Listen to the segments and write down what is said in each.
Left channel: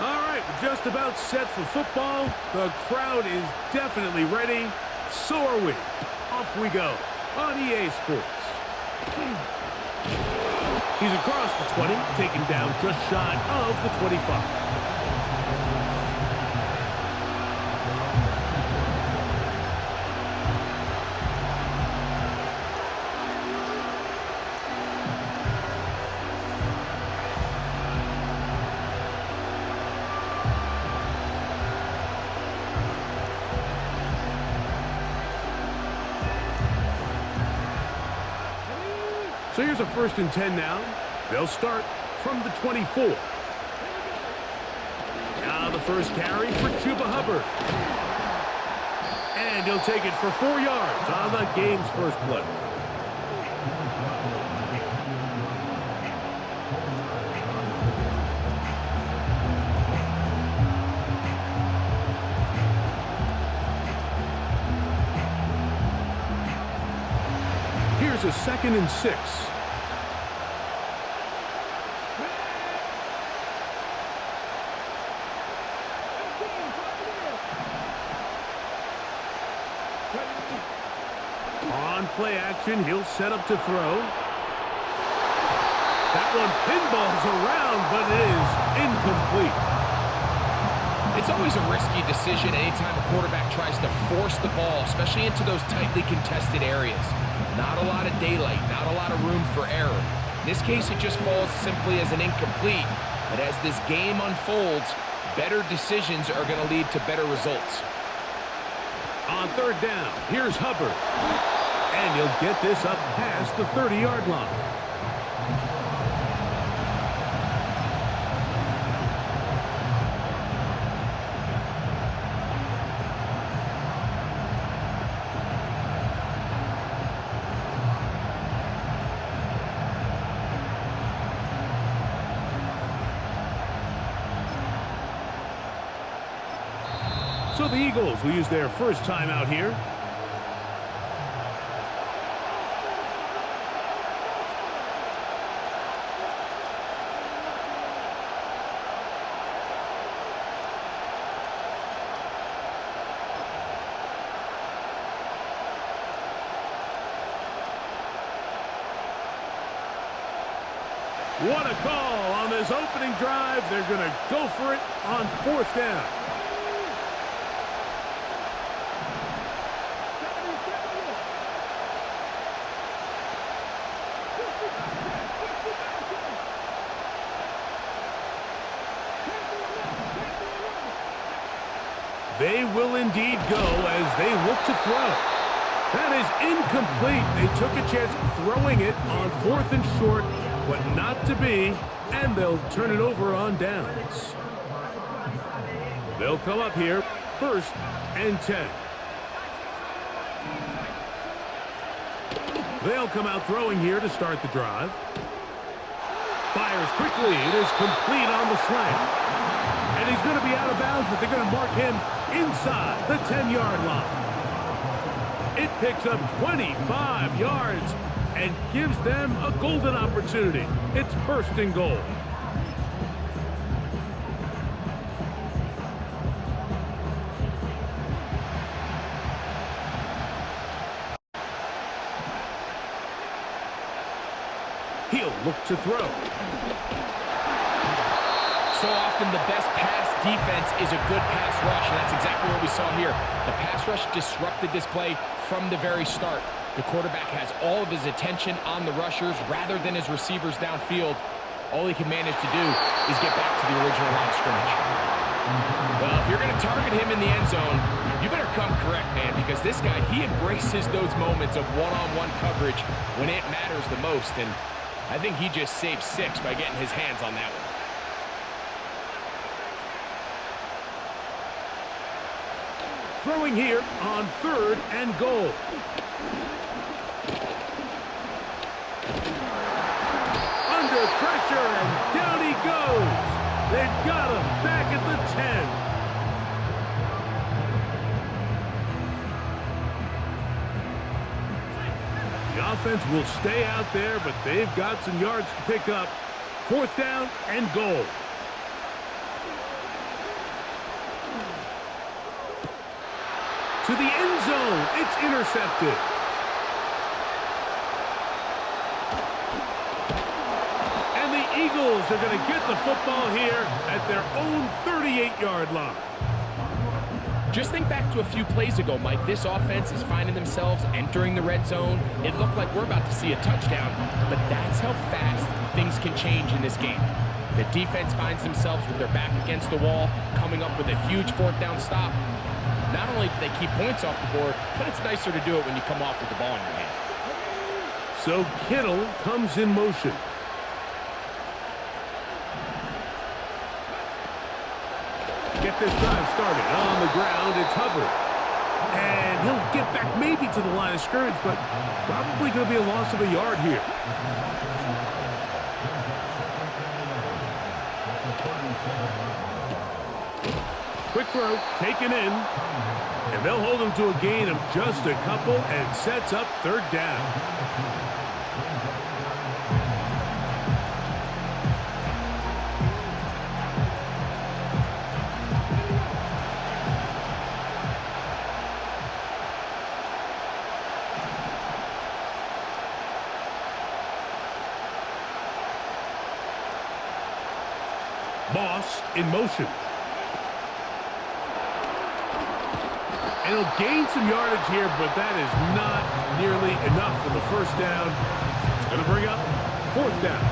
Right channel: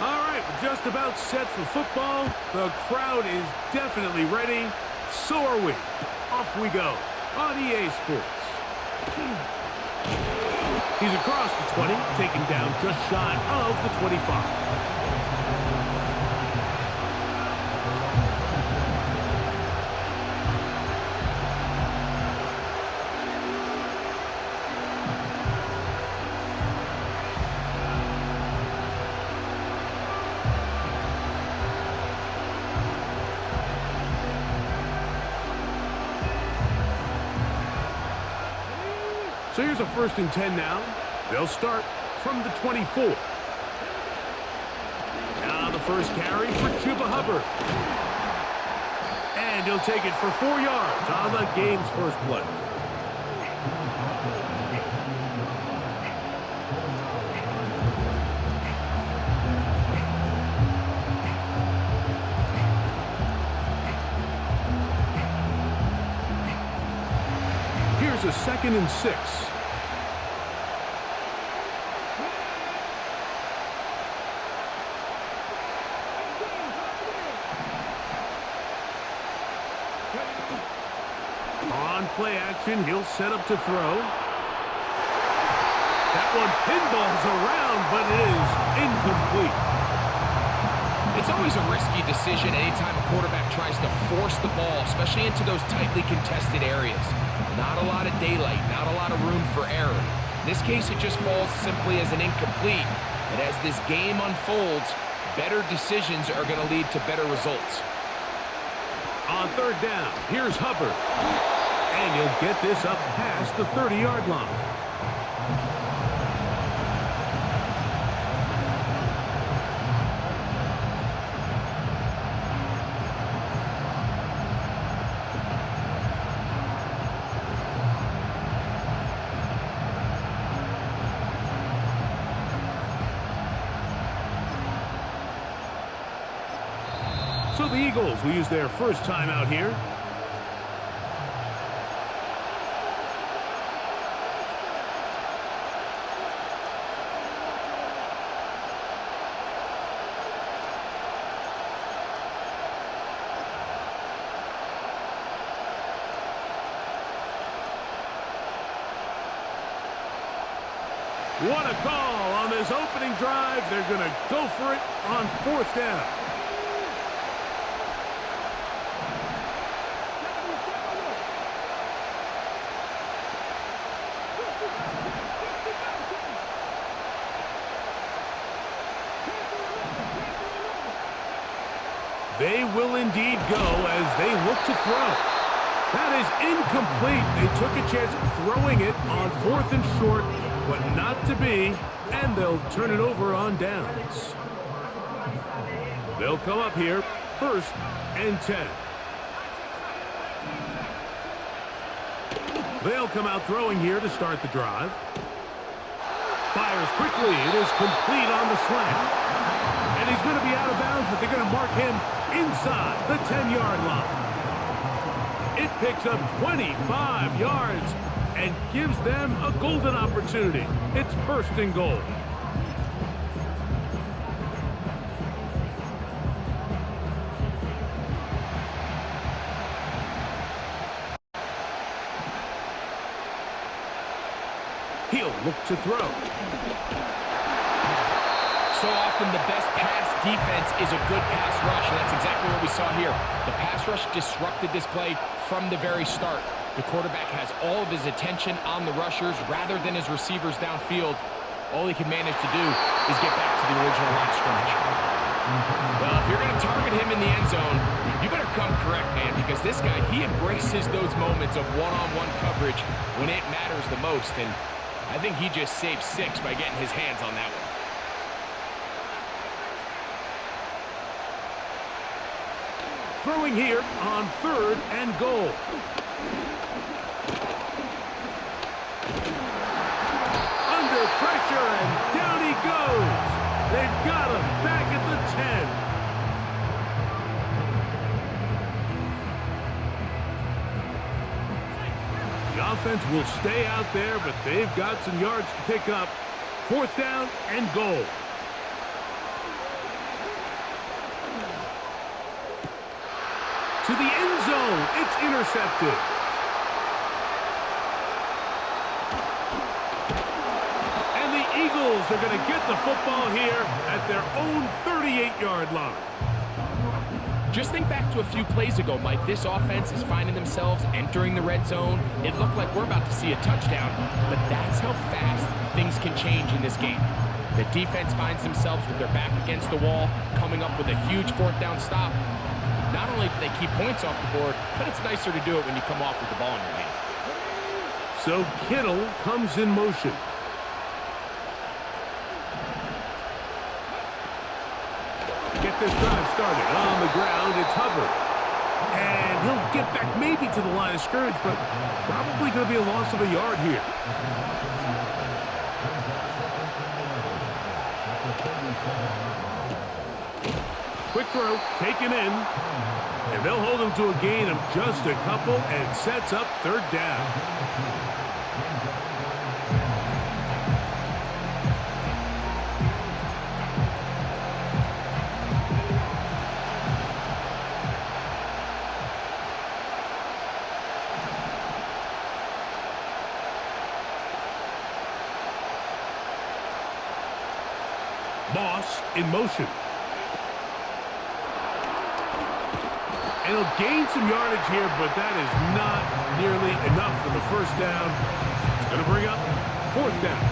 All right, we're just about set for football. The crowd is definitely ready. So are we. Off we go on EA Sports. He's across the 20, taken down just shy of the 25. So here's a 1st and 10 now. They'll start from the 24. Now the first carry for Chuba Hubbard. And he'll take it for 4 yards on the game's first play. Here's a 2nd and 6. On play action, he'll set up to throw. That one pinballs around, but it is incomplete. It's always a risky decision anytime a quarterback tries to force the ball, especially into those tightly contested areas. Not a lot of daylight, not a lot of room for error. In this case, it just falls simply as an incomplete. But as this game unfolds, better decisions are going to lead to better results. On 3rd down, here's Hubbard. And he'll get this up past the 30-yard line. So the Eagles will use their first time out here. What a call on this opening drive. They're going to go for it on 4th down. They will indeed go as they look to throw. That is incomplete. They took a chance throwing it on 4th and short, but not to be, and they'll turn it over on downs. They'll come up here, 1st and 10. They'll come out throwing here to start the drive. Fires quickly. It is complete on the slant. And he's going to be out of bounds, but they're going to mark him inside the 10-yard line. It picks up 25 yards and gives them a golden opportunity. It's 1st and goal. He'll look to throw. So often the best pass defense is a good pass rush, and that's exactly what we saw here. The pass rush disrupted this play from the very start. The quarterback has all of his attention on the rushers rather than his receivers downfield. All he can manage to do is get back to the original line of scrimmage. Well, if you're going to target him in the end zone, you better come correct, man, because this guy, he embraces those moments of one-on-one coverage when it matters the most, and I think he just saved 6 by getting his hands on that one. Throwing here on 3rd and goal. Under pressure, and down he goes. They've got him back at the 10. The offense will stay out there, but they've got some yards to pick up. 4th down and goal. To the end zone. It's intercepted. And the Eagles are going to get the football here at their own 38-yard line. Just think back to a few plays ago, Mike. This offense is finding themselves entering the red zone. It looked like we're about to see a touchdown, but that's how fast things can change in this game. The defense finds themselves with their back against the wall, coming up with a huge 4th down stop. Not only do they keep points off the board, but it's nicer to do it when you come off with the ball in your hand. So Kittle comes in motion. Get this drive started. On the ground, it's Hubbard. And he'll get back maybe to the line of scrimmage, but probably going to be a loss of a yard here. Quick throw, taken in. And they'll hold him to a gain of just a couple and sets up 3rd down. Moss in motion. And he'll gain some yardage here, but that is not nearly enough for the 1st down. It's going to bring up 4th down.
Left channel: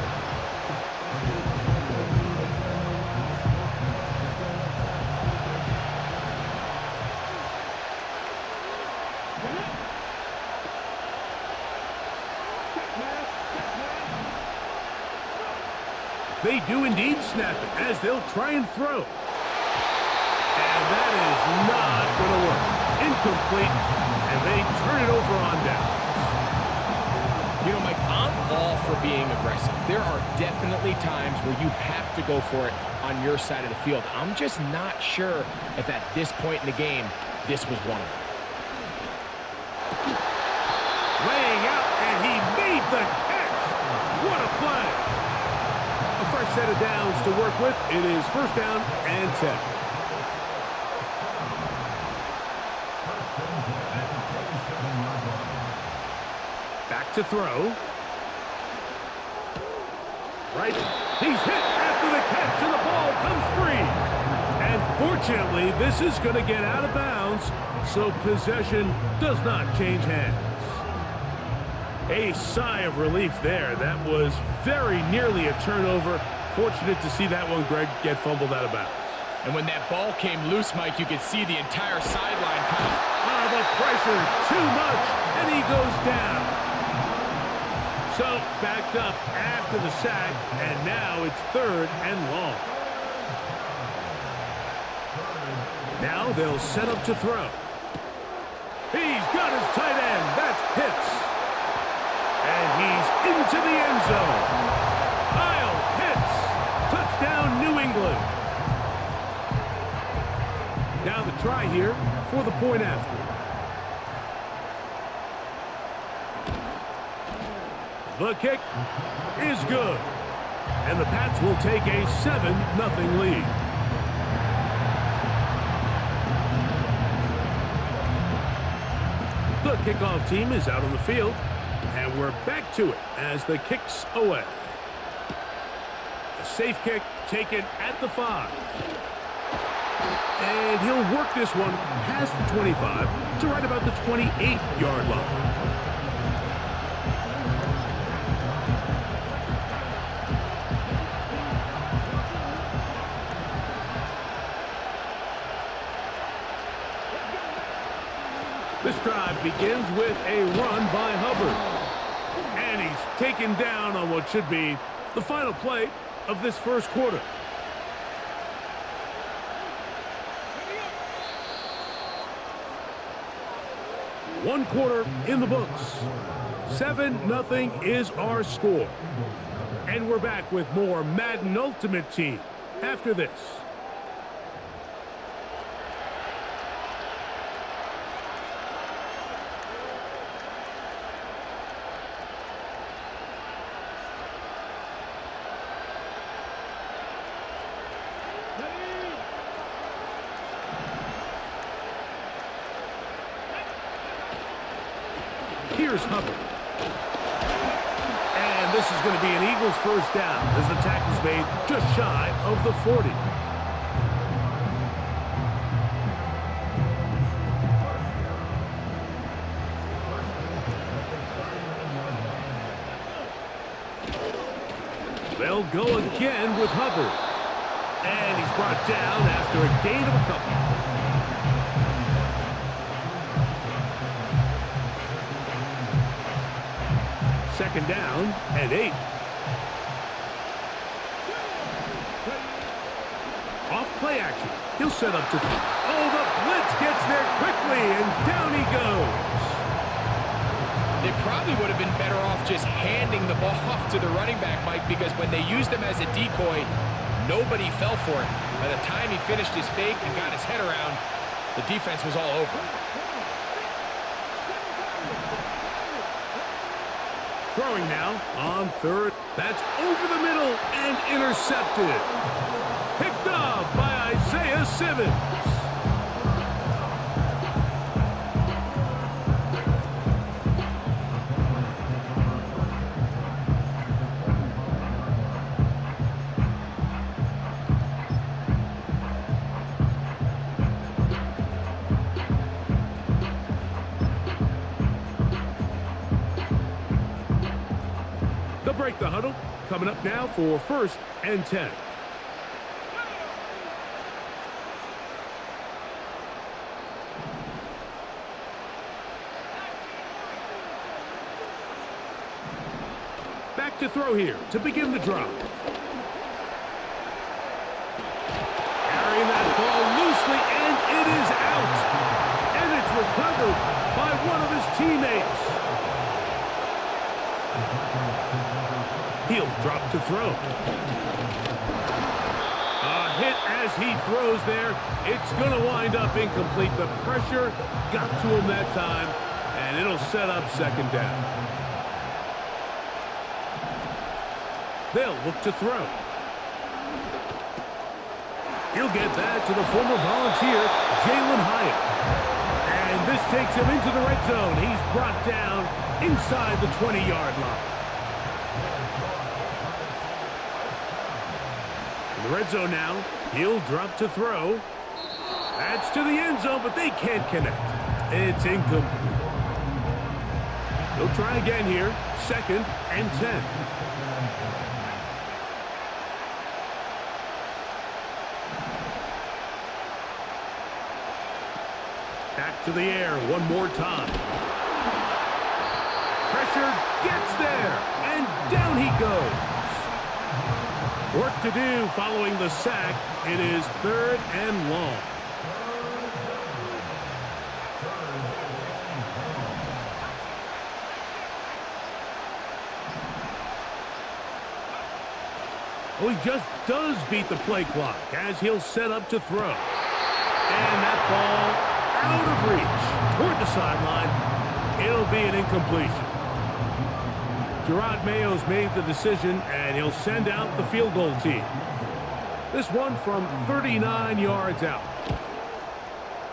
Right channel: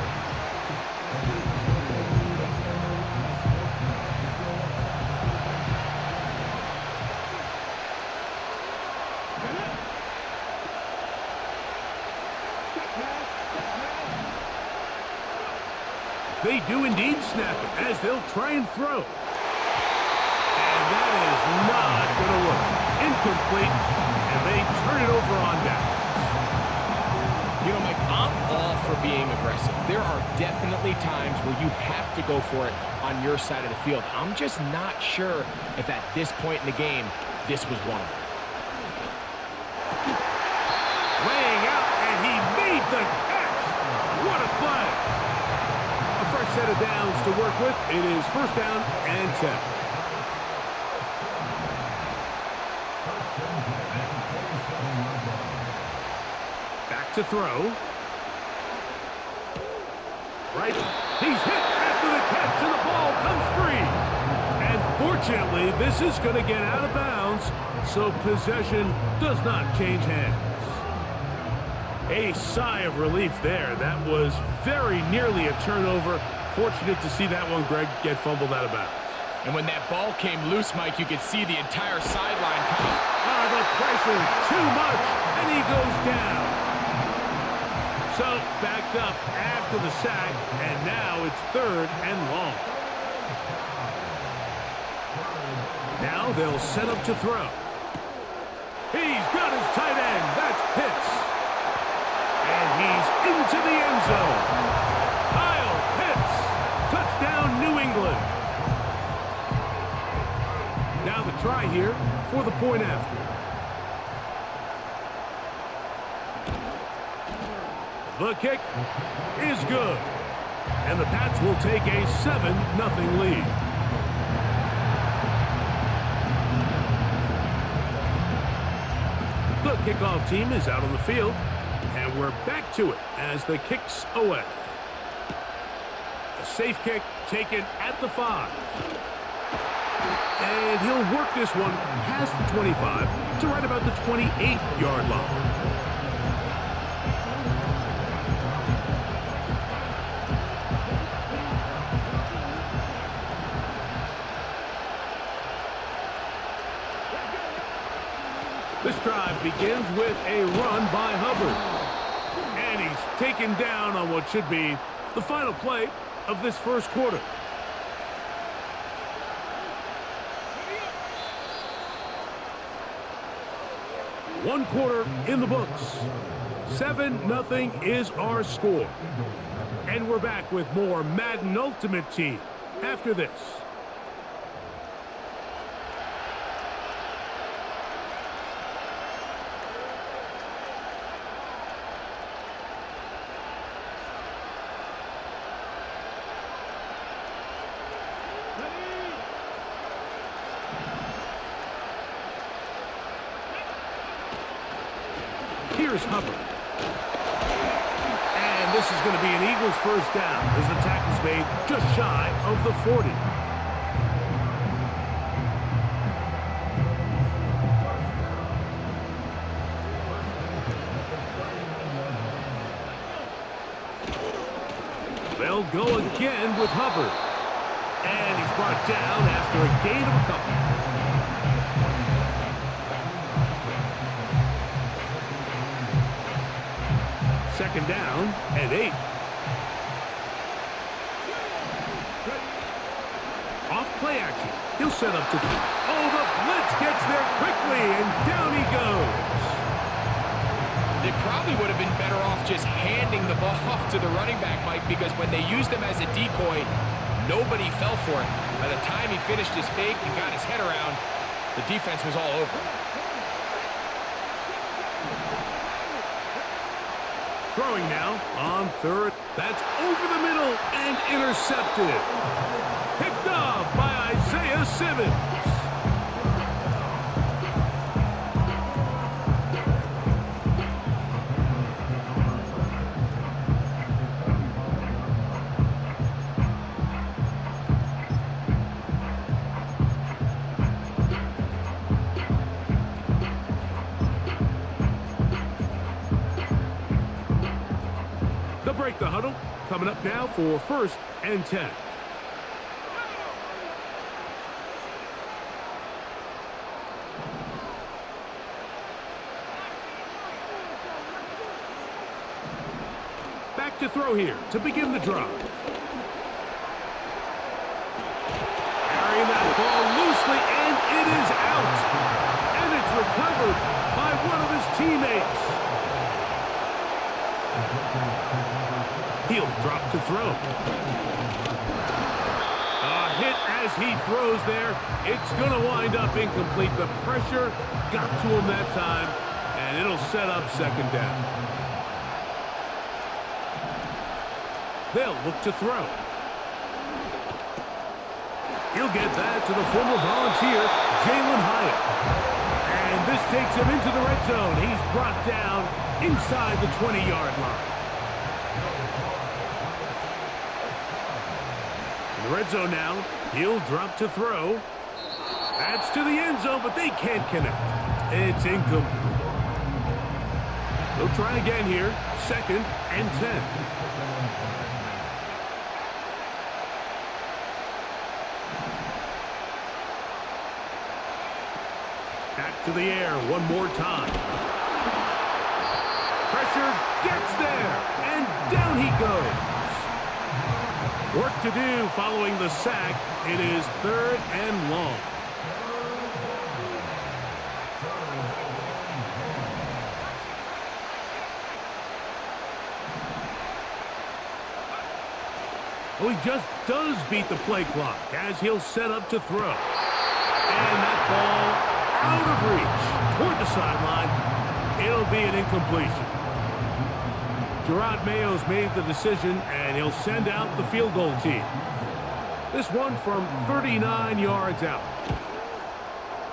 They do indeed snap it as they'll try and throw. And that is not going to work. Incomplete, and they turn it over on downs. You know, Mike, I'm all for being aggressive. There are definitely times where you have to go for it on your side of the field. I'm just not sure if at this point in the game, this was one of them. Laying out, and he made the catch. What a play. A fresh set of downs to work with. It is 1st down and 10. Back to throw. Right. He's hit after the catch, and the ball comes free. And fortunately, this is going to get out of bounds, so possession does not change hands. A sigh of relief there. That was very nearly a turnover. Fortunate to see that one, Greg, get fumbled out of bounds. And when that ball came loose, Mike, you could see the entire sideline kind of... The pressure, too much, and he goes down. So, backed up after the sack, and now it's 3rd and long. Now they'll set up to throw. He's got his tight end. That's Pitts. And he's into the end zone. Kyle Pitts. Touchdown, New England. Now the try here for the point after. The kick is good. And the Pats will take a 7-0 lead. The kickoff team is out on the field. And we're back to it as the kick's away. A safe kick taken at the 5. And he'll work this one past the 25 to right about the 28-yard line. This drive begins with a run by Hubbard. And he's taken down on what should be the final play of this 1st quarter. One quarter in the books. 7-0 is our score. And we're back with more Madden Ultimate Team after this. Here's Hubbard. And this is going to be an Eagles first down as the tackle's made just shy of the 40. They'll go again with Hubbard. And he's brought down after a gain of a couple. Second down and 8. Off play action. He'll set up to throw. Oh, the blitz gets there quickly, and down he goes. They probably would have been better off just handing the ball off to the running back, Mike, because when they used him as a decoy, nobody fell for it. By the time he finished his fake and got his head around, the defense was all over him. Throwing now on third. That's over the middle and intercepted. Picked off by Isaiah Simmons. They'll break the huddle. Coming up now for 1st and 10. Back to throw here to begin the drive. Carrying that ball loosely, and it is out. And it's recovered by one of his teammates. He'll drop to throw. A hit as he throws there. It's going to wind up incomplete. The pressure got to him that time, and it'll set up second down. They'll look to throw. He'll get that to the former Volunteer, Jalen Hyatt. And this takes him into the red zone. He's brought down inside the 20-yard line. In the red zone now, he'll drop to throw. That's to the end zone, but they can't connect. It's incomplete. They'll try again here, 2nd and 10. Back to the air one more time. Pressure gets there, and down he goes. Work to do following the sack. It is 3rd and long. Oh, he just does beat the play clock as he'll set up to throw. And that ball out of reach toward the sideline. It'll be an incompletion. Gerard Mayo's made the decision, and he'll send out the field goal team. This one from 39 yards out.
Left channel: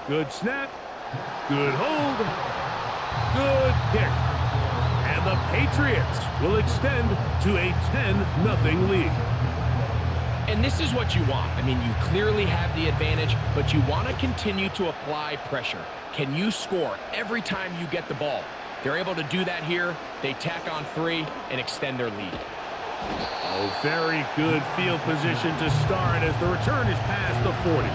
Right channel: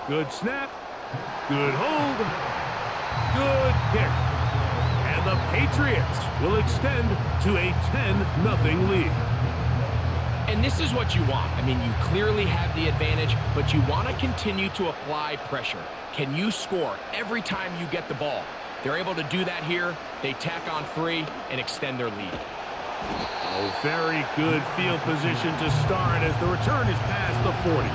Good snap. Good hold. Good kick. And the Patriots will extend to a 10-0 lead. And this is what you want. I mean, you clearly have the advantage, but you want to continue to apply pressure. Can you score every time you get the ball? They're able to do that here. They tack on 3 and extend their lead. Oh, very good field position to start as the return is past the 40.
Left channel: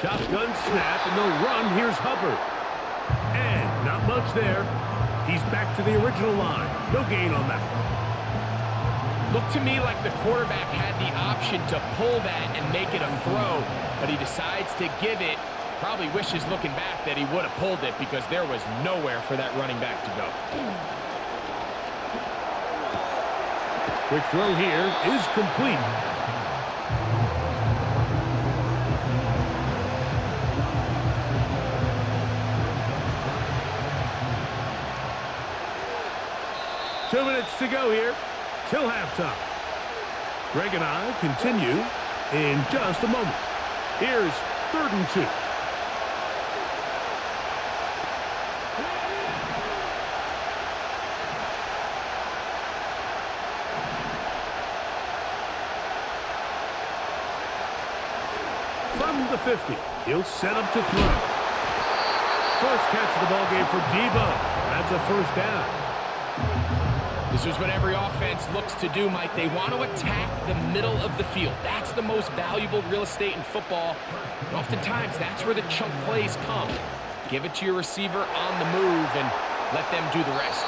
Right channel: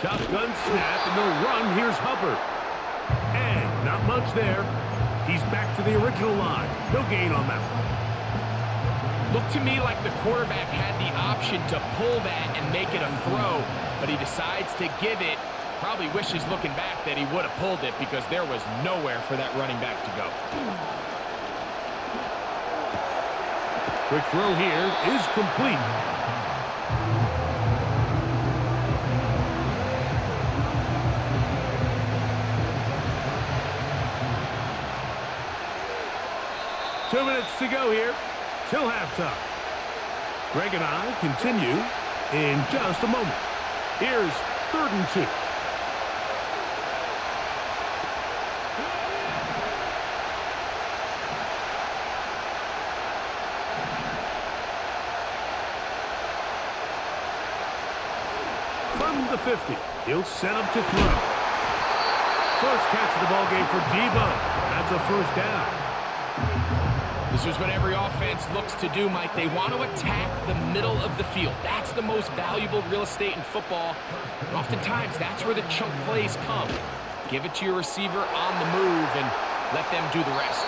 Shotgun snap, and they'll run. Here's Hubbard. And not much there. He's back to the original line. No gain on that one. Looked to me like the quarterback had the option to pull that and make it a throw, but he decides to give it. Probably wishes looking back that he would have pulled it because there was nowhere for that running back to go. Quick throw here is complete. 2 minutes to go here till halftime. Greg and I continue in just a moment. Here's 3rd and 2. From the 50, he'll set up to throw. First catch of the ball game for Debo. That's a first down. This is what every offense looks to do, Mike. They want to attack the middle of the field. That's the most valuable real estate in football. And oftentimes, that's where the chunk plays come. Give it to your receiver on the move and let them do the rest.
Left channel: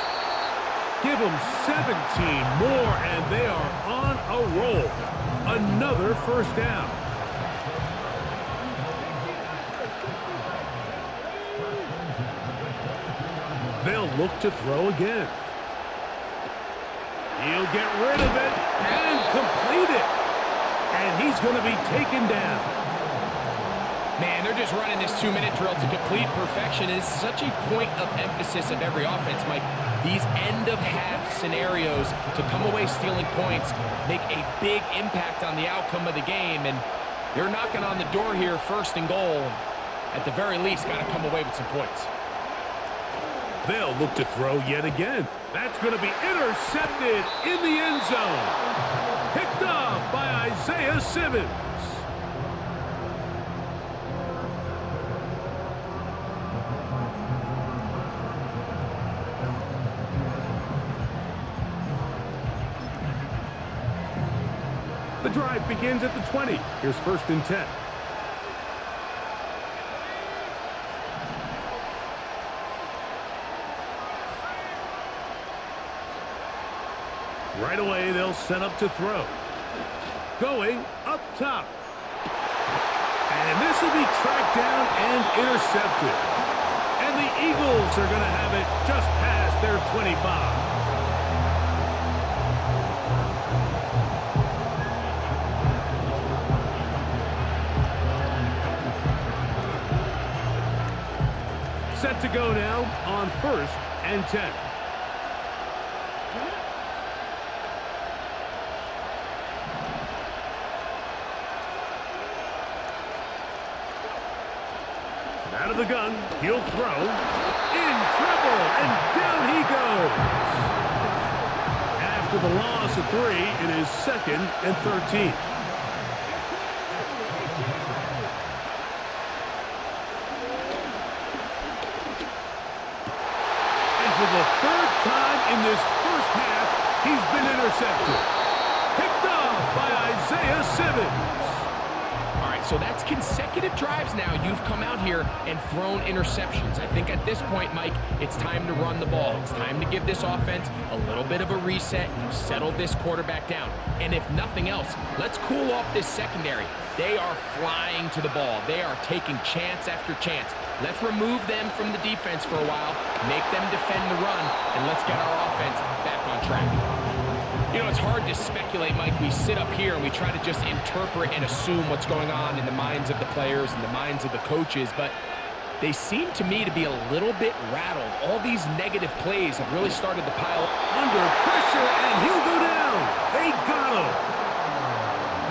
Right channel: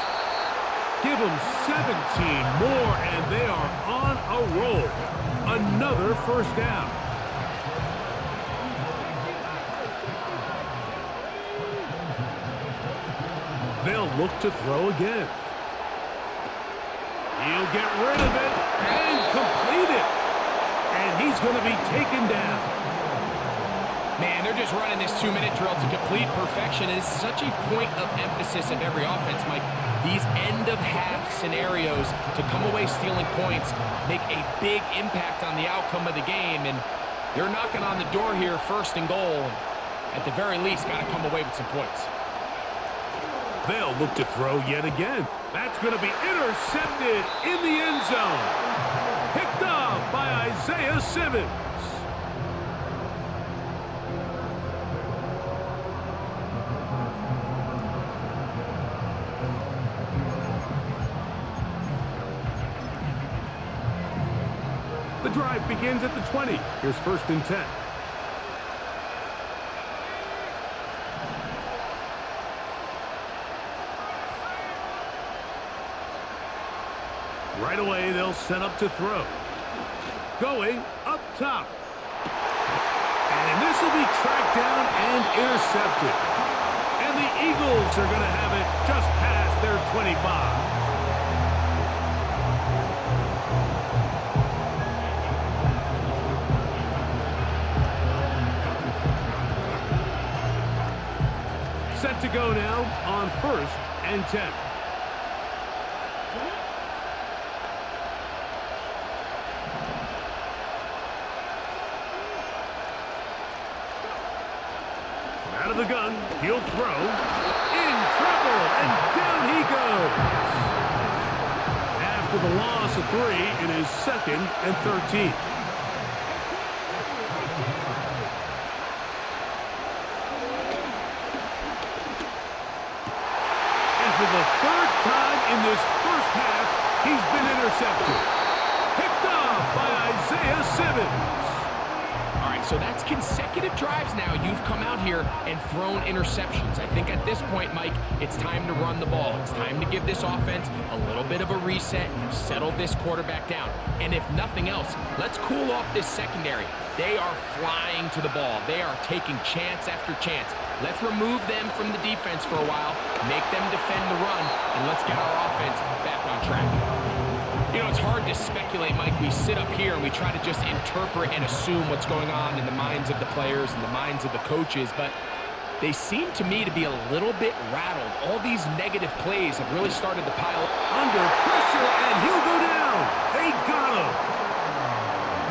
Give them 17 more, and they are on a roll. Another first down. They'll look to throw again. He'll get rid of it and complete it. And he's going to be taken down. Man, they're just running this 2-minute drill to complete perfection. It is such a point of emphasis of every offense, Mike. These end-of-half scenarios to come away stealing points make a big impact on the outcome of the game. And they're knocking on the door here, 1st and goal. At the very least, got to come away with some points. They'll look to throw yet again. That's going to be intercepted in the end zone. Picked off by Isaiah Simmons. The drive begins at the 20. Here's 1st and 10. Right away, they'll set up to throw. Going up top. And this will be tracked down and intercepted. And the Eagles are going to have it just past their 25. Set to go now on 1st and 10. Out of the gun, he'll throw. In trouble, and down he goes. After the loss of 3, it is 2nd and 13. And for the 3rd time in this first half, he's been intercepted. Picked off by Isaiah Simmons. All right, so that's consecutive drives now. You've come out here and thrown interceptions. I think at this point, Mike, it's time to run the ball. It's time to give this offense a little bit of a reset, settle this quarterback down. And if nothing else, let's cool off this secondary. They are flying to the ball. They are taking chance after chance. Let's remove them from the defense for a while, make them defend the run, and let's get our offense back on track. You know, it's hard to speculate, Mike. We sit up here and we try to just interpret and assume what's going on in the minds of the players and the minds of the coaches, but they seem to me to be a little bit rattled. All these negative plays have really started to pile up. Under pressure, and he'll go down. They got him.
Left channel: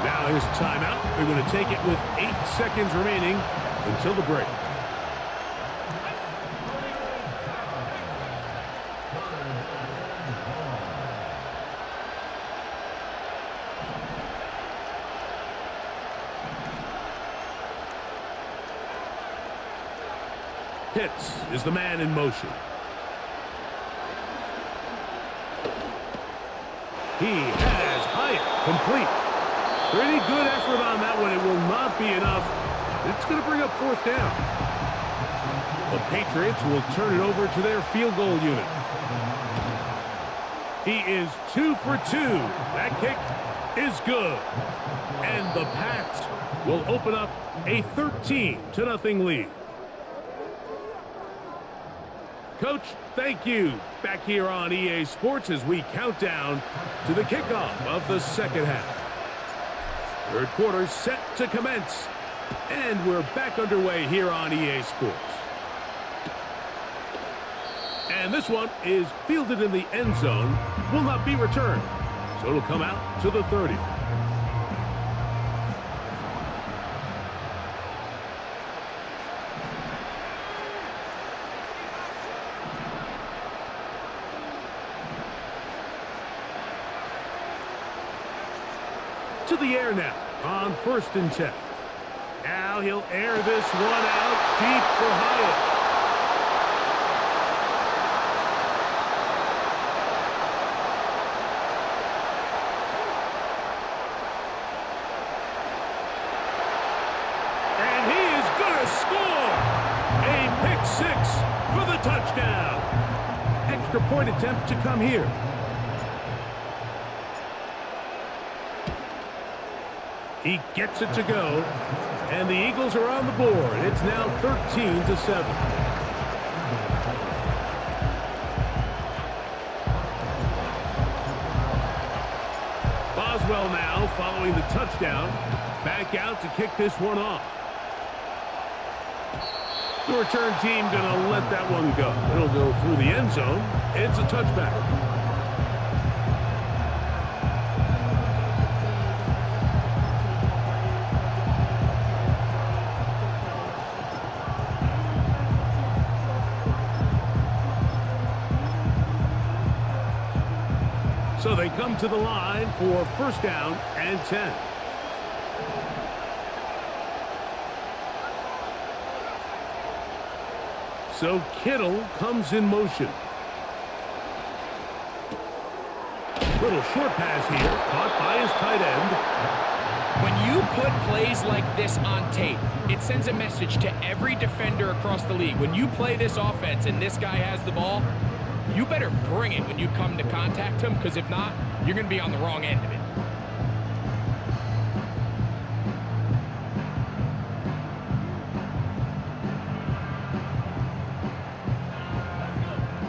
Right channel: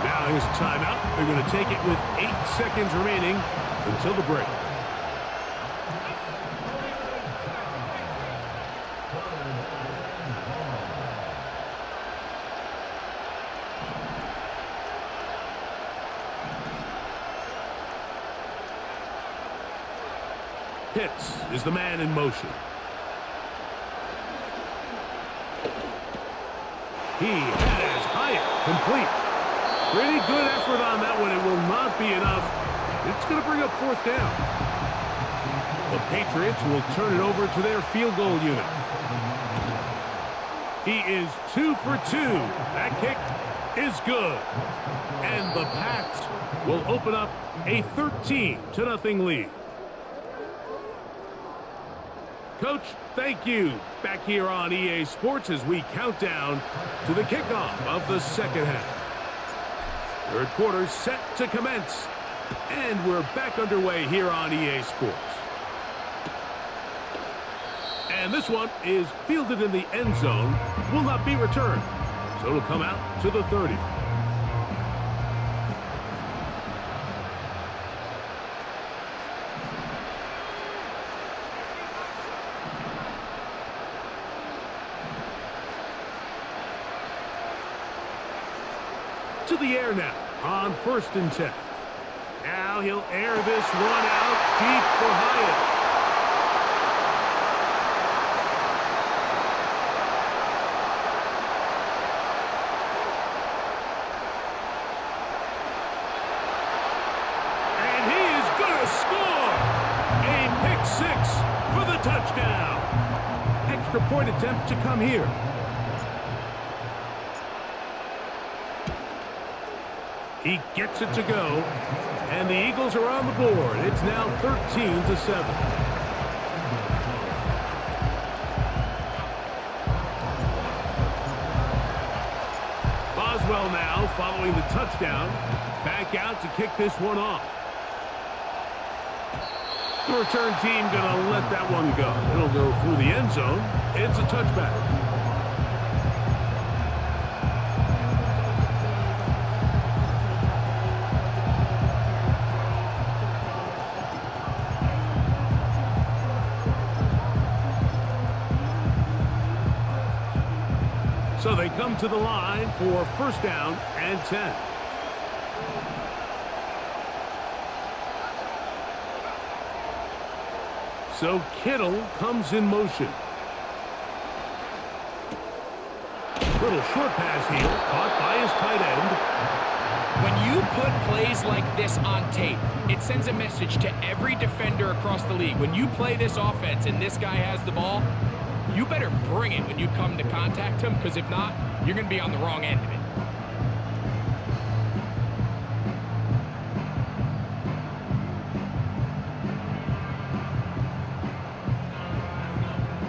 Now here's a timeout. They're going to take it with 8 seconds remaining until the break. Pitts is the man in motion. He has Hyatt complete. Pretty good effort on that one. It will not be enough. It's going to bring up 4th down. The Patriots will turn it over to their field goal unit. He is 2 for 2. That kick is good. And the Pats will open up a 13-0 lead. Coach, thank you. Back here on EA Sports as we count down to the kickoff of the second half. Third quarter set to commence. And we're back underway here on EA Sports. And this one is fielded in the end zone will not be returned. So it'll come out to the 30. To the air now on 1st and 10. Now he'll air this one out deep for Hyatt. And he is going to score! A pick six for the touchdown. Extra point attempt to come here. He gets it to go, and the Eagles are on the board. It's now 13-7. Boswell now following the touchdown, back out to kick this one off. The return team going to let that one go. It'll go through the end zone. It's a touchback. So they come to the line for 1st down and 10. So Kittle comes in motion. Little short pass here, caught by his tight end. When you put plays like this on tape, it sends a message to every defender across the league. When you play this offense and this guy has the ball, you better bring it when you come to contact him, because if not, you're going to be on the wrong end of it.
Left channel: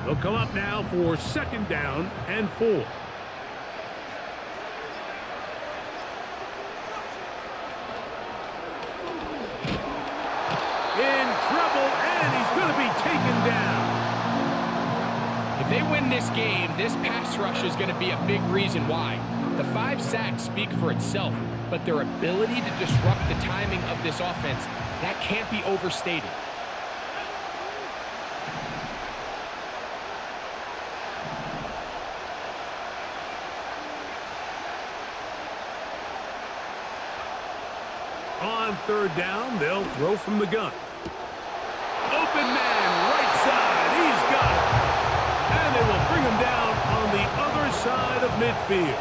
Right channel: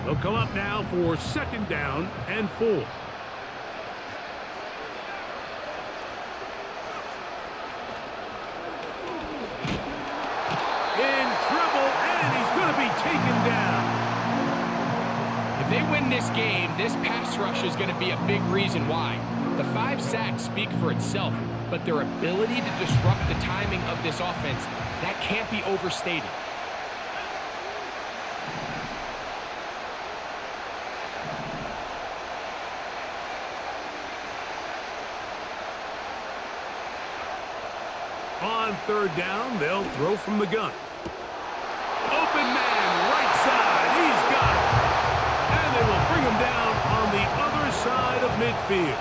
They'll come up now for 2nd down and 4. In trouble, and he's going to be taken down. If they win this game, this pass rush is going to be a big reason why. The 5 sacks speak for itself, but their ability to disrupt the timing of this offense, that can't be overstated. On 3rd down, they'll throw from the gun. Open man, right side, he's got it. And they will bring him down on the other side of midfield.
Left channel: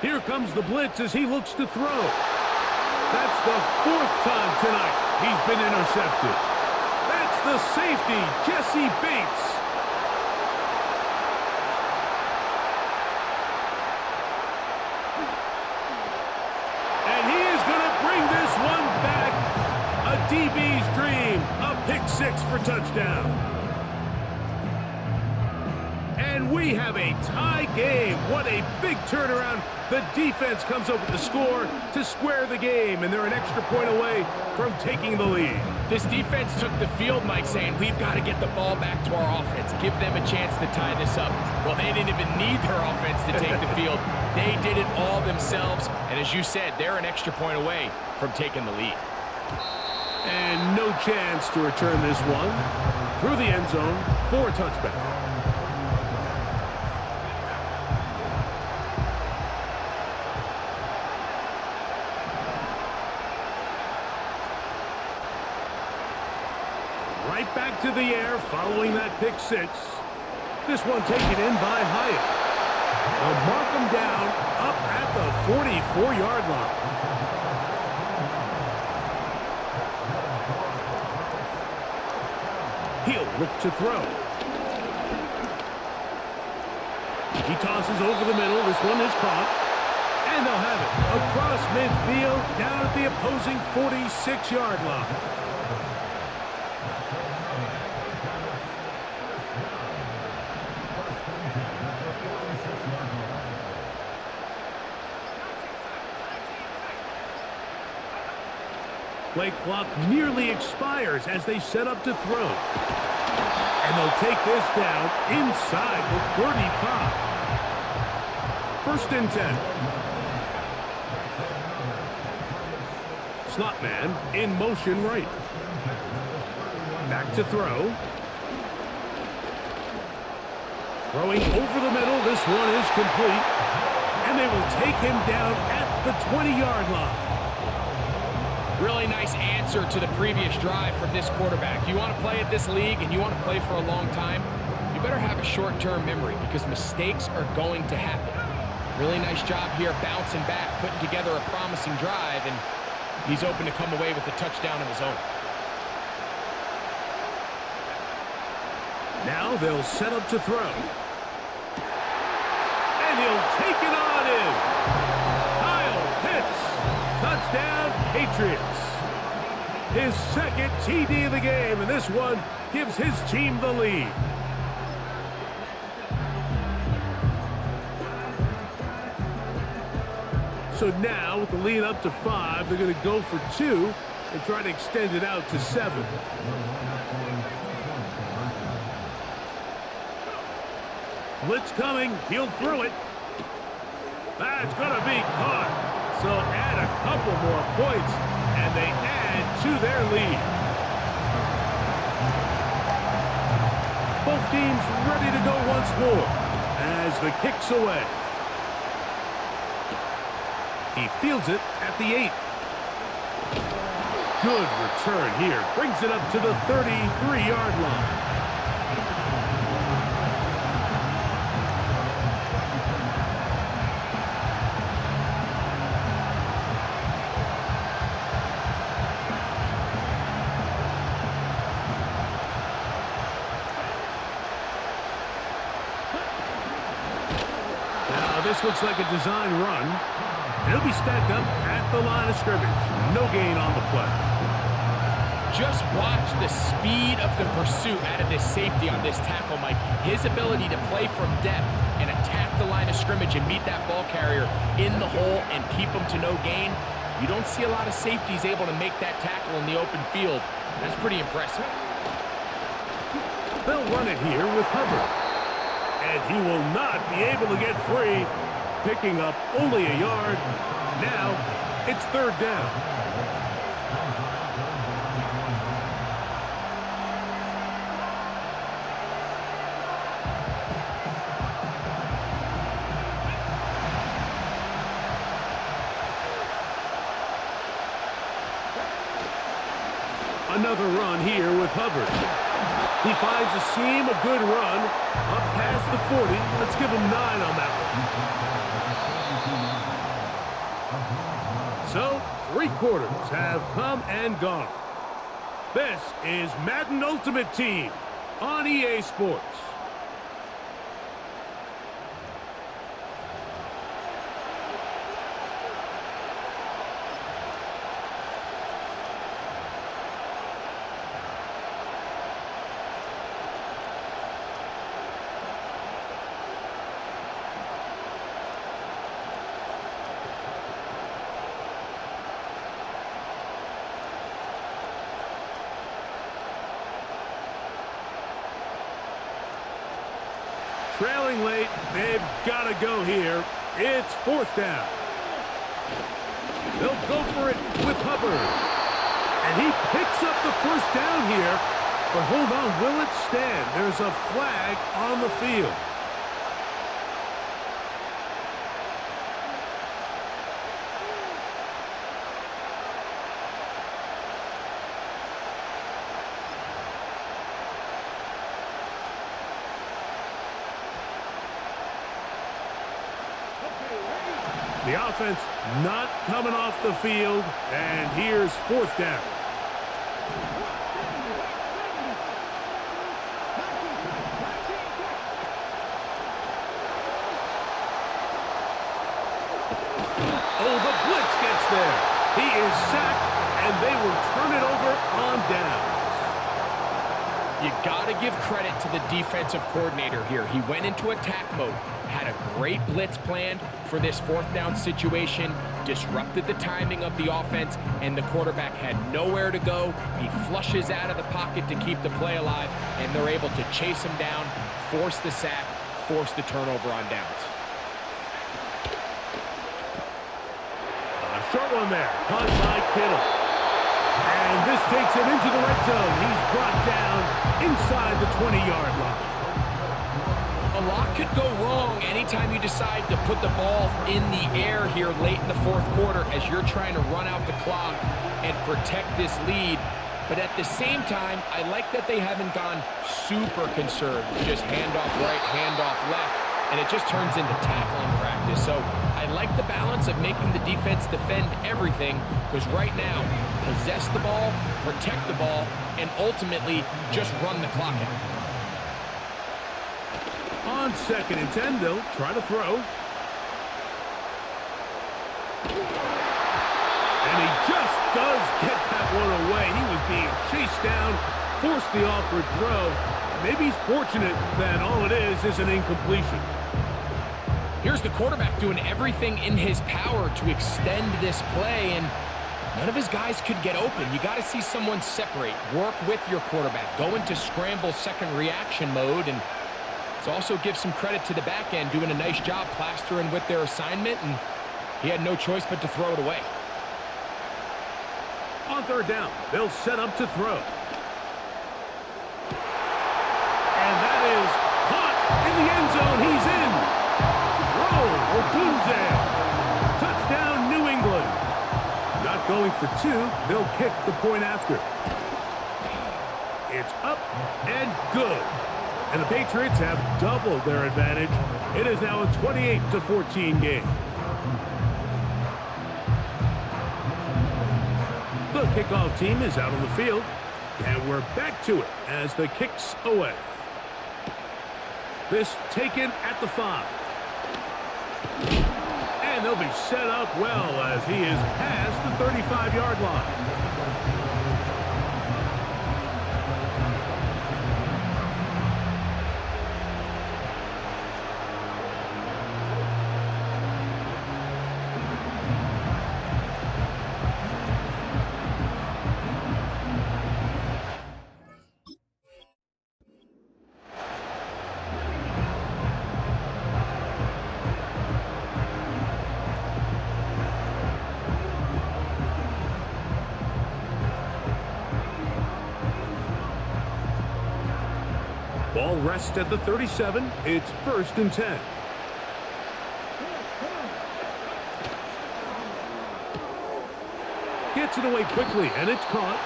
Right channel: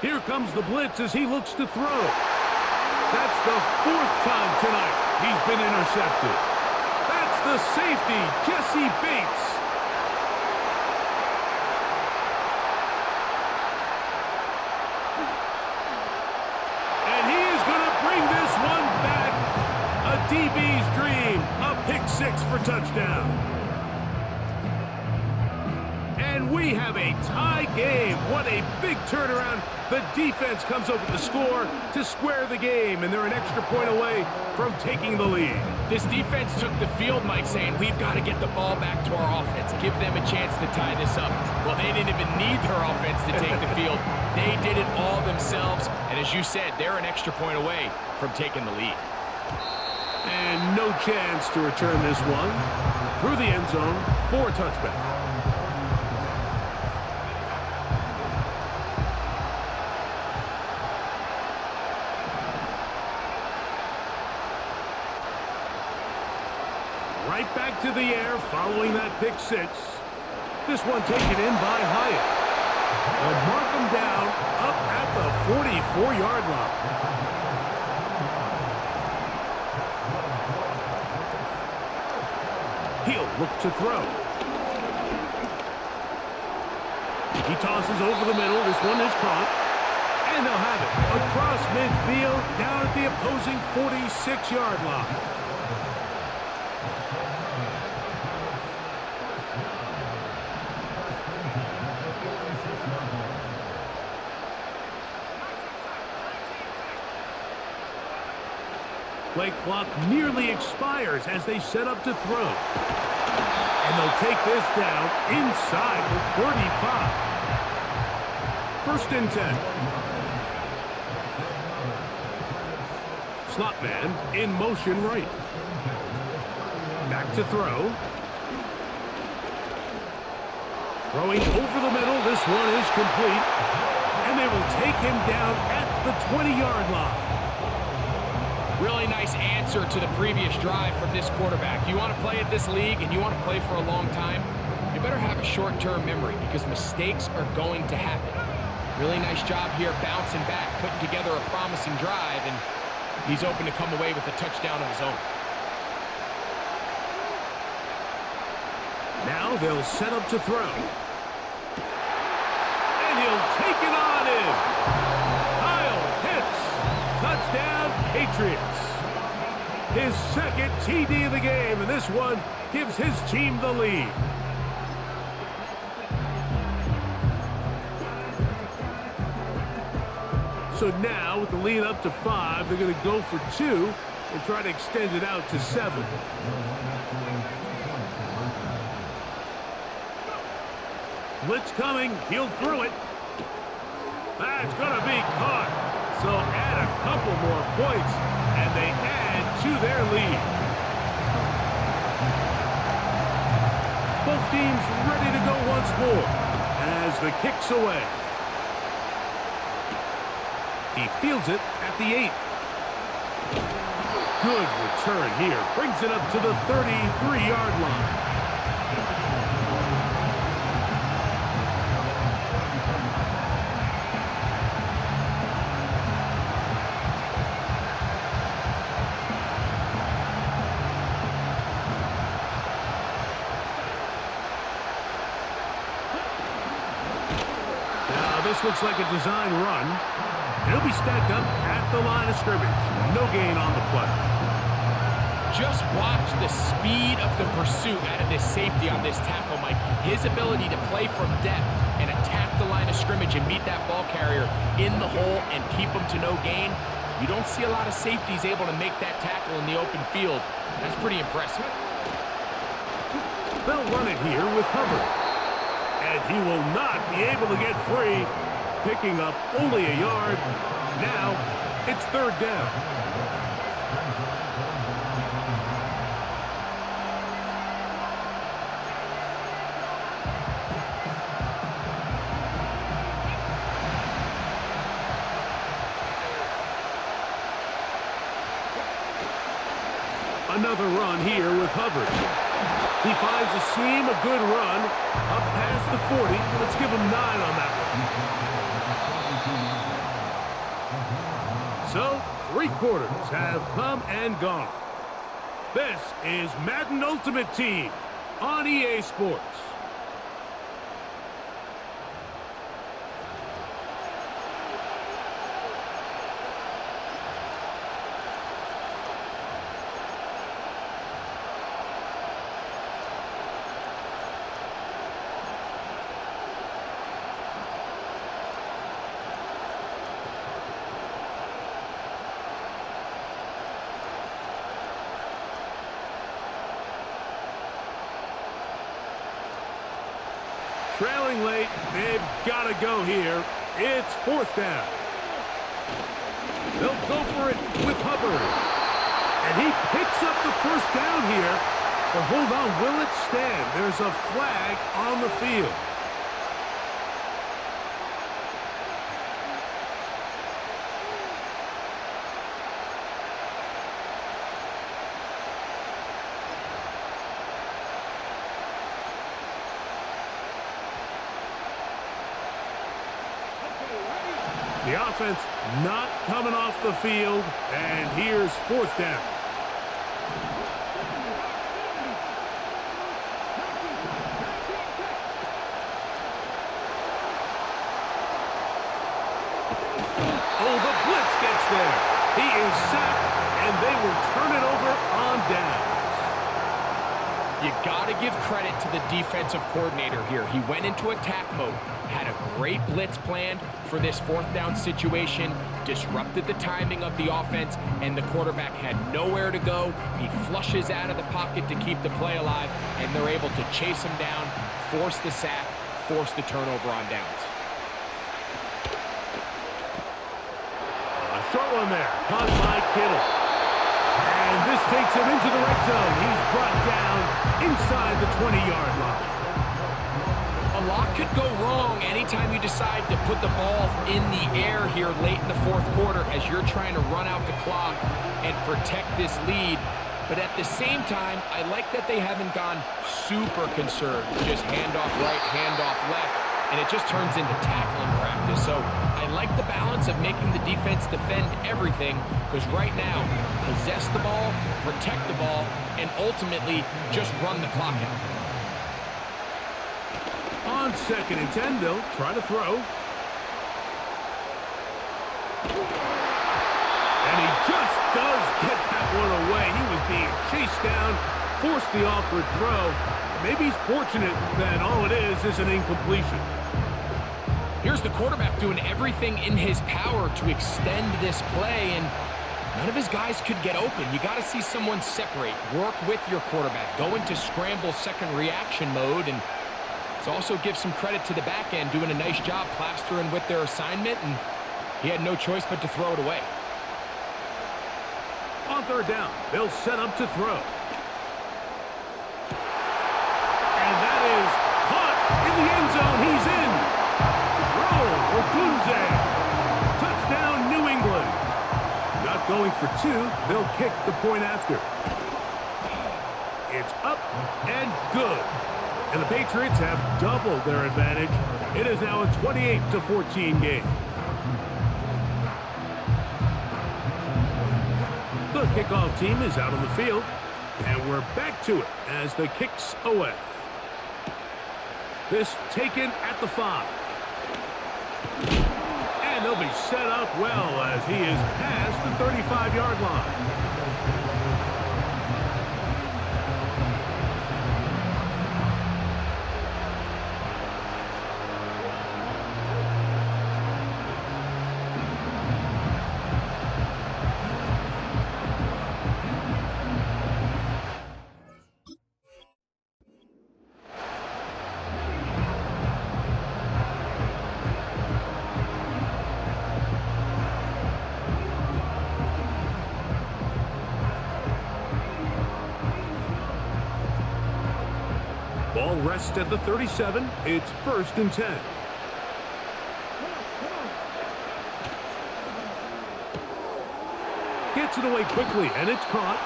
Here comes the blitz as he looks to throw. That's the 4th time tonight he's been intercepted. That's the safety, Jesse Bates. And he is going to bring this one back. A DB's dream. A pick six for touchdown. And we have a tie game. What a big turnaround. The defense comes up with the score to square the game, and they're an extra point away from taking the lead. This defense took the field, Mike, saying we've got to get the ball back to our offense. Give them a chance to tie this up. Well, they didn't even need their offense to take the field. They did it all themselves, and as you said, they're an extra point away from taking the lead. And no chance to return this one through the end zone for a touchback. Right back to the air following that pick six. This one taken in by Hyatt. They'll mark him down up at the 44-yard line. He'll look to throw. He tosses over the middle. This one is caught. And they'll have it across midfield down at the opposing 46-yard line. Play clock nearly expires as they set up to throw. And they'll take this down inside the 35. First and 10. Slot man in motion right. Back to throw. Throwing over the middle. This one is complete. And they will take him down at the 20-yard line. Really nice answer to the previous drive from this quarterback. You want to play at this league and you want to play for a long time, you better have a short-term memory because mistakes are going to happen. Really nice job here bouncing back, putting together a promising drive, and he's open to come away with a touchdown of his own. Now they'll set up to throw. And he'll take it on in. Kyle Pitts. Touchdown, Patriots. His second TD of the game, and this one gives his team the lead. So now, with the lead up to 5, they're going to go for 2 and try to extend it out to 7. Blitz coming. He'll throw it. That's going to be caught. So add a couple more points, and they add to their lead. Both teams ready to go once more as the kick's away. He fields it at the 8. Good return here. Brings it up to the 33-yard line. This looks like a design run. He'll be stacked up at the line of scrimmage. No gain on the play. Just watch the speed of the pursuit out of this safety on this tackle, Mike. His ability to play from depth and attack the line of scrimmage and meet that ball carrier in the hole and keep him to no gain. You don't see a lot of safeties able to make that tackle in the open field. That's pretty impressive. They'll run it here with Hubbard. And he will not be able to get free, picking up only a yard. Now it's third down. Another run here with Hubbard. He finds a seam, a good run, up past the 40. Let's give him 9 on that one. So, 3 quarters have come and gone. This is Madden Ultimate Team on EA Sports. Trailing late, they've got to go here. It's fourth down. They'll go for it with Hubbard. And he picks up the first down here. But hold on, will it stand? There's a flag on the field. The offense not coming off the field, and here's fourth down. Oh, the blitz gets there. He is sacked, and they will turn it over on downs. You got to give credit to the defensive coordinator here. He went into attack mode, had a great blitz planned for this fourth down situation, disrupted the timing of the offense, and the quarterback had nowhere to go. He flushes out of the pocket to keep the play alive, and they're able to chase him down, force the sack, force the turnover on downs. A short one there, caught by Kittle. And this takes him into the red zone. He's brought down inside the 20-yard line. A lot could go wrong anytime you decide to put the ball in the air here late in the fourth quarter as you're trying to run out the clock and protect this lead. But at the same time, I like that they haven't gone super conservative, just handoff right, handoff left, and it just turns into tackling practice. So I like the balance of making the defense defend everything, because right now, possess the ball, protect the ball, and ultimately just run the clock out. On 2nd and 10, they'll try to throw. And he just does get that one away. He was being chased down, forced the awkward throw. Maybe he's fortunate that all it is an incompletion. Here's the quarterback doing everything in his power to extend this play, and none of his guys could get open. You got to see someone separate, work with your quarterback, go into scramble second reaction mode, and let's also give some credit to the back end doing a nice job plastering with their assignment, and he had no choice but to throw it away. On 3rd down, they'll set up to throw. And that is caught in the end zone. He's in. Odunze. Touchdown, New England. Not going for 2. They'll kick the point after. It's up and good. And the Patriots have doubled their advantage. It is now a 28-14 game. The kickoff team is out on the field, and we're back to it as the kick's away. This taken at the 5. And they'll be set up well as he is past the 35-yard line. Ball rests at the 37. It's 1st and 10. Gets it away quickly, and it's caught.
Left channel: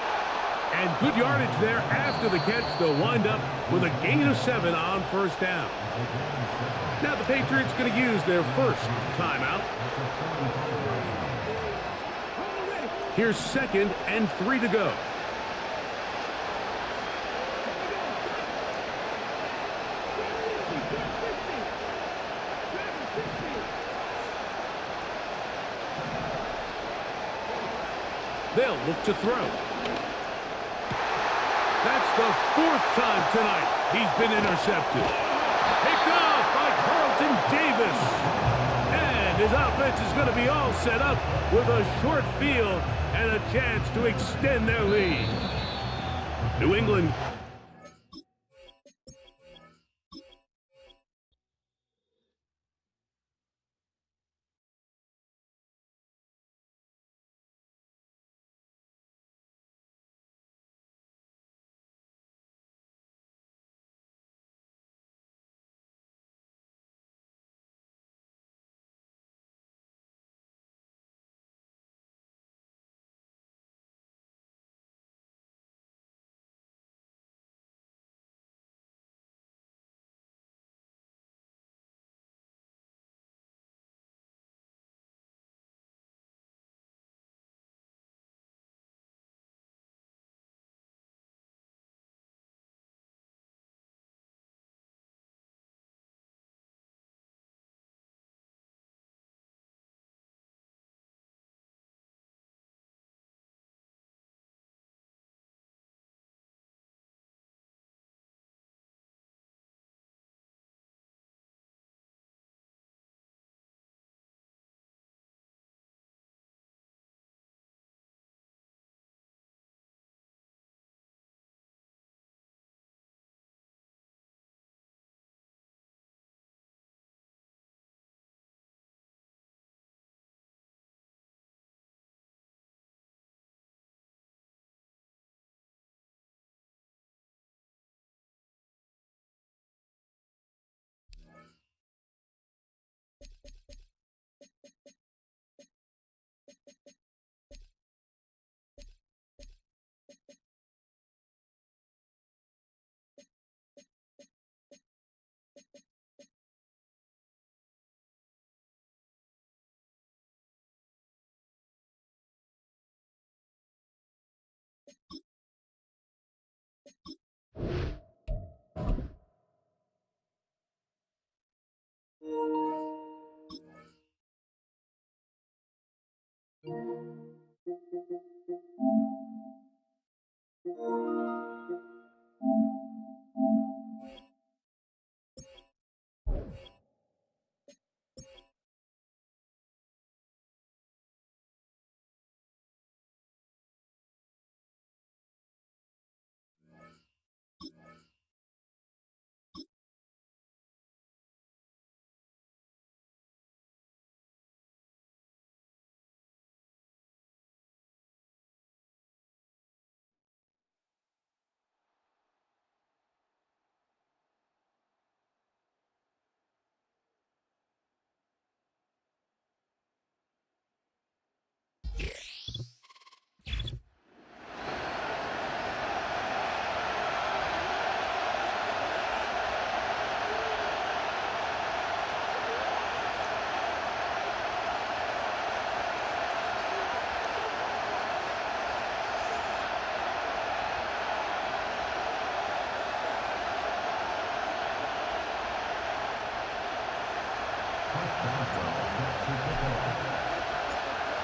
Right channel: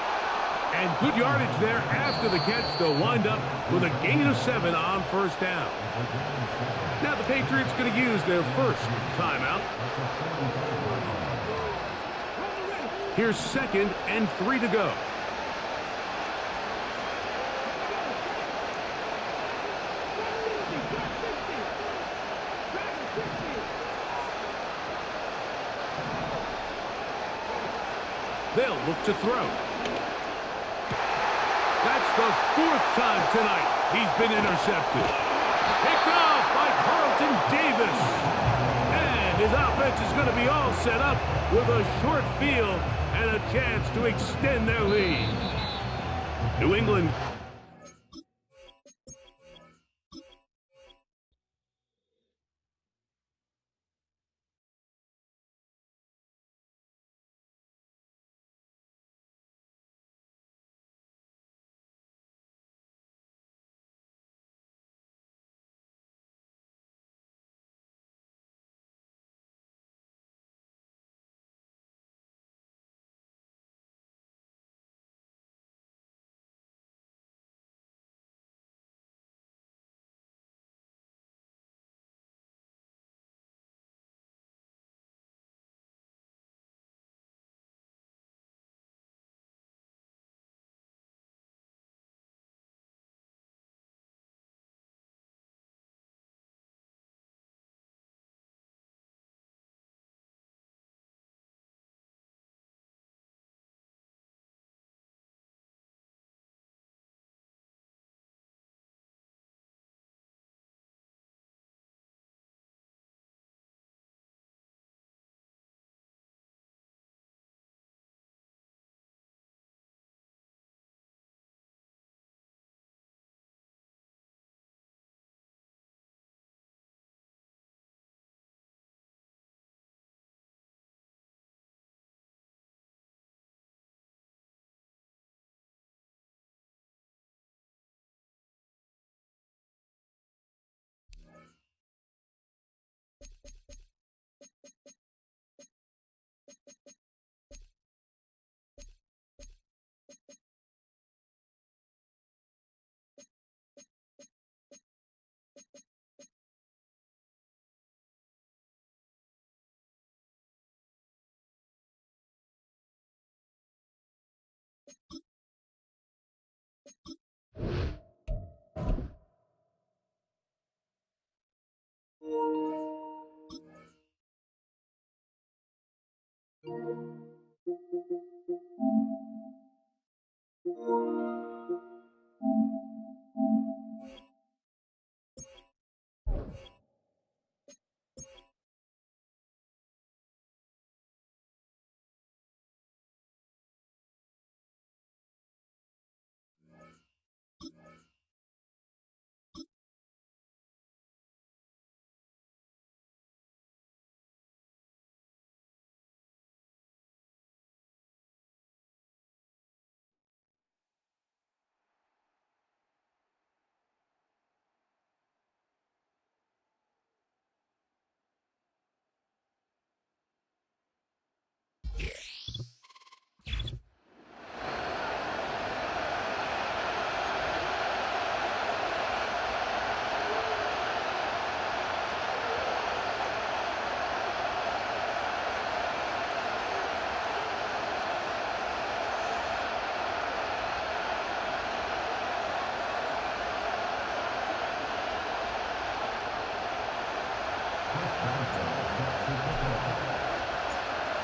And good yardage there after the catch. They'll wind up with a gain of 7 on 1st down. Now the Patriots going to use their first timeout. Here's 2nd and 3 to go. They'll look to throw. That's the 4th time tonight he's been intercepted. Picked off by Carlton Davis. And his offense is going to be all set up with a short field and a chance to extend their lead. New England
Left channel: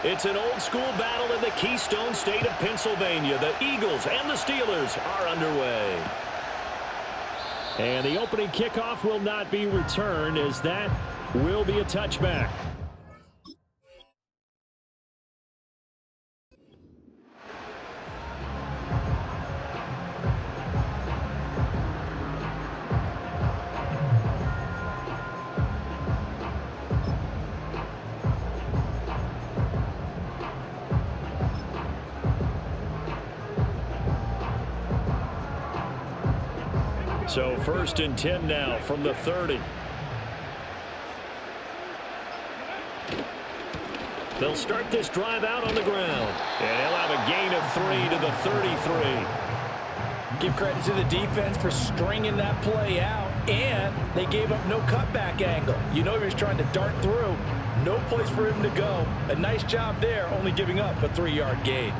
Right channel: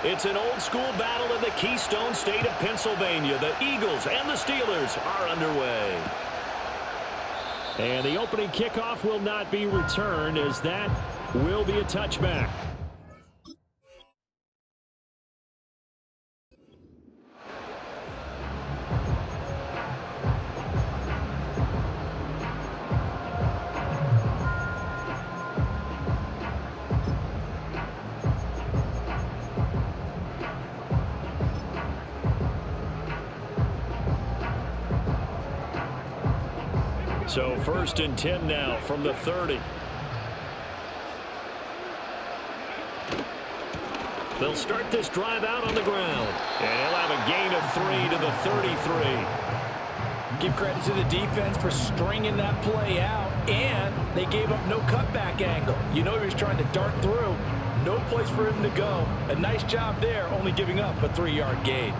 It's an old-school battle in the Keystone State of Pennsylvania. The Eagles and the Steelers are underway. And the opening kickoff will not be returned, as that will be a touchback. So 1st and 10 now from the 30. They'll start this drive out on the ground. And he'll have a gain of 3 to the 33. Give credit to the defense for stringing that play out, and they gave up no cutback angle. You know he was trying to dart through. No place for him to go. A nice job there, only giving up a 3-yard gain.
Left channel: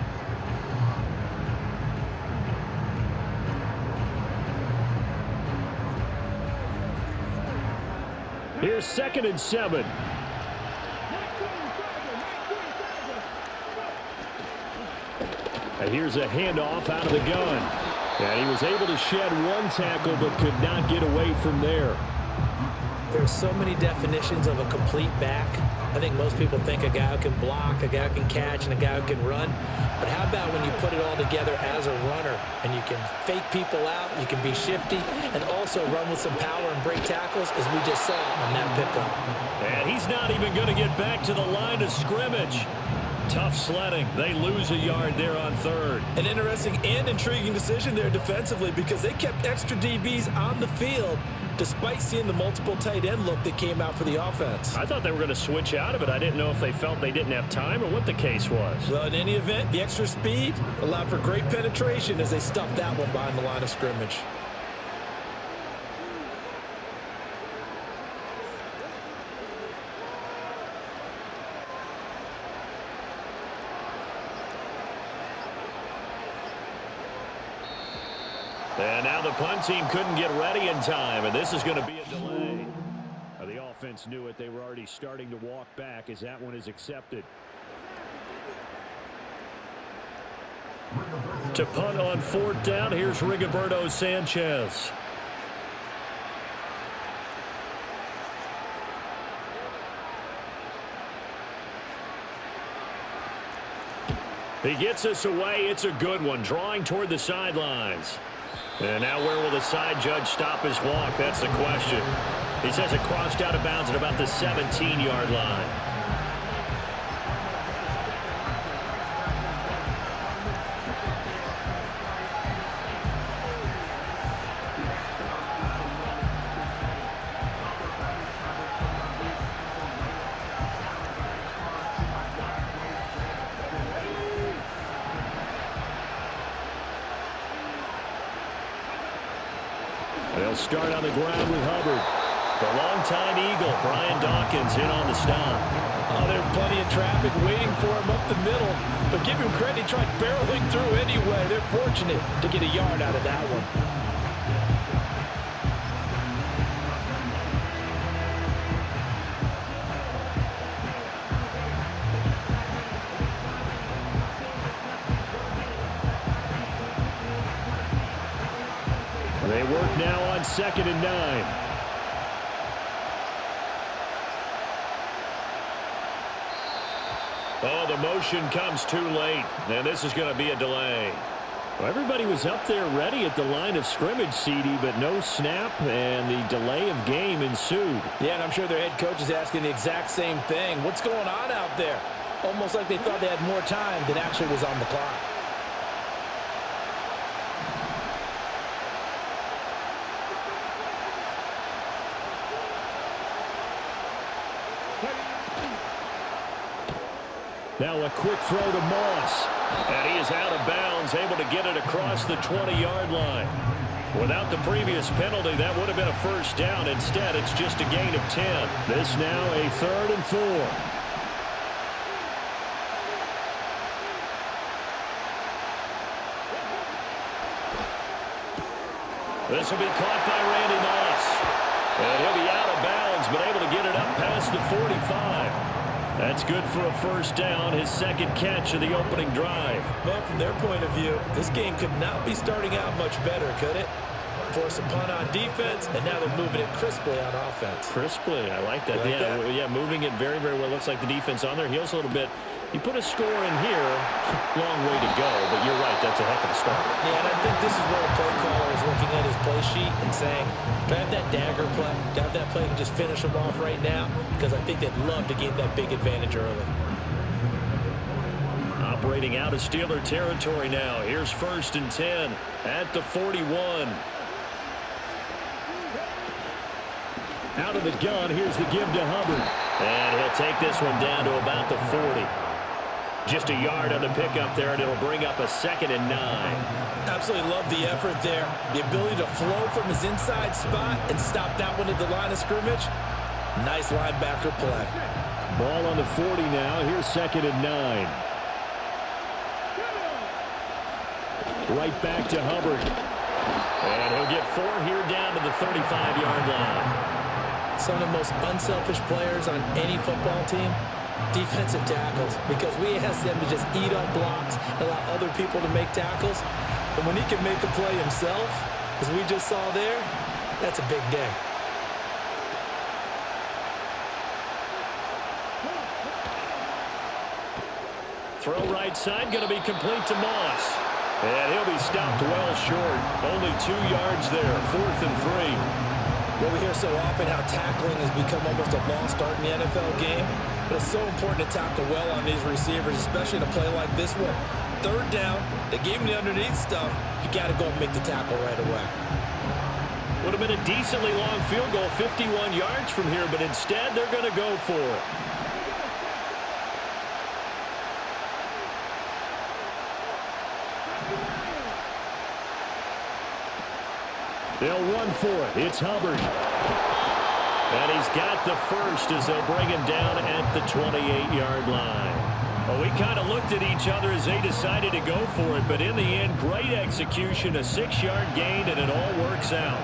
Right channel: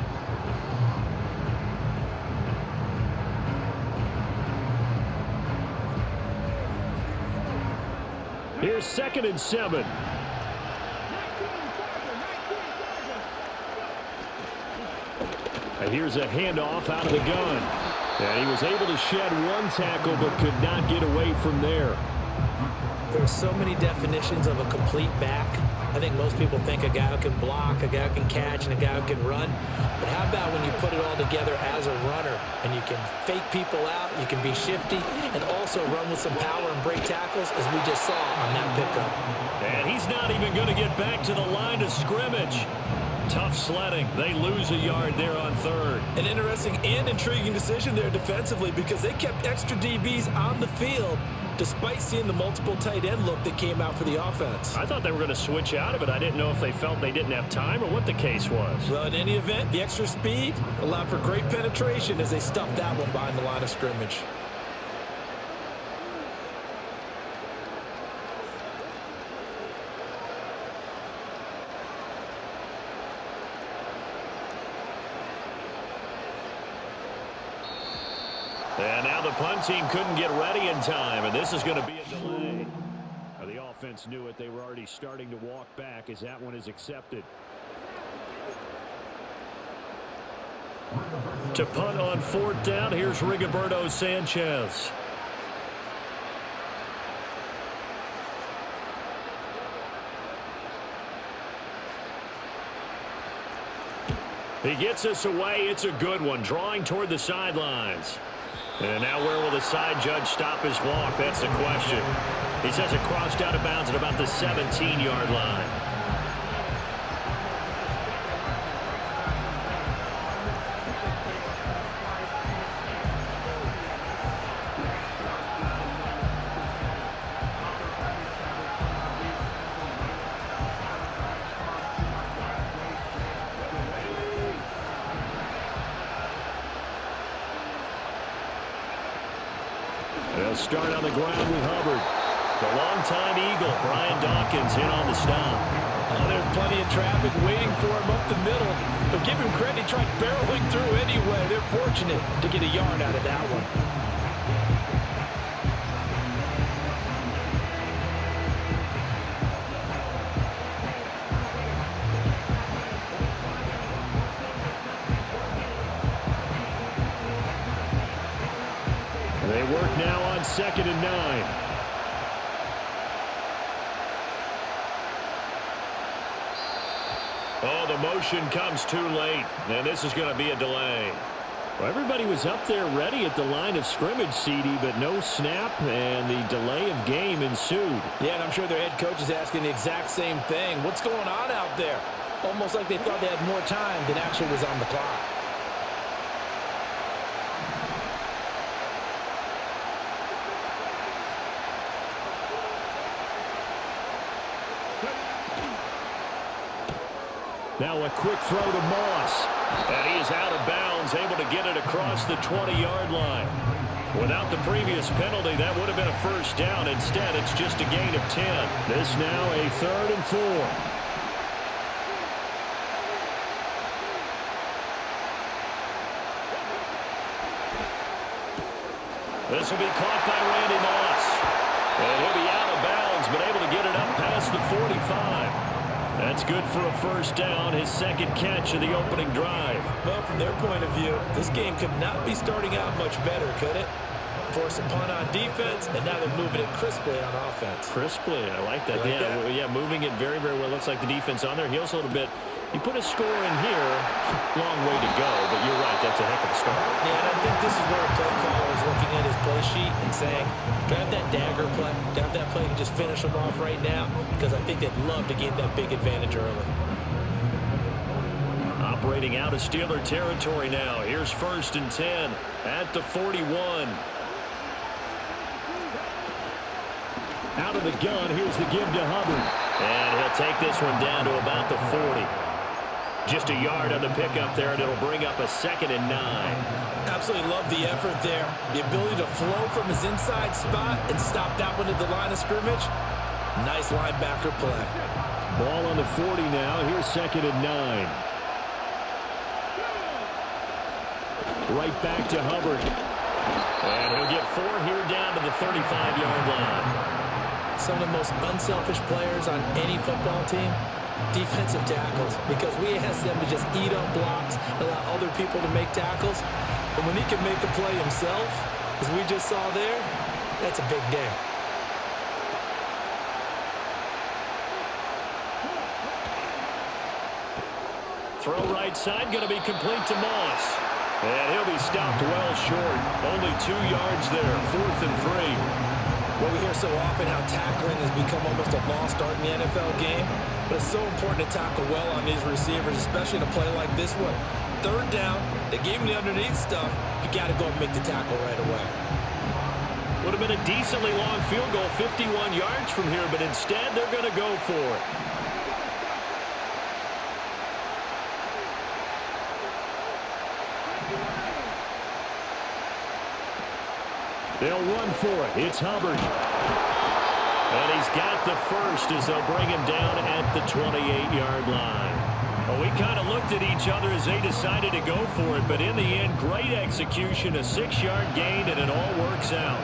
Here's 2nd and 7. And here's a handoff out of the gun. And he was able to shed one tackle but could not get away from there. There's so many definitions of a complete back. I think most people think a guy who can block, a guy who can catch, and a guy who can run. But how about when you put it all together as a runner and you can fake people out, you can be shifty, and also run with some power and break tackles, as we just saw on that pickup. And he's not even going to get back to the line of scrimmage. Tough sledding. They lose a yard there on 3rd. An interesting and intriguing decision there defensively, because they kept extra DBs on the field despite seeing the multiple tight end look that came out for the offense. I thought they were going to switch out of it. I didn't know if they felt they didn't have time or what the case was. Well, in any event, the extra speed allowed for great penetration as they stuffed that one behind the line of scrimmage. And now the punt team couldn't get ready in time, and this is going to be a delay. The offense knew it. They were already starting to walk back as that one is accepted. To punt on 4th down, here's Rigoberto Sanchez. He gets us away. It's a good one, drawing toward the sidelines. And now where will the side judge stop his walk? That's the question. He says it crossed out of bounds at about the 17-yard line. They'll start on the ground with Hubbard. The longtime Eagle, Brian Dawkins, in on the stop. Oh, there's plenty of traffic waiting for him up the middle. But give him credit, he tried barreling through anyway. They're fortunate to get a yard out of that one. They work now on 2nd and 9. Oh, the motion comes too late, and this is going to be a delay. Well, everybody was up there ready at the line of scrimmage, CD, but no snap, and the delay of game ensued. Yeah, and I'm sure their head coach is asking the exact same thing. What's going on out there? Almost like they thought they had more time than actually was on the clock. Now a quick throw to Moss. And he is out of bounds, able to get it across the 20-yard line. Without the previous penalty, that would have been a first down. Instead, it's just a gain of 10. This now a 3rd and 4. This will be caught by Randy Moss. And he'll be out of bounds, but able to get it up past the 45. That's good for a first down, his 2nd catch of the opening drive. Well, from their point of view, this game could not be starting out much better, could it? Force a punt on defense, and now they're moving it crisply on offense. Crisply, I like that. You like that? Yeah, moving it very, very well. Looks like the defense on their heels a little bit. You put a score in here, long way to go, but you're right, that's a heck of a start. Yeah, and I think this is where a play caller is looking at his play sheet and saying, do I have that dagger play? Do I have that play and just finish them off right now? Because I think they'd love to gain that big advantage early. Operating out of Steeler territory now. Here's 1st and 10 at the 41. Out of the gun, here's the give to Hubbard. And he'll take this one down to about the 40. Just a yard on the pickup there, and it'll bring up a 2nd and 9. Absolutely love the effort there. The ability to flow from his inside spot and stop that one at the line of scrimmage. Nice linebacker play. Ball on the 40 now. Here's 2nd and 9. Right back to Hubbard. And he'll get 4 here down to the 35-yard line. Some of the most unselfish players on any football team, defensive tackles, because we ask them to just eat up blocks, allow other people to make tackles. But when he can make a play himself, as we just saw there, that's a big day. Throw right side, going to be complete to Moss. And he'll be stopped well short. Only 2 yards there, 4th and 3. Well, we hear so often how tackling has become almost a lost art in the NFL game, but it's so important to tackle well on these receivers, especially in a play like this one. 3rd down, they gave him the underneath stuff. You got to go up and make the tackle right away. Would have been a decently long field goal, 51 yards from here, but instead they're going to go for it. They'll run for it. It's Hubbard. And he's got the first as they'll bring him down at the 28-yard line. Well, we kind of looked at each other as they decided to go for it, but in the end, great execution, a 6-yard gain, and it all works out.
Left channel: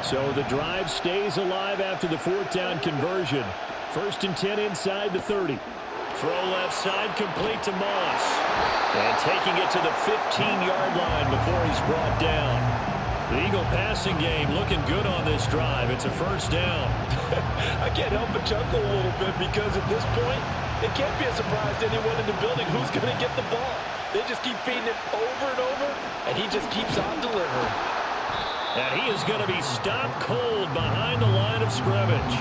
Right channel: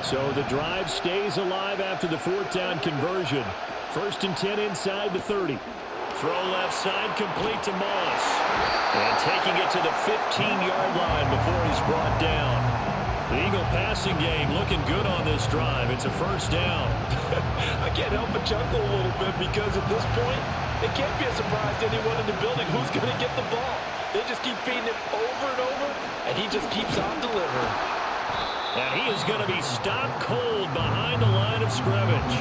So the drive stays alive after the 4th down conversion. 1st and 10 inside the 30. Throw left side, complete to Moss. And taking it to the 15-yard line before he's brought down. The Eagle passing game looking good on this drive. It's a first down. I can't help but chuckle a little bit because at this point, it can't be a surprise to anyone in the building who's going to get the ball. They just keep feeding him over and over, and he just keeps on delivering. And he is going to be stopped cold behind the line of scrimmage.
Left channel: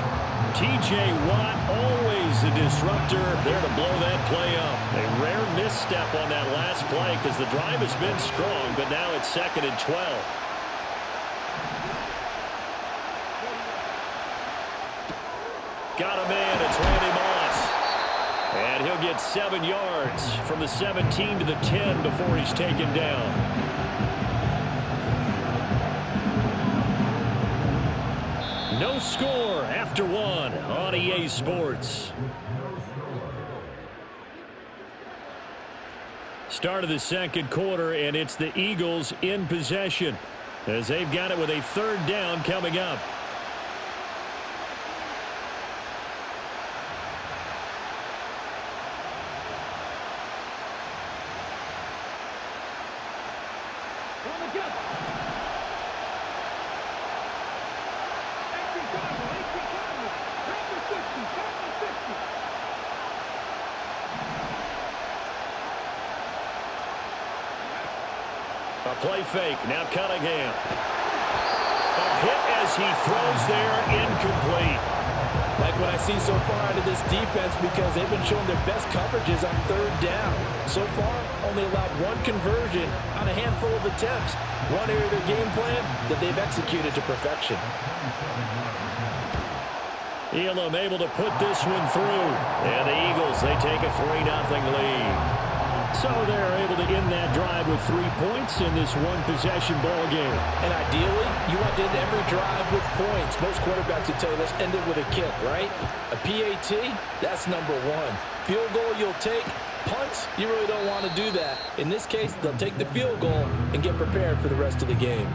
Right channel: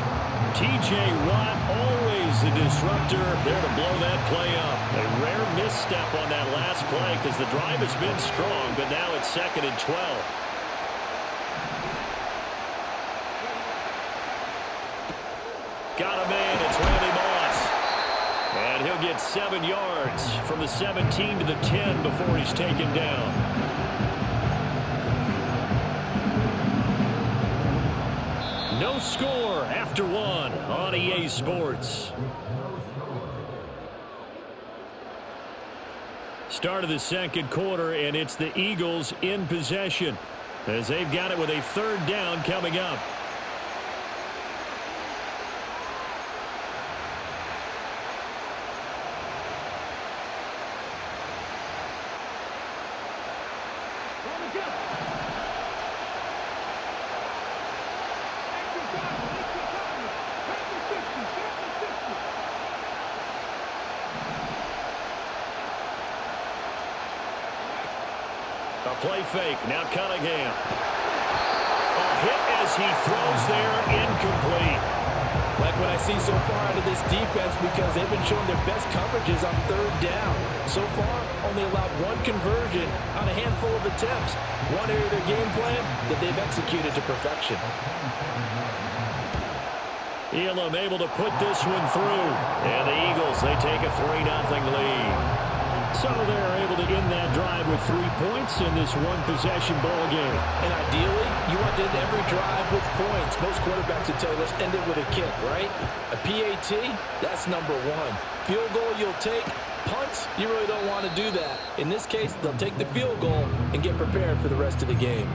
T.J. Watt, always a disruptor, there to blow that play up. A rare misstep on that last play because the drive has been strong, but now it's 2nd and 12. Got a man, it's Randy Moss. And he'll get 7 yards from the 17 to the 10 before he's taken down. No score after 1 on EA Sports. Start of the 2nd quarter, and it's the Eagles in possession as they've got it with a 3rd down coming up. A play fake. Now Cunningham. Hit as he throws there. Incomplete. Like what I see so far out of this defense, because they've been showing their best coverages on third down. So far, only allowed one conversion on a handful of attempts. One area of their game plan that they've executed to perfection. Elam able to put this one through. And the Eagles, they take a 3-0 lead. So they're able to end that drive with 3 points in this one-possession ball game. And ideally, you want to end every drive with points. Most quarterbacks would tell you, let's end it with a kick, right? A PAT, that's number one. Field goal you'll take. Punts, you really don't want to do that. In this case, they'll take the field goal and get prepared for the rest of the game.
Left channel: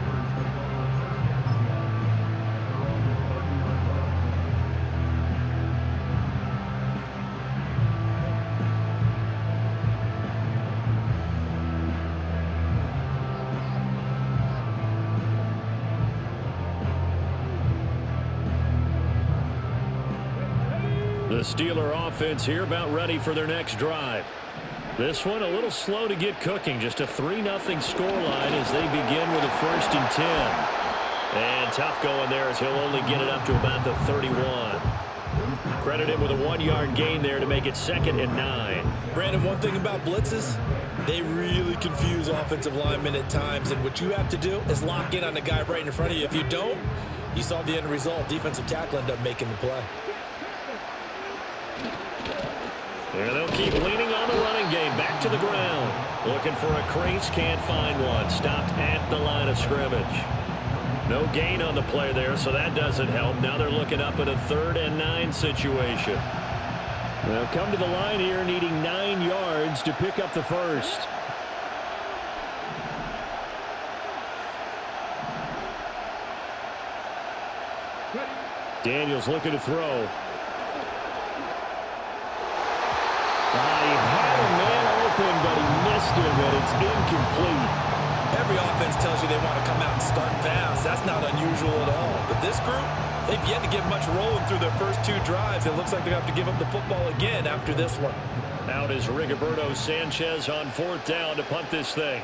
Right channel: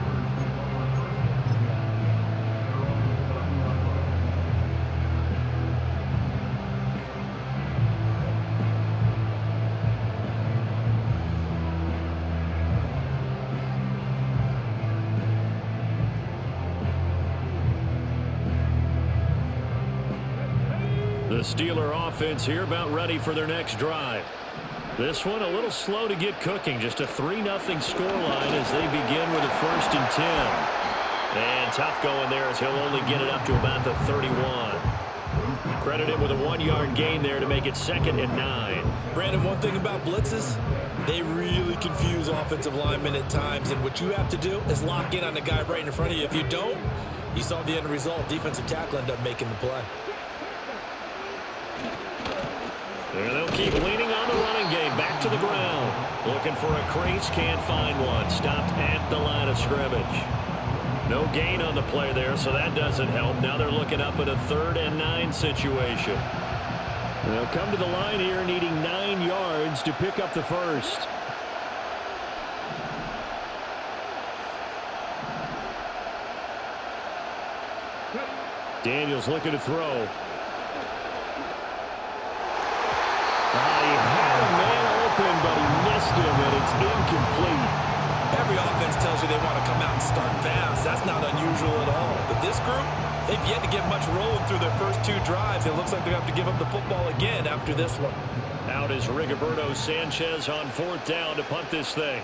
The Steeler offense here about ready for their next drive. This one a little slow to get cooking. Just a 3-0 scoreline as they begin with a 1st and 10. And tough going there as he'll only get it up to about the 31. Credit him with a 1-yard gain there to make it 2nd and 9. Brandon, one thing about blitzes, they really confuse offensive linemen at times. And what you have to do is lock in on the guy right in front of you. If you don't, you saw the end result. Defensive tackle ended up making the play. And they'll keep leaning on the running game. Back to the ground. Looking for a crease. Can't find one. Stopped at the line of scrimmage. No gain on the play there, so that doesn't help. Now they're looking up at a 3rd and 9 situation. They'll come to the line here needing 9 yards to pick up the first. Daniels looking to throw. He had a man open, but he missed him, and it's incomplete. Every offense tells you they want to come out and start fast. That's not unusual at all. But this group, they've yet to get much rolling through their first 2 drives. It looks like they have to give up the football again after this one. Out is Rigoberto Sanchez on 4th down to punt this thing.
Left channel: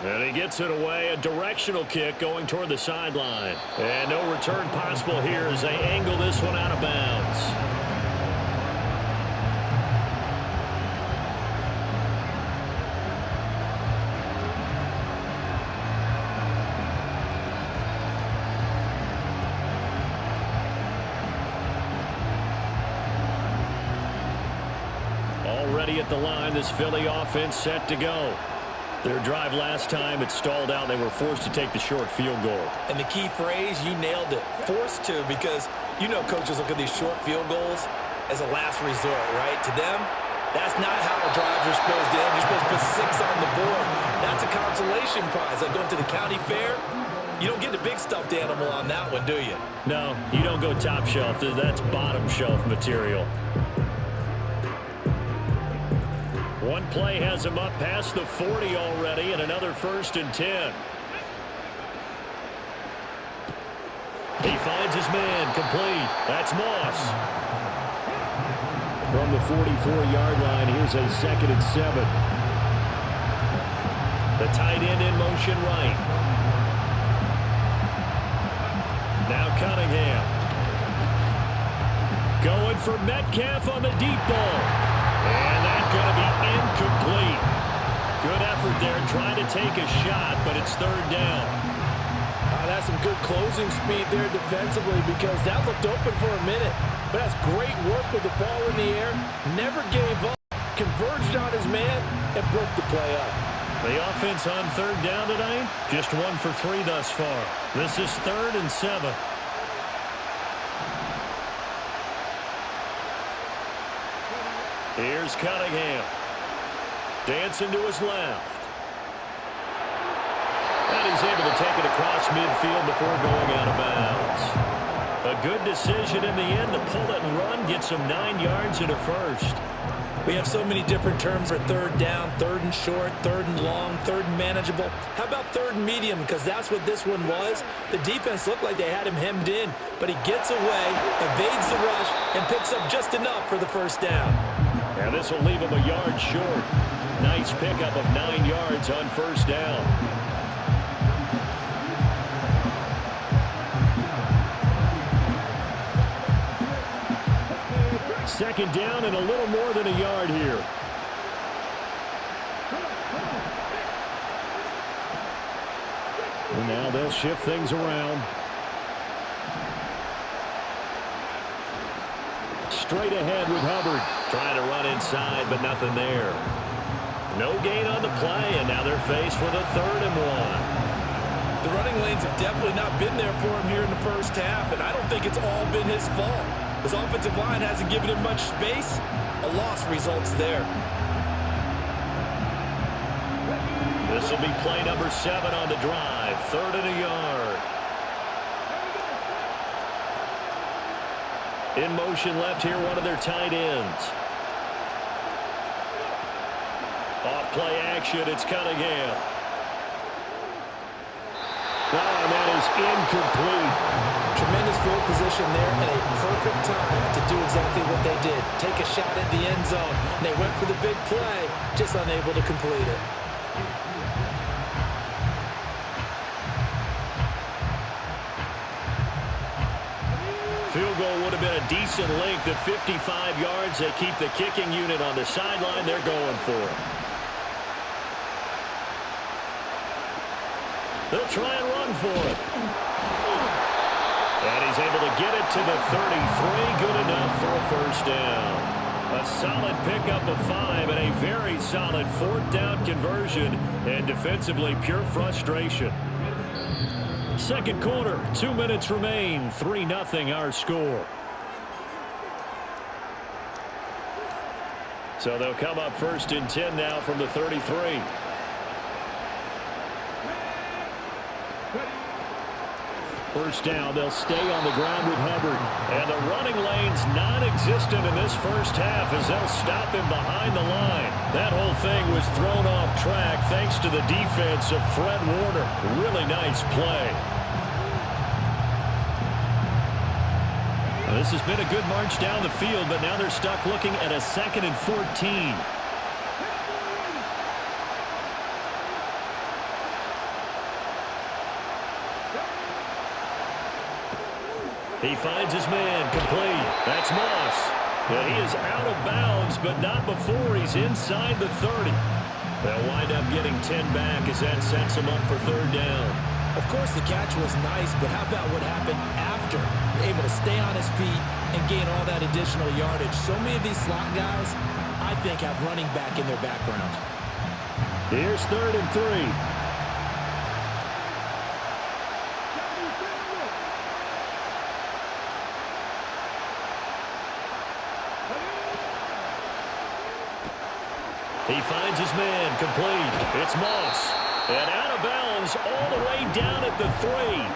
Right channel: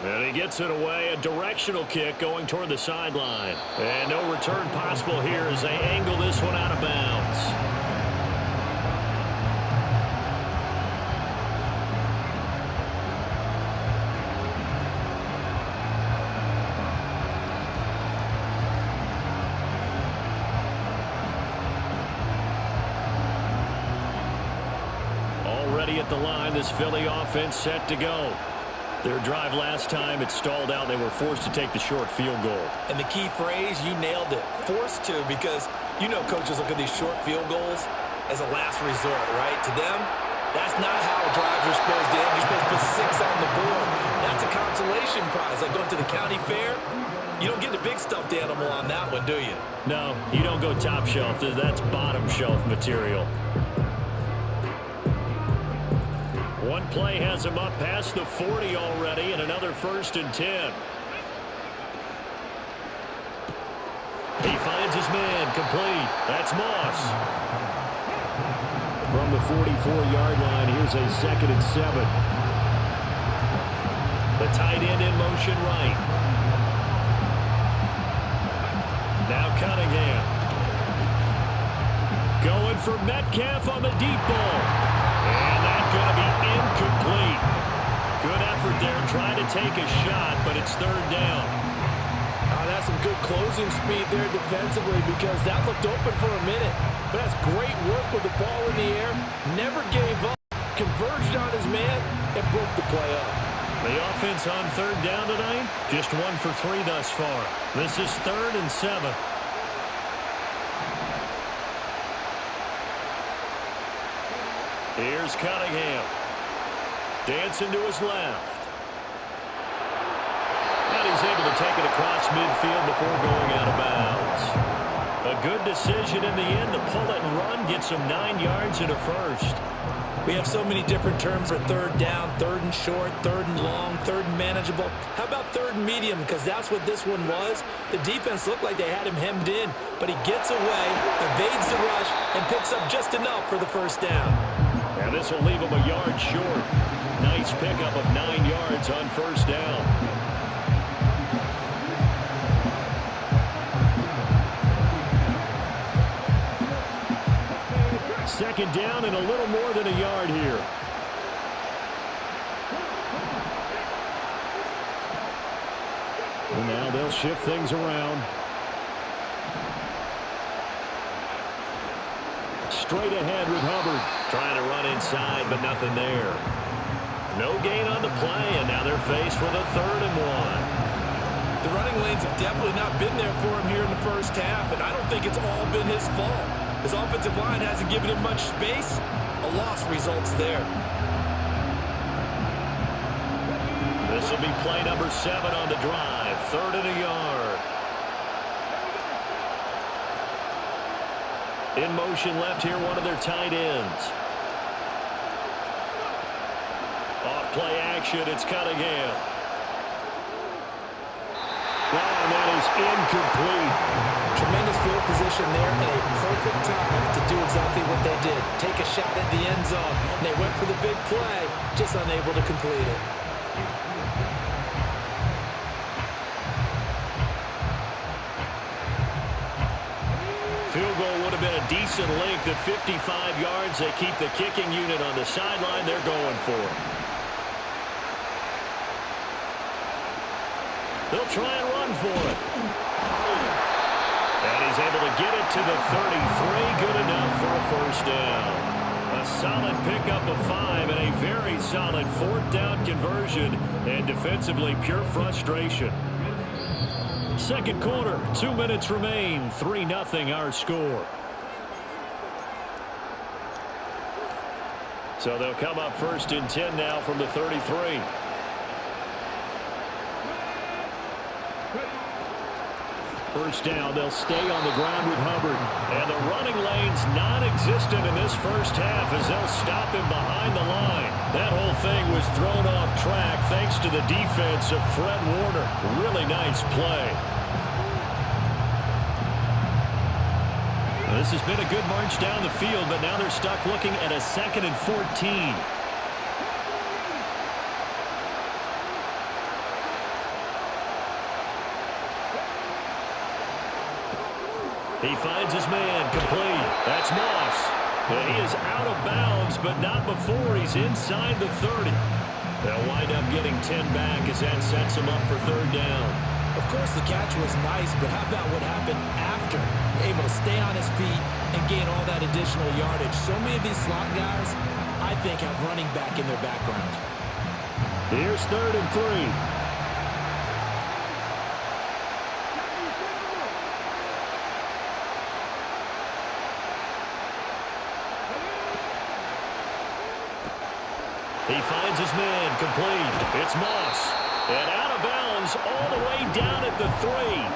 And he gets it away. A directional kick going toward the sideline. And no return possible here as they angle this one out of bounds. Already at the line, this Philly offense set to go. Their drive last time, it stalled out. They were forced to take the short field goal. And the key phrase, you nailed it. Forced to, because you know coaches look at these short field goals as a last resort, right? To them, that's not how drives are supposed to end. You're supposed to put 6 on the board. That's a consolation prize. Like going to the county fair, you don't get the big stuffed animal on that one, do you? No, you don't go top shelf. That's bottom shelf material. One play has him up past the 40 already, and another 1st and 10. He finds his man, complete. That's Moss. From the 44-yard line, here's a 2nd and 7. The tight end in motion right. Now Cunningham. Going for Metcalf on the deep ball. And that's going to be incomplete. Good effort there trying to take a shot, but it's 3rd down. That's some good closing speed there defensively, because that looked open for a minute. But that's great work with the ball in the air. Never gave up. Converged on his man and broke the play up. The offense on 3rd down tonight, just 1 for 3 thus far. This is 3rd and 7. Here's Cunningham. Dancing to his left. And he's able to take it across midfield before going out of bounds. A good decision in the end to pull it and run, get some 9 yards and a first. We have so many different terms for third down, third and short, third and long, third and manageable. How about third and medium? Because that's what this one was. The defense looked like they had him hemmed in, but he gets away, evades the rush, and picks up just enough for the first down. And this will leave him a yard short. Nice pickup of 9 yards on first down. Second down and a little more than a yard here. And now they'll shift things around. Straight ahead with Hubbard. Trying to run inside, but nothing there. No gain on the play, and now they're faced with a 3rd and 1. The running lanes have definitely not been there for him here in the first half, and I don't think it's all been his fault. His offensive line hasn't given him much space. A loss results there. This will be play number 7 on the drive. 3rd and a yard. In motion left here, one of their tight ends. Off play action, it's Cunningham. Oh, and that is incomplete. Tremendous field position there and a perfect time to do exactly what they did. Take a shot at the end zone. And they went for the big play, just unable to complete it. Field goal would have been a decent length at 55 yards. They keep the kicking unit on the sideline. They're going for it. They'll try and run for it. And he's able to get it to the 33. Good enough for a first down. A solid pickup of 5 and a very solid 4th down conversion. And defensively, pure frustration. Second quarter, 2 minutes remain. 3-0 our score. So they'll come up 1st and 10 now from the 33. First down, they'll stay on the ground with Hubbard. And the running lane's non-existent in this first half as they'll stop him behind the line. That whole thing was thrown off track thanks to the defense of Fred Warner. Really nice play. Well, this has been a good march down the field, but now they're stuck looking at a 2nd and 14. He finds his man, complete. That's Moss. And he is out of bounds, but not before he's inside the 30. They'll wind up getting 10 back as that sets him up for 3rd down. Of course, the catch was nice, but how about what happened after? Able to stay on his feet and gain all that additional yardage. So many of these slot guys, I think, have running back in their background. Here's 3rd and 3. He finds his man, complete. It's Moss. And out of bounds all the way down at the 3.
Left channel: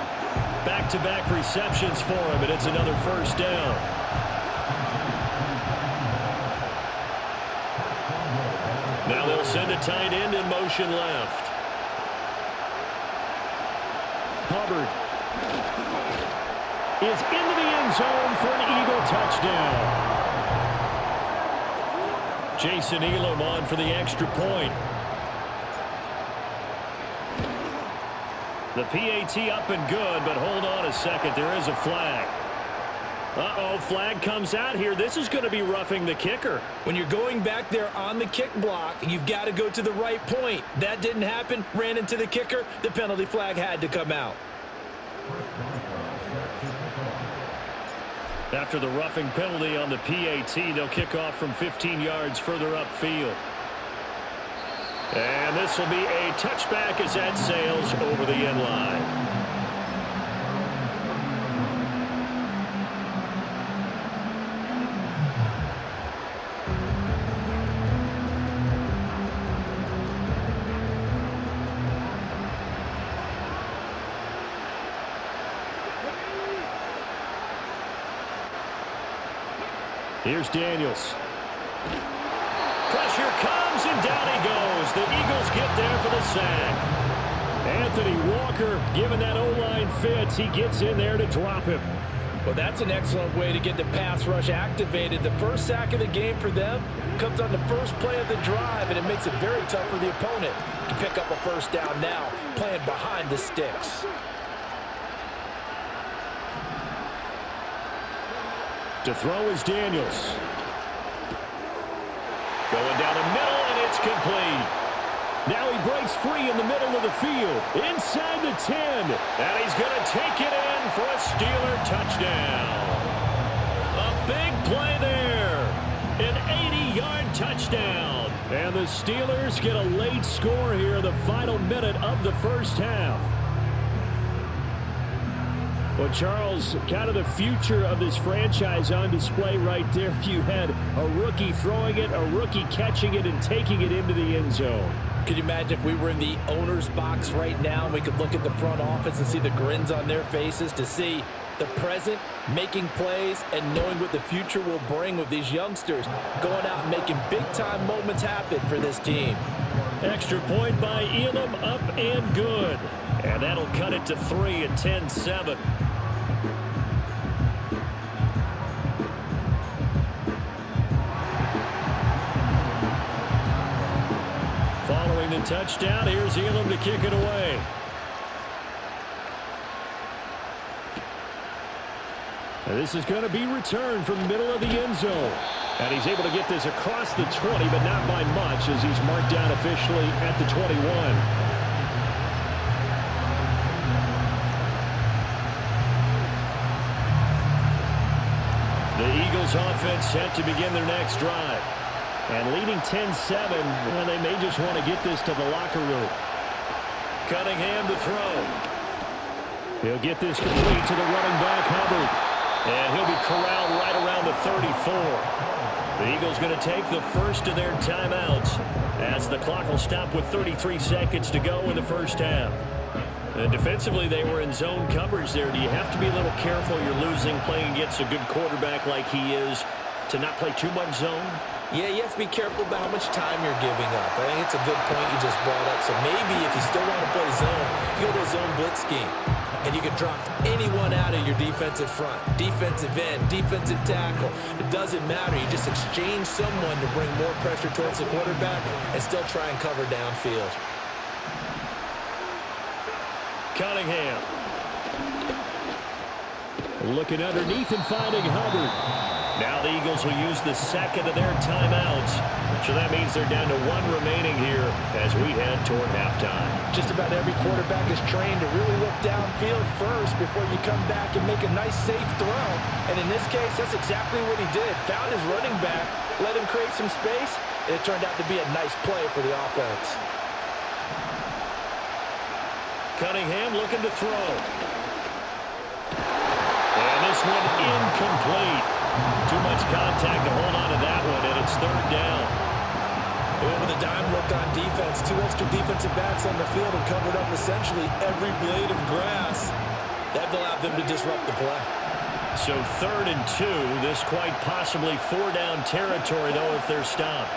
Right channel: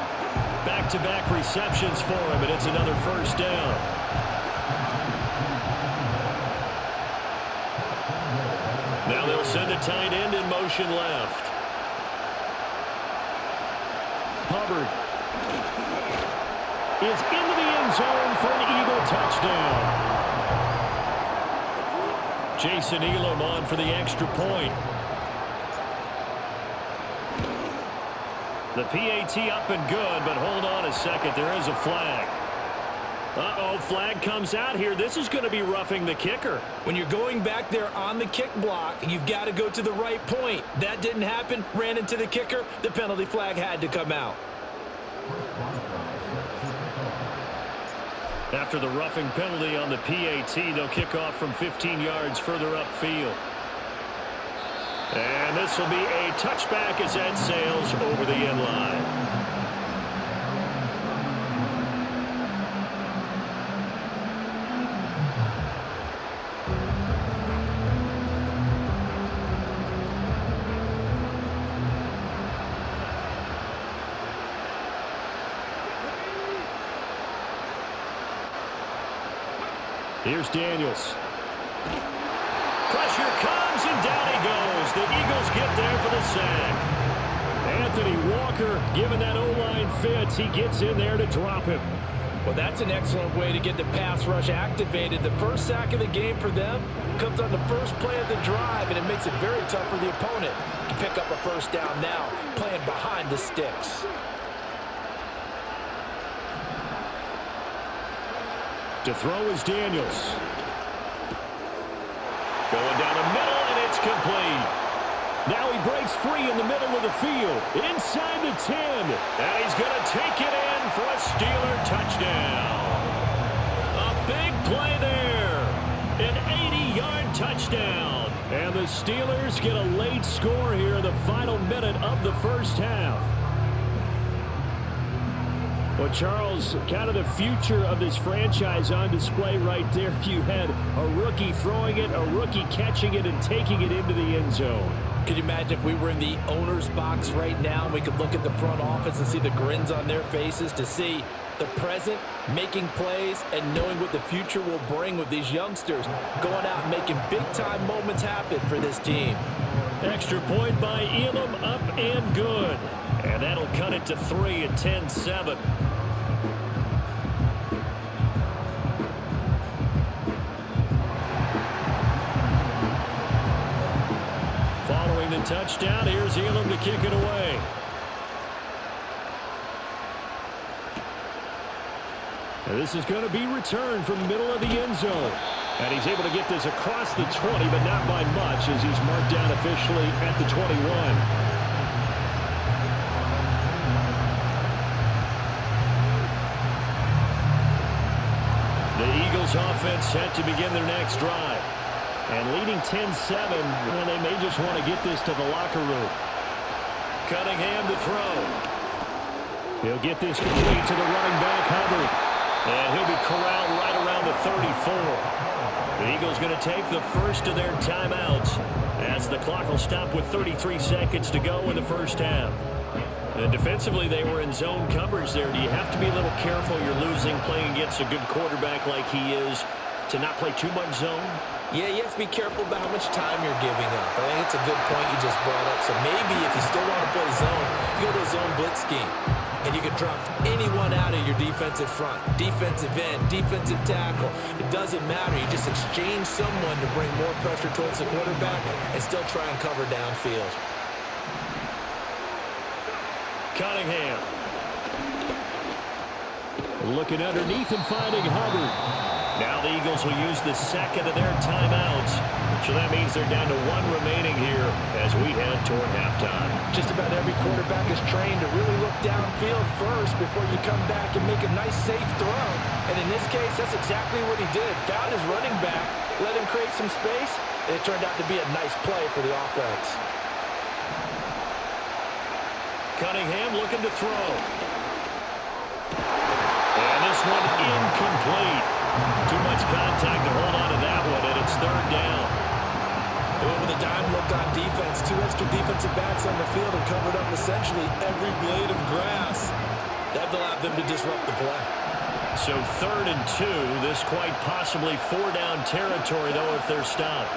Back-to-back receptions for him, and it's another first down. Now they'll send a tight end in motion left. Hubbard is into the end zone for an Eagle touchdown. Jason Elam on for the extra point. The PAT up and good, but hold on a second. There is a flag. Uh-oh, flag comes out here. This is going to be roughing the kicker. When you're going back there on the kick block, you've got to go to the right point. That didn't happen. Ran into the kicker. The penalty flag had to come out. After the roughing penalty on the PAT, they'll kick off from 15 yards further upfield. And this will be a touchback as that sails over the end line. Here's Daniels. Pressure comes, and down he goes. The Eagles get there for the sack. Anthony Walker giving that O-line fits. He gets in there to drop him. Well, that's an excellent way to get the pass rush activated. The first sack of the game for them comes on the first play of the drive, and it makes it very tough for the opponent to pick up a first down now, playing behind the sticks. To throw is Daniels. Going down the middle, and it's complete. Now he breaks free in the middle of the field, inside the 10, and he's going to take it in for a Steeler touchdown. A big play there, an 80-yard touchdown, and the Steelers get a late score here in the final minute of the first half. Well, Charles, kind of the future of this franchise on display right there. You had a rookie throwing it, a rookie catching it, and taking it into the end zone. Could you imagine if we were in the owner's box right now and we could look at the front office and see the grins on their faces, to see the present making plays and knowing what the future will bring with these youngsters going out and making big-time moments happen for this team. Extra point by Elam, up and good. And that'll cut it to 3 at 10-7. Following the touchdown, here's Elam to kick it away. And this is going to be returned from the middle of the end zone. And he's able to get this across the 20, but not by much, as he's marked down officially at the 21. The Eagles offense set to begin their next drive. And leading 10-7, they may just want to get this to the locker room. Cunningham to throw. He'll get this complete to the running back, Hubbard. And he'll be corralled right around the 34. The Eagles going to take the first of their timeouts as the clock will stop with 33 seconds to go in the first half. And defensively, they were in zone coverage there. Do you have to be a little careful? You're losing playing against a good quarterback like he is to not play too much zone? Yeah, you have to be careful about how much time you're giving up. I think it's a good point you just brought up. So maybe if you still want to play zone, you go to a zone blitz scheme. And you can drop anyone out of your defensive front, defensive end, defensive tackle. It doesn't matter. You just exchange someone to bring more pressure towards the quarterback and still try and cover downfield. Cunningham. Looking underneath and finding Hubbard. Now the Eagles will use the second of their timeouts. So that means they're down to one remaining here as we head toward halftime. Just about every quarterback is trained to really look downfield first before you come back and make a nice, safe throw. And in this case, that's exactly what he did. Found his running back, let him create some space, and it turned out to be a nice play for the offense. Cunningham looking to throw. And this one incomplete. Too much contact to hold on to that one, and it's third down. With a dime look on defense, 2 extra defensive backs on the field and covered up essentially every blade of grass. That allowed them to disrupt the play. So 3rd and 2. This quite possibly 4-down territory, though, if they're stopped.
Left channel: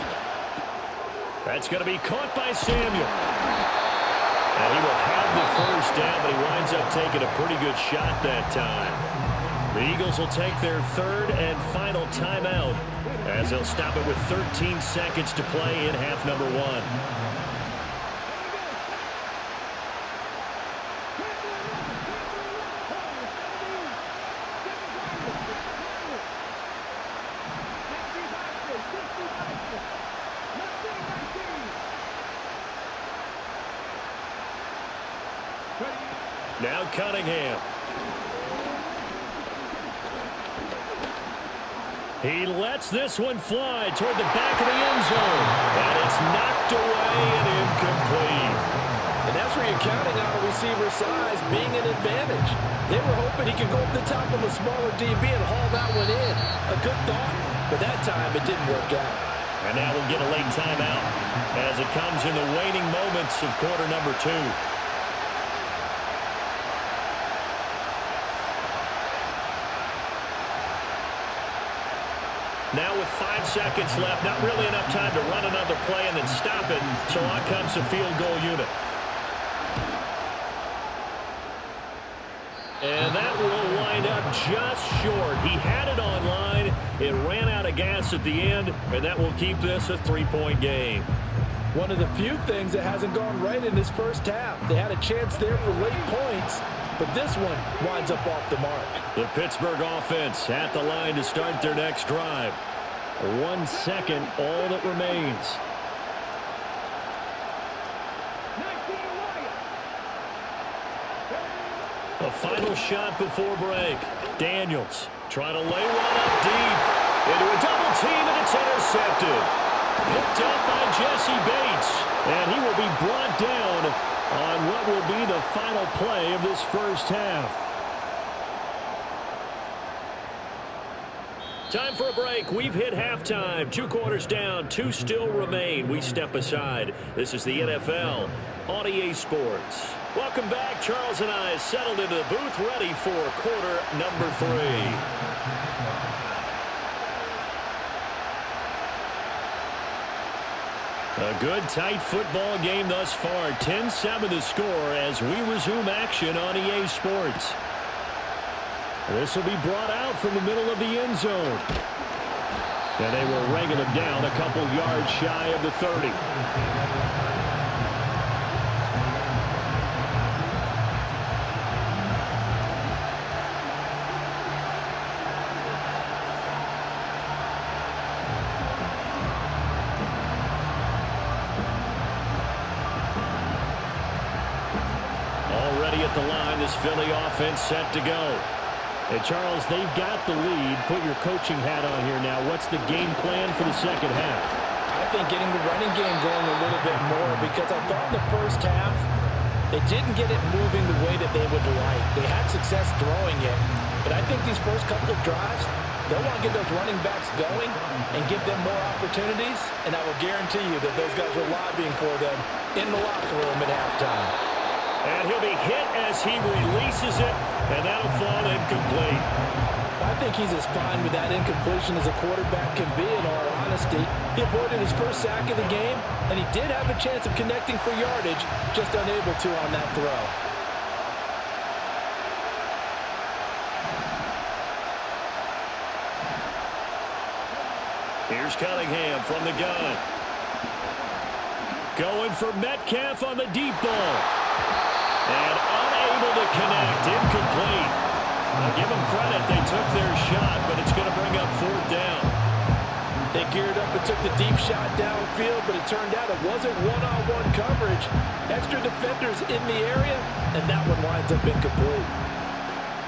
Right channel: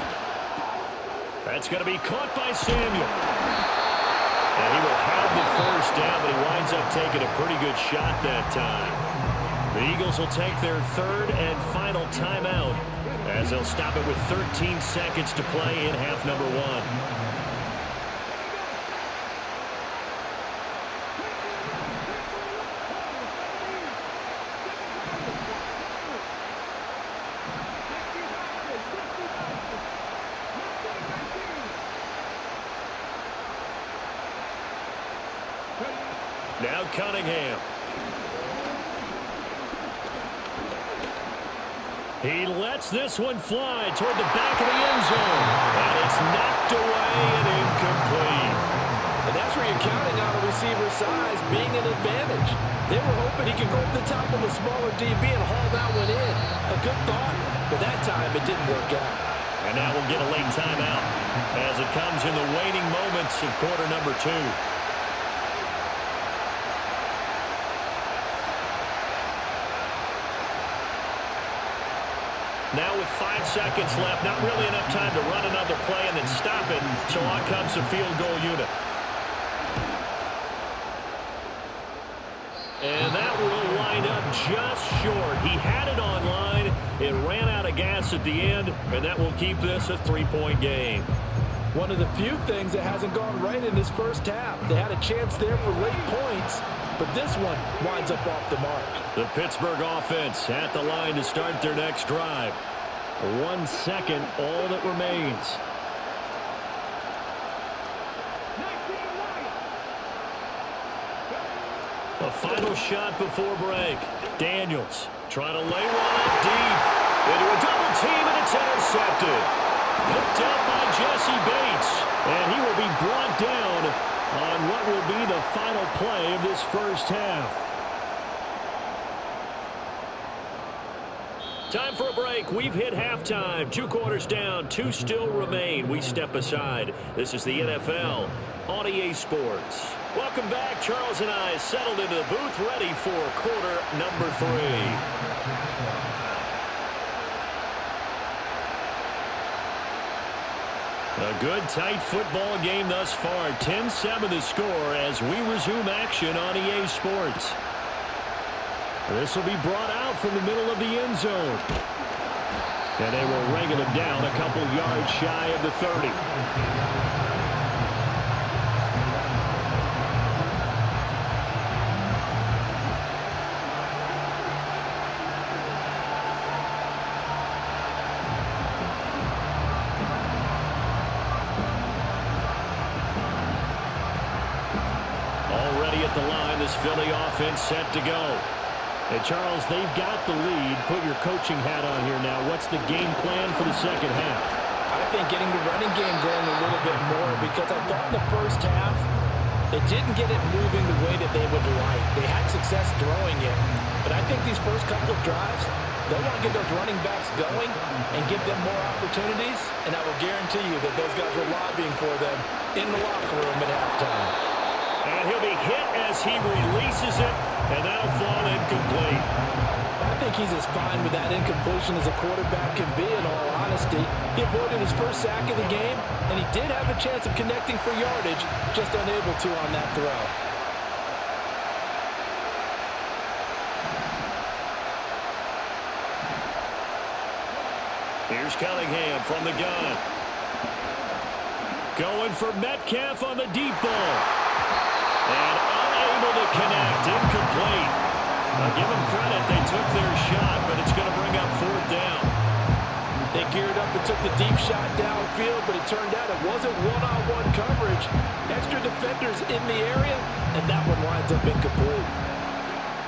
That's going to be caught by Samuel. And he will have the first down, but he winds up taking a pretty good shot that time. The Eagles will take their third and final timeout as they'll stop it with 13 seconds to play in half number 1. Now Cunningham. He lets this one fly toward the back of the end zone. And it's knocked away and incomplete. And that's where you're counting on a receiver's size being an advantage. They were hoping he could go up the top of a smaller DB and haul that one in. A good thought, but that time it didn't work out. And now we'll get a late timeout as it comes in the waning moments of quarter number 2. Now with 5 seconds left, not really enough time to run another play and then stop it, so on comes the field goal unit. And that will wind up just short. He had it on line. It ran out of gas at the end, and that will keep this a 3-point game. One of the few things that hasn't gone right in this first half. They had a chance there for late points, but this one winds up off the mark. The Pittsburgh offense at the line to start their next drive. 1 second, all that remains. The final shot before break. Daniels trying to lay one up deep into a double team, and it's intercepted. Picked up by Jesse Bates, and he will be brought down on what will be the final play of this first half. Time for a break. We've hit halftime. 2 quarters down, 2 still remain. We step aside. This is the NFL on EA Sports. Welcome back. Charles and I settled into the booth, ready for quarter number 3. A good, tight football game thus far. 10-7 the score as we resume action on EA Sports. This will be brought out from the middle of the end zone. And they will wrangle it down a couple yards shy of the 30. Already at the line, this Philly offense set to go. And Charles, they've got the lead. Put your coaching hat on here now. What's the game plan for the second half? I think getting the running game going a little bit more, because I thought in the first half they didn't get it moving the way that they would like. They had success throwing it, but I think these first couple of drives, they'll want to get those running backs going and give them more opportunities, and I will guarantee you that those guys were lobbying for them in the locker room at halftime. And he'll be hit as he releases it, and that'll fall incomplete. I think he's as fine with that incompletion as a quarterback can be, in all honesty. He avoided his first sack of the game, and he did have a chance of connecting for yardage, just unable to on that throw. Here's Cunningham from the gun. Going for Metcalf on the deep ball. And unable to connect. Incomplete. I'll give them credit. They took their shot, but it's going to bring up 4th down. They geared up and took the deep shot downfield, but it turned out it wasn't one-on-one coverage. Extra defenders in the area, and that one winds up incomplete.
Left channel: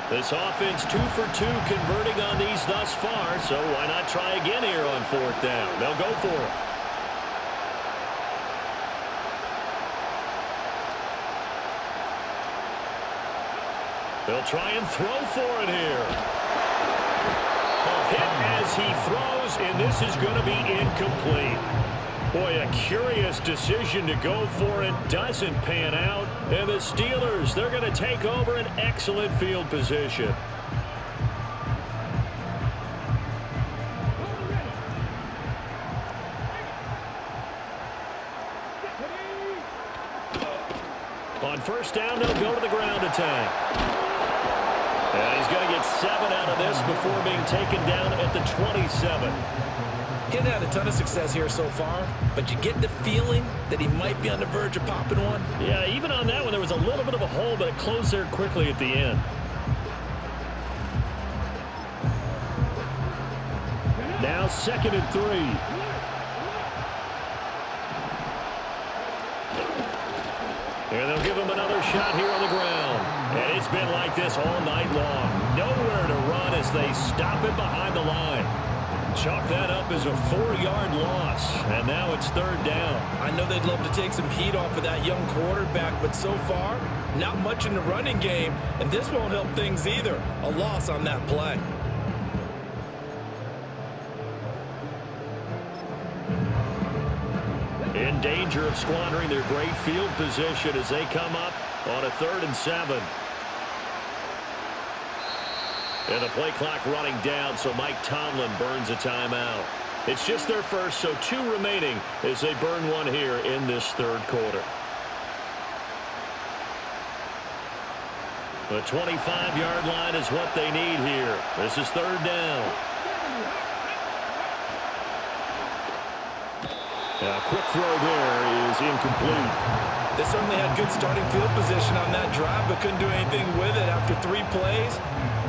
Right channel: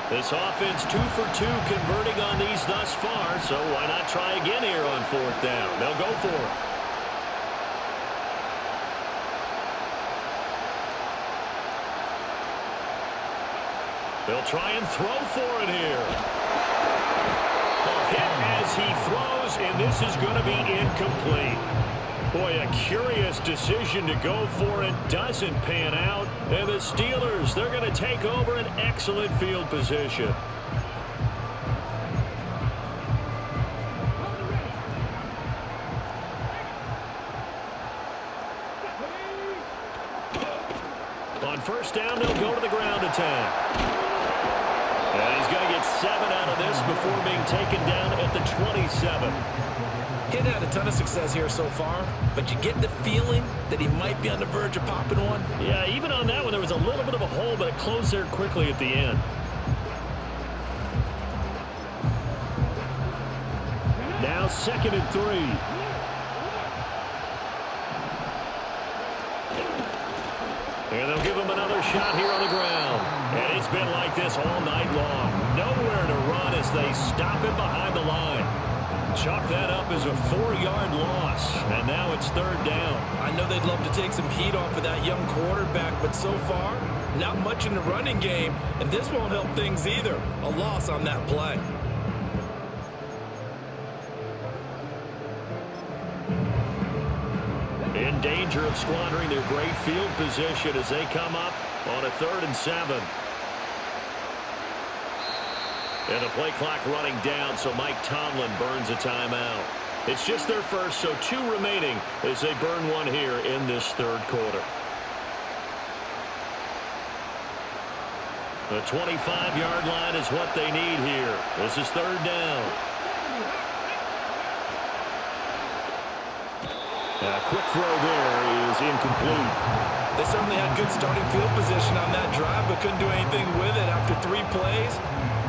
This offense 2 for 2 converting on these thus far, so why not try again here on 4th down? They'll go for it. They'll try and throw for it here. Hit as he throws, and this is going to be incomplete. Boy, a curious decision to go for it. Doesn't pan out. And the Steelers, they're going to take over an excellent field position. On 1st down, they'll go to the ground attack. And he's going to get 7 out of this before being taken down at the 27. He hadn't had a ton of success here so far, but you get the feeling that he might be on the verge of popping one. Yeah, even on that one, there was a little bit of a hole, but it closed there quickly at the end. Now 2nd and 3. And they'll give him another shot here on the ground. And it's been like this all night long. Nowhere to run as they stop him behind the line. Chalk that up as a 4-yard loss. And now it's 3rd down. I know they'd love to take some heat off of that young quarterback, but so far, not much in the running game. And this won't help things either. A loss on that play. In danger of squandering their great field position as they come up on a 3rd and 7. And the play clock running down, so Mike Tomlin burns a timeout. It's just their first, so 2 remaining as they burn one here in this third quarter. The 25-yard line is what they need here. This is third down. A quick throw there is incomplete. They certainly had good starting field position on that drive, but couldn't do anything with it after 3 plays.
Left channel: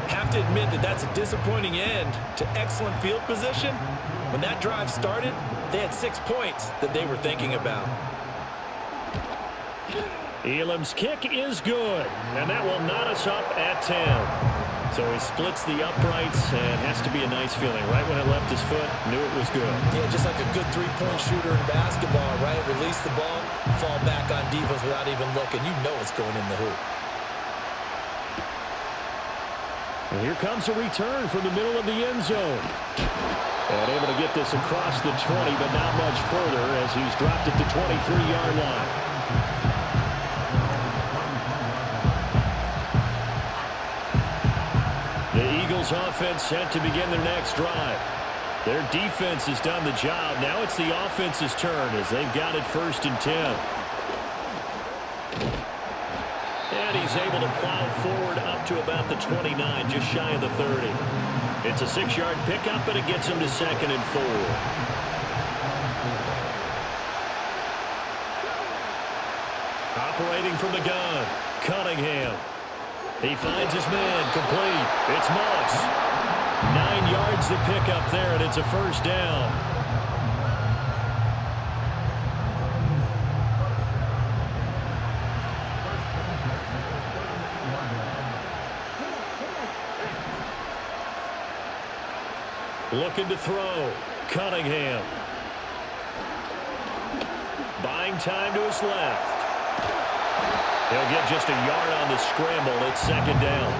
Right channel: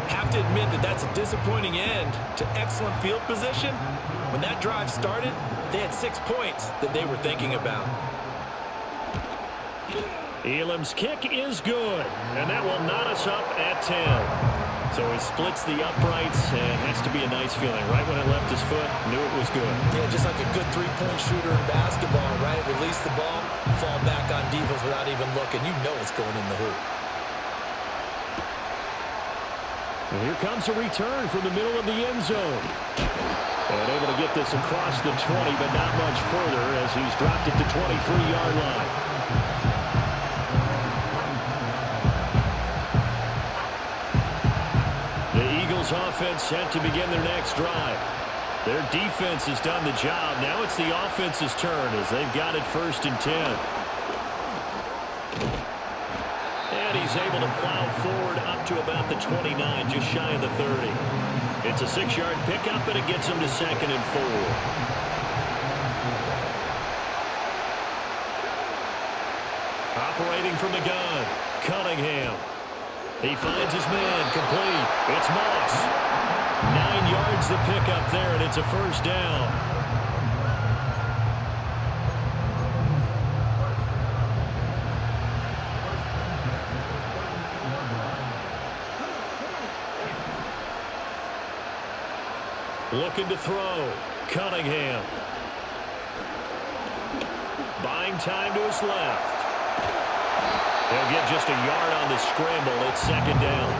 Have to admit that that's a disappointing end to excellent field position. When that drive started, they had 6 points that they were thinking about. Elam's kick is good, and that will knot us up at 10. So he splits the uprights, and has to be a nice feeling. Right when it left his foot, knew it was good. Yeah, just like a good 3-point shooter in basketball, right? Release the ball, fall back on defense without even looking. You know it's going in the hoop. And here comes a return from the middle of the end zone. And able to get this across the 20, but not much further as he's dropped at the 23-yard line. The Eagles offense set to begin their next drive. Their defense has done the job. Now it's the offense's turn as they've got it 1st and 10. And he's able to plow forward up to about the 29, just shy of the 30. It's a 6-yard pickup, but it gets him to 2nd and 4. Operating from the gun, Cunningham. He finds his man, complete. It's Moss. 9 yards to pick up there, and it's a 1st down. Looking to throw, Cunningham. Buying time to his left. He'll get just a yard on the scramble. It's 2nd down.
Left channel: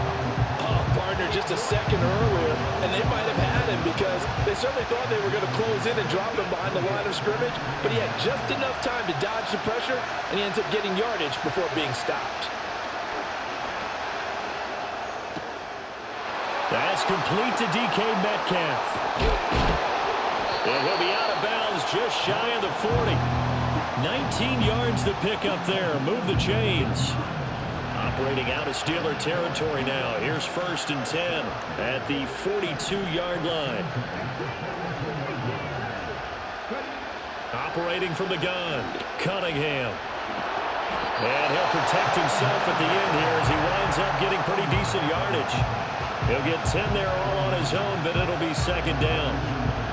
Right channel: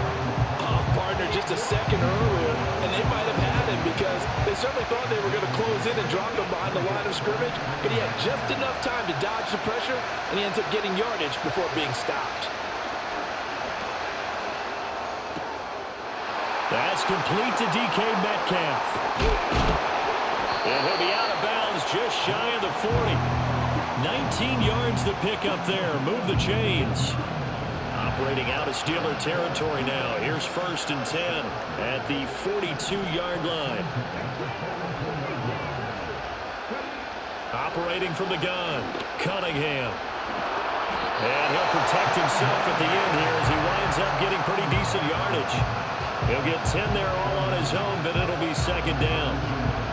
Oh, partner, just a second earlier, and they might have had him because they certainly thought they were going to close in and drop him behind the line of scrimmage, but he had just enough time to dodge the pressure, and he ends up getting yardage before being stopped. That's complete to DK Metcalf. And he'll be out of bounds just shy of the 40. 19 yards to pick up there. Move the chains. Operating out of Steeler territory now. Here's 1st and 10 at the 42-yard line. Operating from the gun, Cunningham. And he'll protect himself at the end here as he winds up getting pretty decent yardage. He'll get 10 there all on his own, but it'll be 2nd down.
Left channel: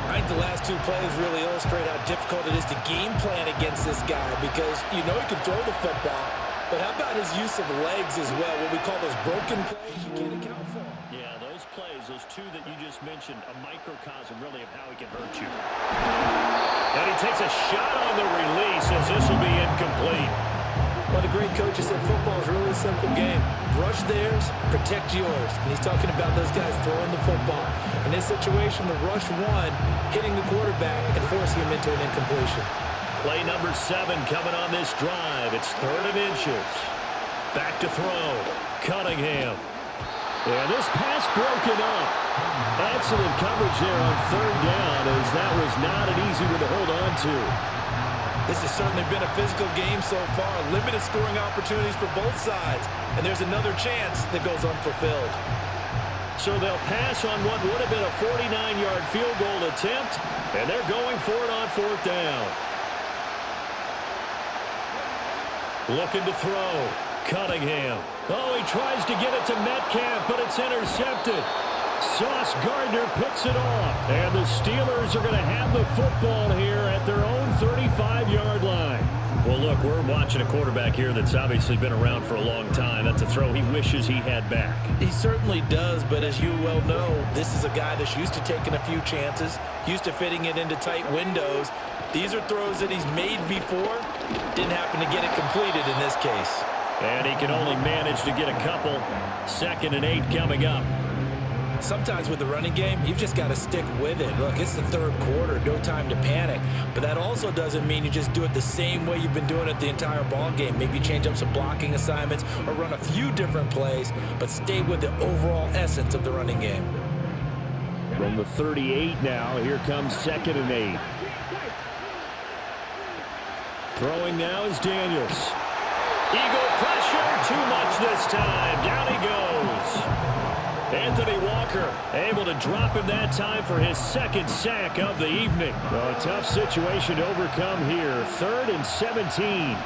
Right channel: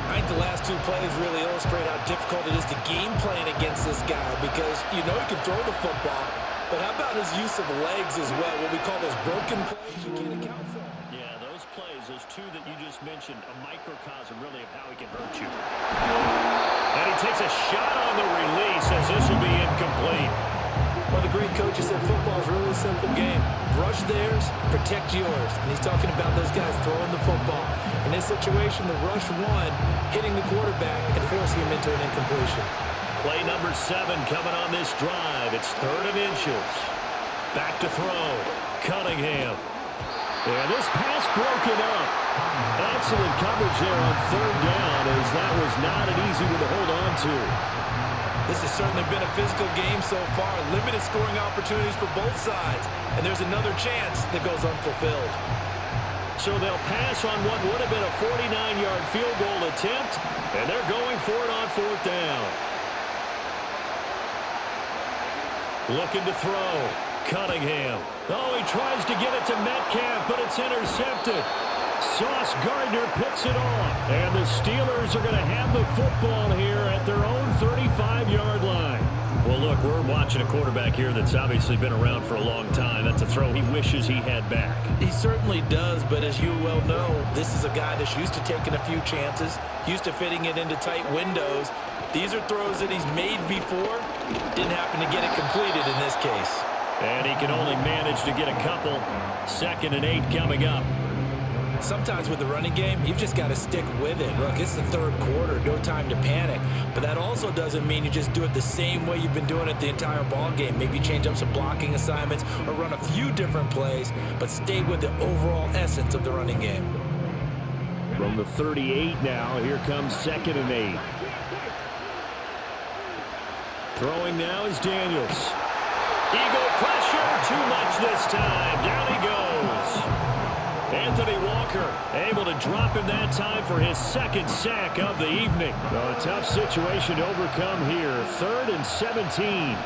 I think the last 2 plays really illustrate how difficult it is to game plan against this guy because you know he can throw the football, but how about his use of legs as well? What we call those broken plays, you can't account for them. Yeah, those plays, those 2 that you just mentioned, a microcosm really of how he can hurt you. And he takes a shot on the release as this will be incomplete. One of the great coaches said football is really a simple game. Rush theirs, protect yours. And he's talking about those guys throwing the football. In this situation, the rush won, hitting the quarterback and forcing him into an incompletion. Play number 7 coming on this drive. It's 3rd and inches. Back to throw. Cunningham. And this pass broken up. Excellent coverage there on 3rd down as that was not an easy one to hold on to. This has certainly been a physical game so far. Limited scoring opportunities for both sides. And there's another chance that goes unfulfilled. So they'll pass on what would have been a 49-yard field goal attempt. And they're going for it on 4th down. Looking to throw. Cunningham. Oh, he tries to get it to Metcalf, but it's intercepted. Sauce Gardner picks it off. And the Steelers are going to have the football here at their own 35-yard line. Well, look, we're watching a quarterback here that's obviously been around for a long time. That's a throw he wishes he had back. He certainly does, but as you well know, this is a guy that's used to taking a few chances, used to fitting it into tight windows. These are throws that he's made before. Didn't happen to get it completed in this case. And he can only manage to get a couple. 2nd and 8 coming up. Sometimes with the running game, you've just got to stick with it. Look, it's the third quarter, no time to panic. But that also doesn't mean you just do it the same way you've been doing it the entire ball game. Maybe change up some blocking assignments or run a few different plays, but stay with the overall essence of the running game. From the 38 now, here comes 2nd and 8. Throwing now is Daniels. Eagle pressure, too much this time. Down he goes. Anthony Walker able to drop him that time for his 2nd sack of the evening. So a tough situation to overcome here. 3rd and 17.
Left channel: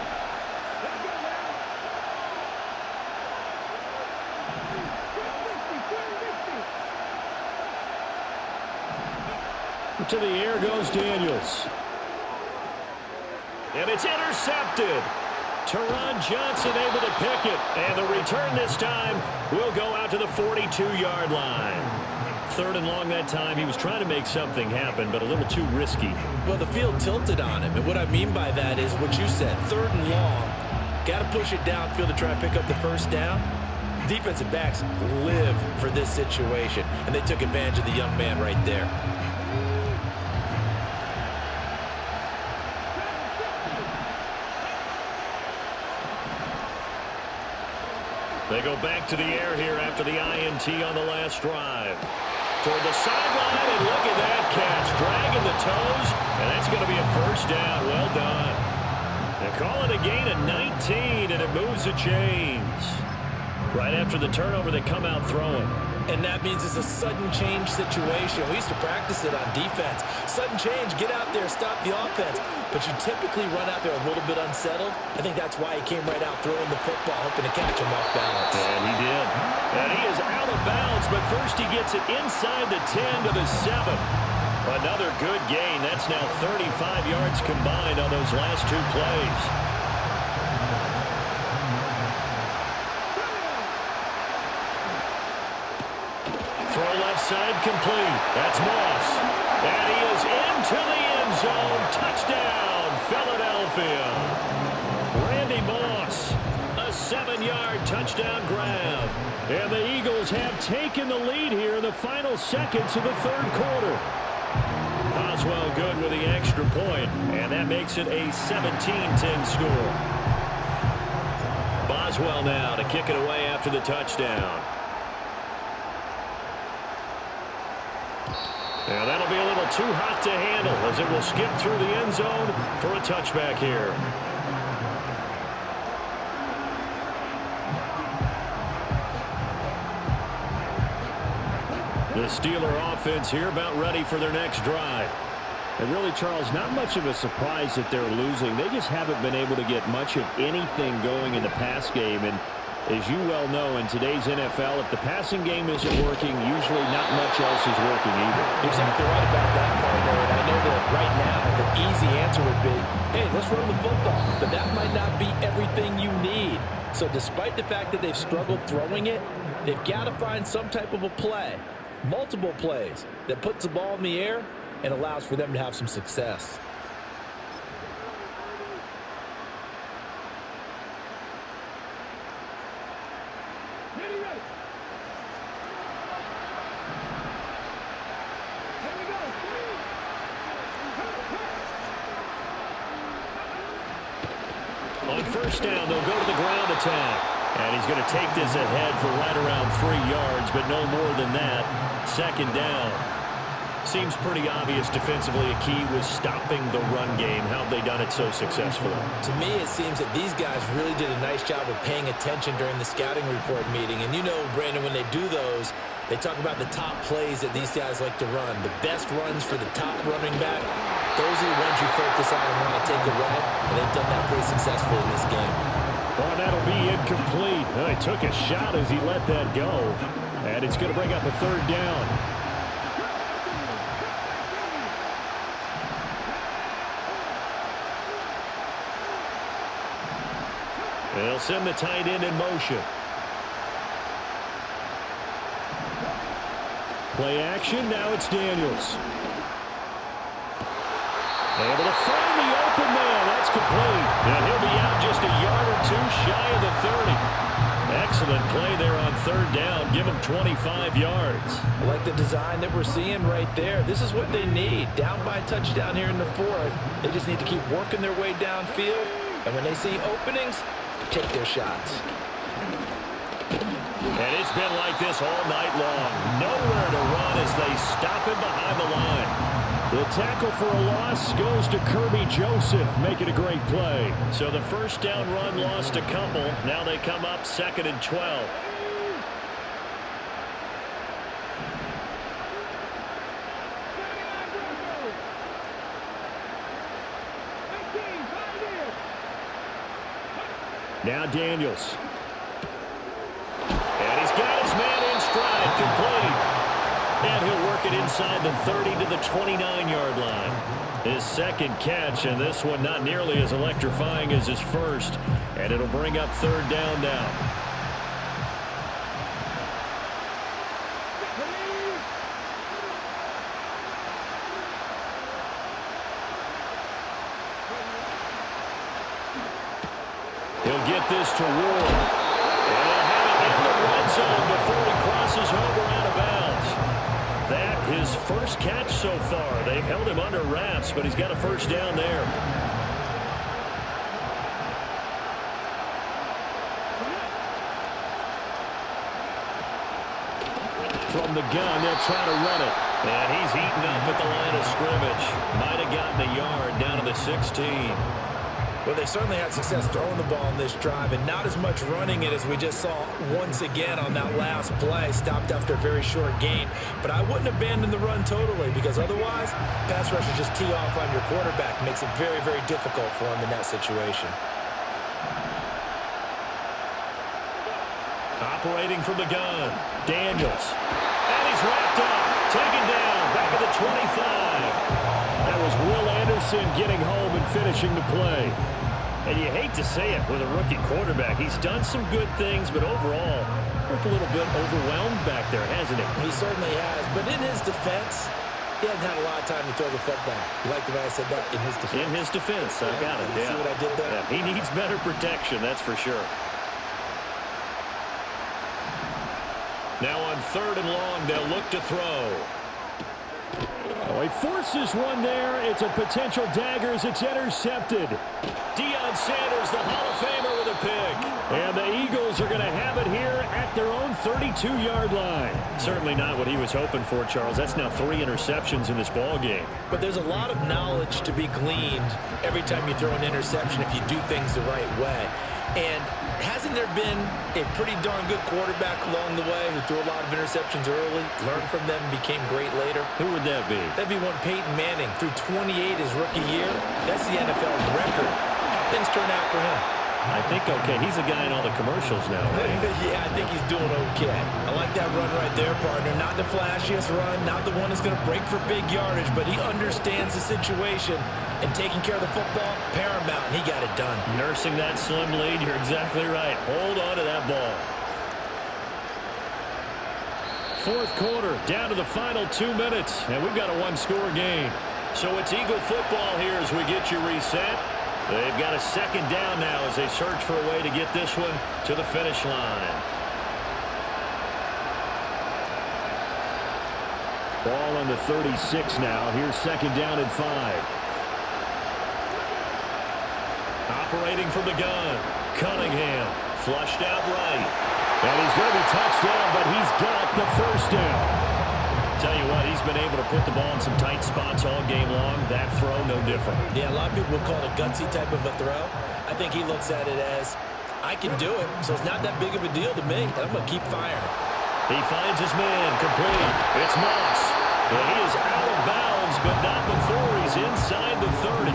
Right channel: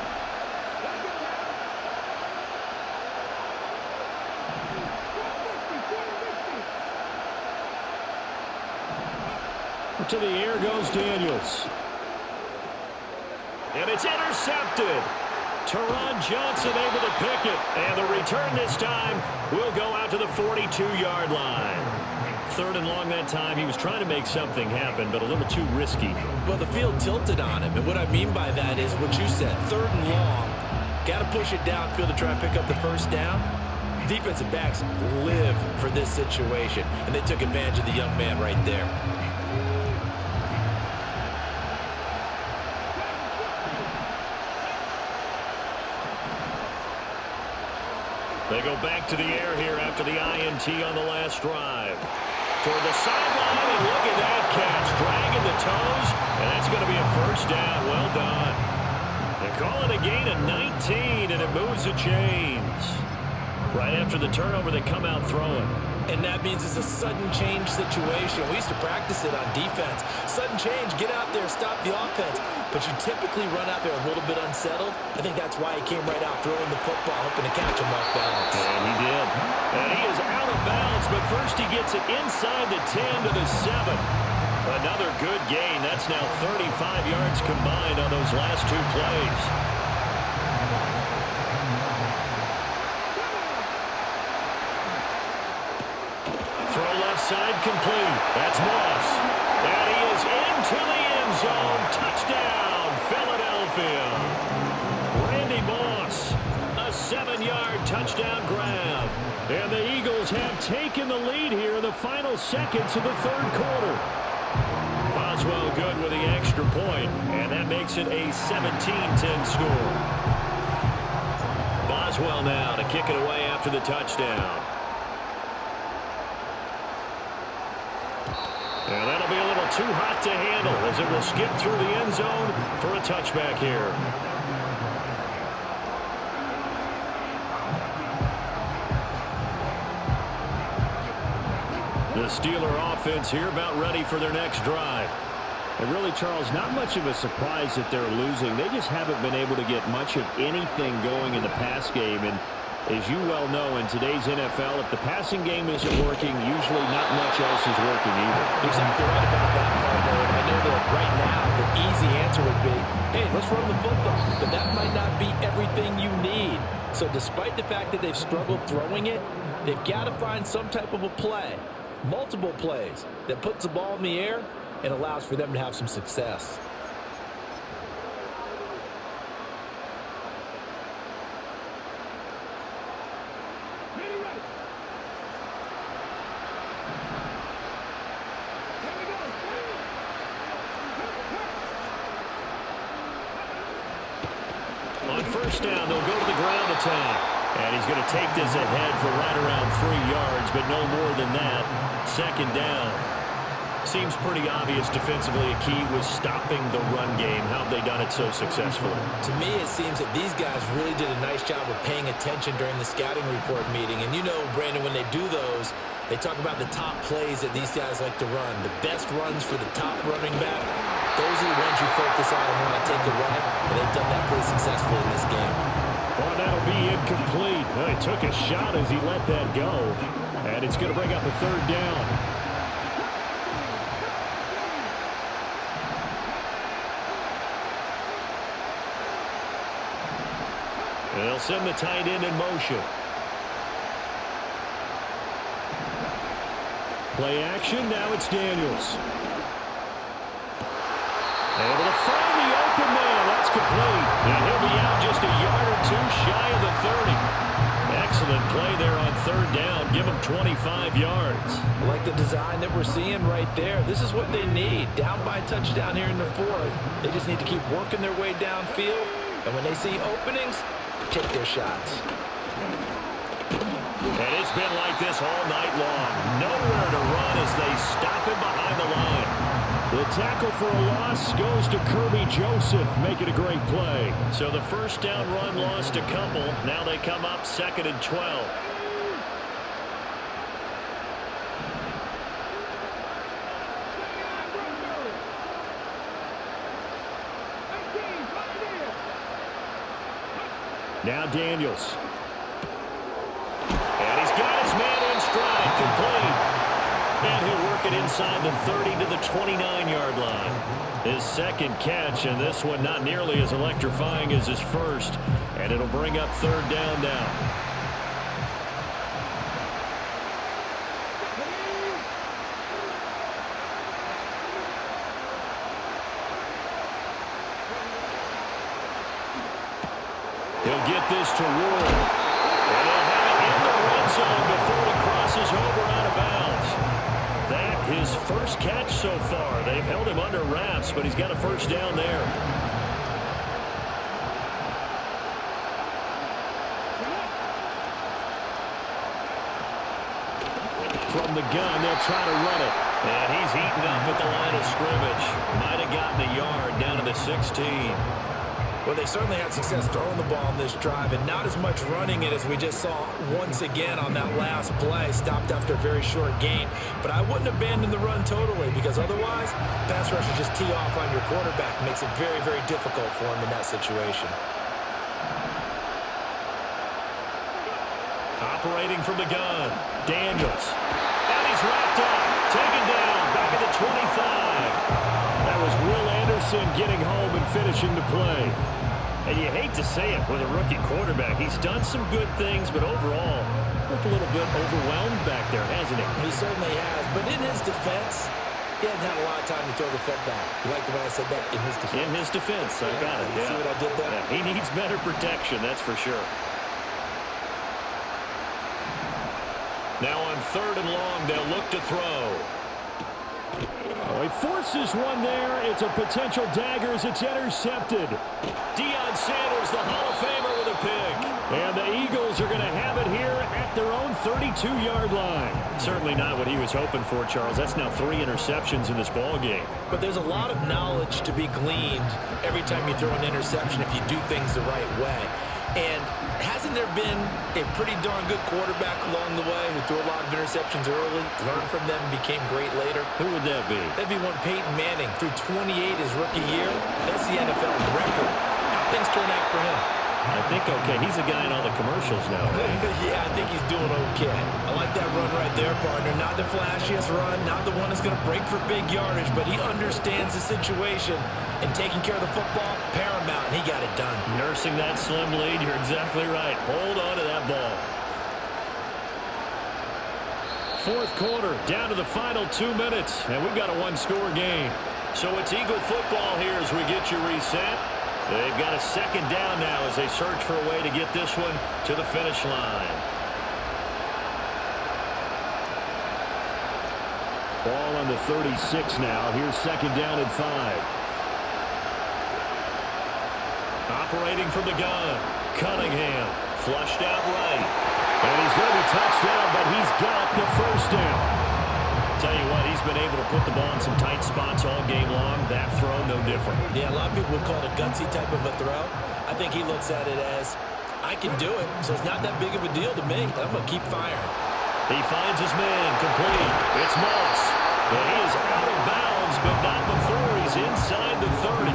To the air goes Daniels. And it's intercepted. Teron Johnson able to pick it. And the return this time will go out to the 42-yard line. 3rd and long that time. He was trying to make something happen, but a little too risky. Well, the field tilted on him. And what I mean by that is what you said. 3rd and long. Got to push it downfield to try and pick up the first down. Defensive backs live for this situation. And they took advantage of the young man right there. They go back to the air here after the INT on the last drive. Toward the sideline, and look at that catch. Dragging the toes, and that's going to be a first down. Well done. They call it a gain of 19, and it moves the chains. Right after the turnover, they come out throwing. And that means it's a sudden change situation. We used to practice it on defense. Sudden change, get out there, stop the offense. But you typically run out there a little bit unsettled. I think that's why he came right out throwing the football, hoping to catch him off balance. And he did. And he is out of bounds, but first he gets it inside the 10 to the 7. Another good gain. That's now 35 yards combined on those last 2 plays. Throw left side complete. That's Moss. And he is into the end zone. Touchdown, Philadelphia. Randy Moss. A 7-yard touchdown grab. And the Eagles have taken the lead here in the final seconds of the 3rd quarter. Boswell good with the extra point, and that makes it a 17-10 score. Boswell now to kick it away after the touchdown. And that'll be a little too hot to handle as it will skip through the end zone for a touchback here. The Steeler offense here about ready for their next drive. And really, Charles, not much of a surprise that they're losing. They just haven't been able to get much of anything going in the pass game. And as you well know, in today's NFL, if the passing game isn't working, usually not much else is working either. Exactly right about that, partner. And I know that right now the easy answer would be, hey, let's run the football. But that might not be everything you need. So despite the fact that they've struggled throwing it, they've got to find some type of a play, multiple plays, that puts the ball in the air and allows for them to have some success. Ready. Here we go. On first down, they'll go to the ground attack. And he's going to take this ahead for right around 3 yards, but no more than that. 2nd down. Seems pretty obvious defensively a key was stopping the run game. How have they done it so successfully? To me, it seems that these guys really did a nice job of paying attention during the scouting report meeting. And you know, Brandon, when they do those, they talk about the top plays that these guys like to run. The best runs for the top running back, those are the ones you focus on and want to take away. And they've done that pretty successfully in this game. Oh, that'll be incomplete. Oh, he took a shot as he let that go. And it's going to bring up a 3rd down. And they'll send the tight end in motion. Play action. Now it's Daniels. Able to find the open man. That's complete. And he'll be out just a yard or two shy of the 30. Excellent play there on third down. Give them 25 yards. I like the design that we're seeing right there. This is what they need. Down by a touchdown here in the fourth. They just need to keep working their way downfield. And when they see openings, take their shots. And it's been like this all night long. Nowhere to run as they stop him behind the line. The tackle for a loss goes to Kirby Joseph, making a great play. So the first down run lost a couple. Now they come up 2nd and 12. Now Daniels. And he's got his man in stride, complete. And he'll work it inside the 30 to the 29-yard line. His second catch, and this one not nearly as electrifying as his first. And it'll bring up third down now. He'll get this to Ward. And they'll have it in the red zone before he crosses over out of bounds. That his first catch so far. They've held him under wraps, but he's got a first down there. From the gun, they'll try to run it. And he's eaten up at the line of scrimmage. Might have gotten a yard down to the 16. Well, they certainly had success throwing the ball on this drive and not as much running it as we just saw once again on that last play. Stopped after a very short gain. But I wouldn't abandon the run totally because otherwise, pass rushers just tee off on your quarterback. It makes it very, very difficult for him in that situation. Operating from the gun, Daniels. And he's wrapped up, taken down, back at the 25. That was Will Anderson getting home and finishing the play. And you hate to say it with a rookie quarterback. He's done some good things, but overall, looked a little bit overwhelmed back there, hasn't he? He certainly has. But in his defense, he hasn't had a lot of time to throw the football. You like the way I said that? In his defense. In his defense. I got it. You see what I did there? Yeah, he needs better protection, that's for sure. Now on 3rd and long, they'll look to throw. Oh, he forces one there. It's a potential dagger as it's intercepted. Deion Sanders, the Hall of Famer, with a pick. And the Eagles are going to have it here at their own 32-yard line. Certainly not what he was hoping for, Charles. That's now 3 interceptions in this ball game. But there's a lot of knowledge to be gleaned every time you throw an interception if you do things the right way. And hasn't there been a pretty darn good quarterback along the way who threw a lot of interceptions early, learned from them, and became great later? Who would that be? That'd be one Peyton Manning. Threw 28 his rookie year. That's the NFL record. How'd things turn out for him? I think okay. He's a guy in all the commercials now, right? Yeah, I think he's doing okay. I like that run right there, partner. Not the flashiest run, not the one that's going to break for big yardage, but he understands the situation, and taking care of the football, paramount, and he got it done. Nursing that slim lead, you're exactly right. Hold on to that ball. 4th quarter, down to the final 2 minutes, and we've got a one-score game. So it's Eagle football here as we get you reset. They've got a 2nd down now as they search for a way to get this one to the finish line. Ball on the 36 now. Here's 2nd down and 5. Operating from the gun, Cunningham flushed out right. And he's going to be touched down, but he's got the first down. Tell you what, he's been able to put the ball in some tight spots all game long. That throw, no different. Yeah, a lot of people would call it a gutsy type of a throw. I think he looks at it as, I can do it, so it's not that big of a deal to me, and I'm going to keep firing. He finds his man, complete. It's Moss. And he is out of bounds, but not before he's inside the 30.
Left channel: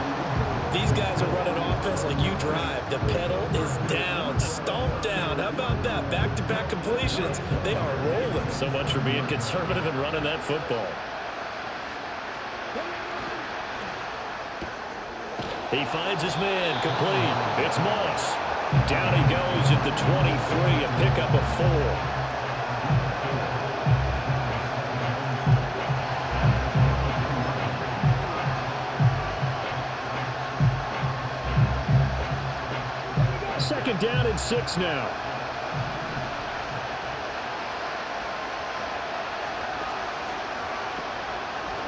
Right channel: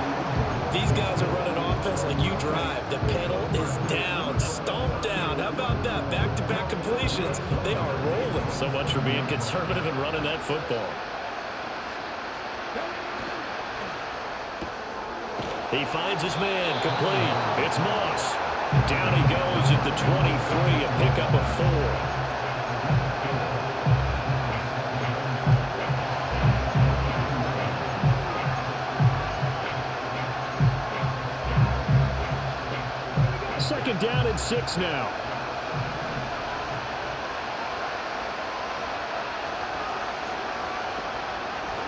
These guys are running offense like you drive. The pedal is down, stomped down. How about that? Back-to-back completions. They are rolling. So much for being conservative and running that football. He finds his man, complete. It's Moss. Down he goes at the 23, a pickup of 4. Second down and 6 now.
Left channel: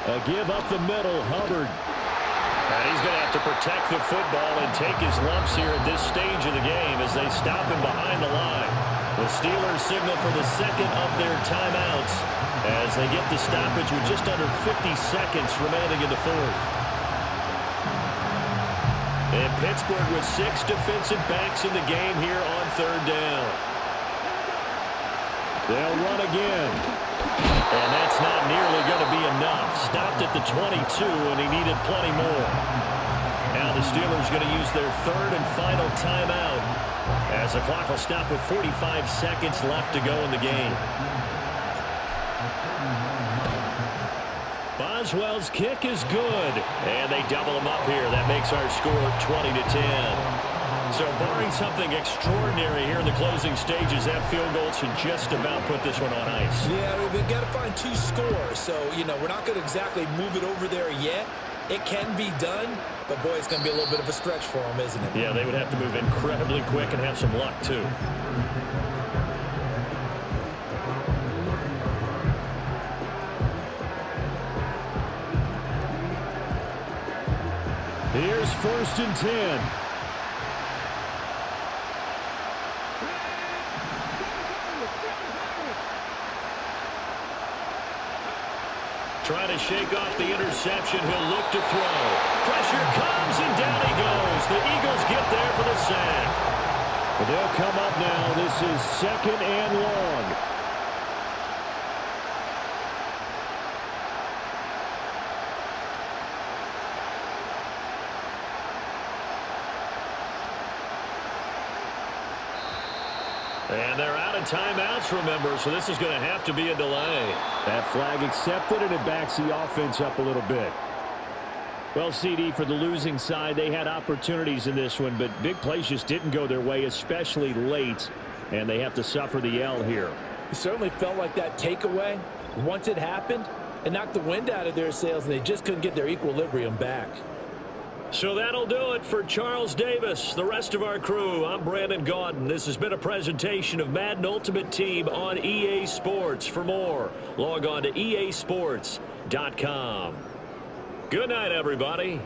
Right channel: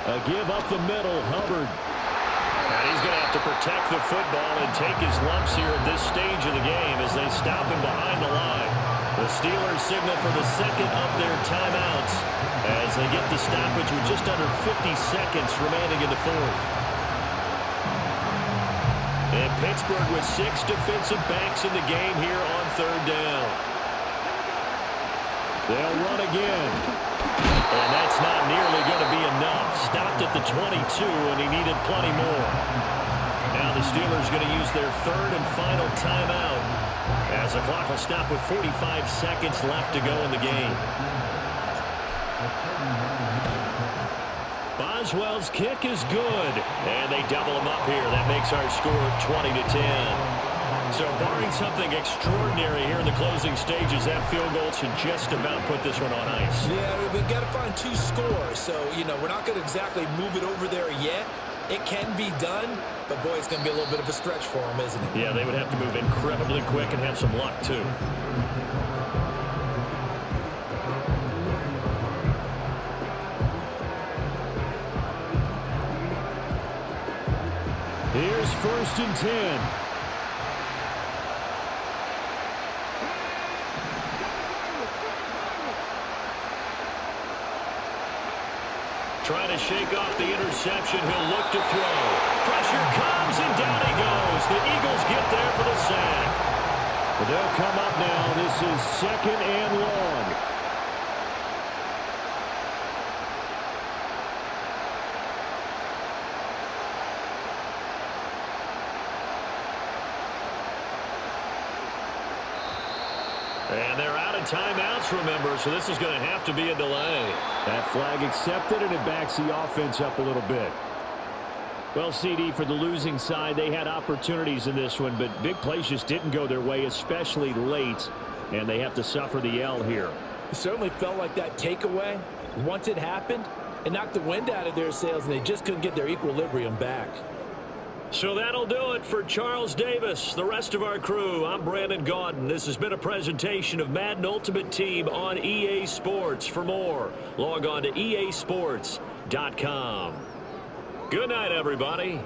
A give up the middle, Hubbard. And he's going to have to protect the football and take his lumps here at this stage of the game as they stop him behind the line. The Steelers signal for the second of their timeouts as they get the stoppage with just under 50 seconds remaining in the fourth. And Pittsburgh with 6 defensive backs in the game here on third down. They'll run again. And that's not nearly going to be enough. Stopped at the 22, and he needed plenty more. Now the Steelers going to use their third and final timeout as the clock will stop with 45 seconds left to go in the game. Boswell's kick is good, and they double him up here. That makes our score 20-10. So barring something extraordinary here in the closing stages, that field goal should just about put this one on ice. Yeah, we've got to find 2 scores. So, we're not going to exactly move it over there yet. It can be done, but, boy, it's going to be a little bit of a stretch for them, isn't it? Yeah, they would have to move incredibly quick and have some luck, too. Here's 1st and 10. Trying to shake off the interception. He'll look to throw. Pressure comes, and down he goes. The Eagles get there for the sack. But they'll come up now. This is 2nd and long. And they're out of timeouts, remember, so this is going to have to be a delay. That flag accepted, and it backs the offense up a little bit. Well, CD, for the losing side, they had opportunities in this one, but big plays just didn't go their way, especially late, and they have to suffer the L here. It certainly felt like that takeaway, once it happened, it knocked the wind out of their sails, and they just couldn't get their equilibrium back. So that'll do it for Charles Davis, the rest of our crew. I'm Brandon Gaudin. This has been a presentation of Madden Ultimate Team on EA Sports. For more, log on to easports.com. Good night, everybody.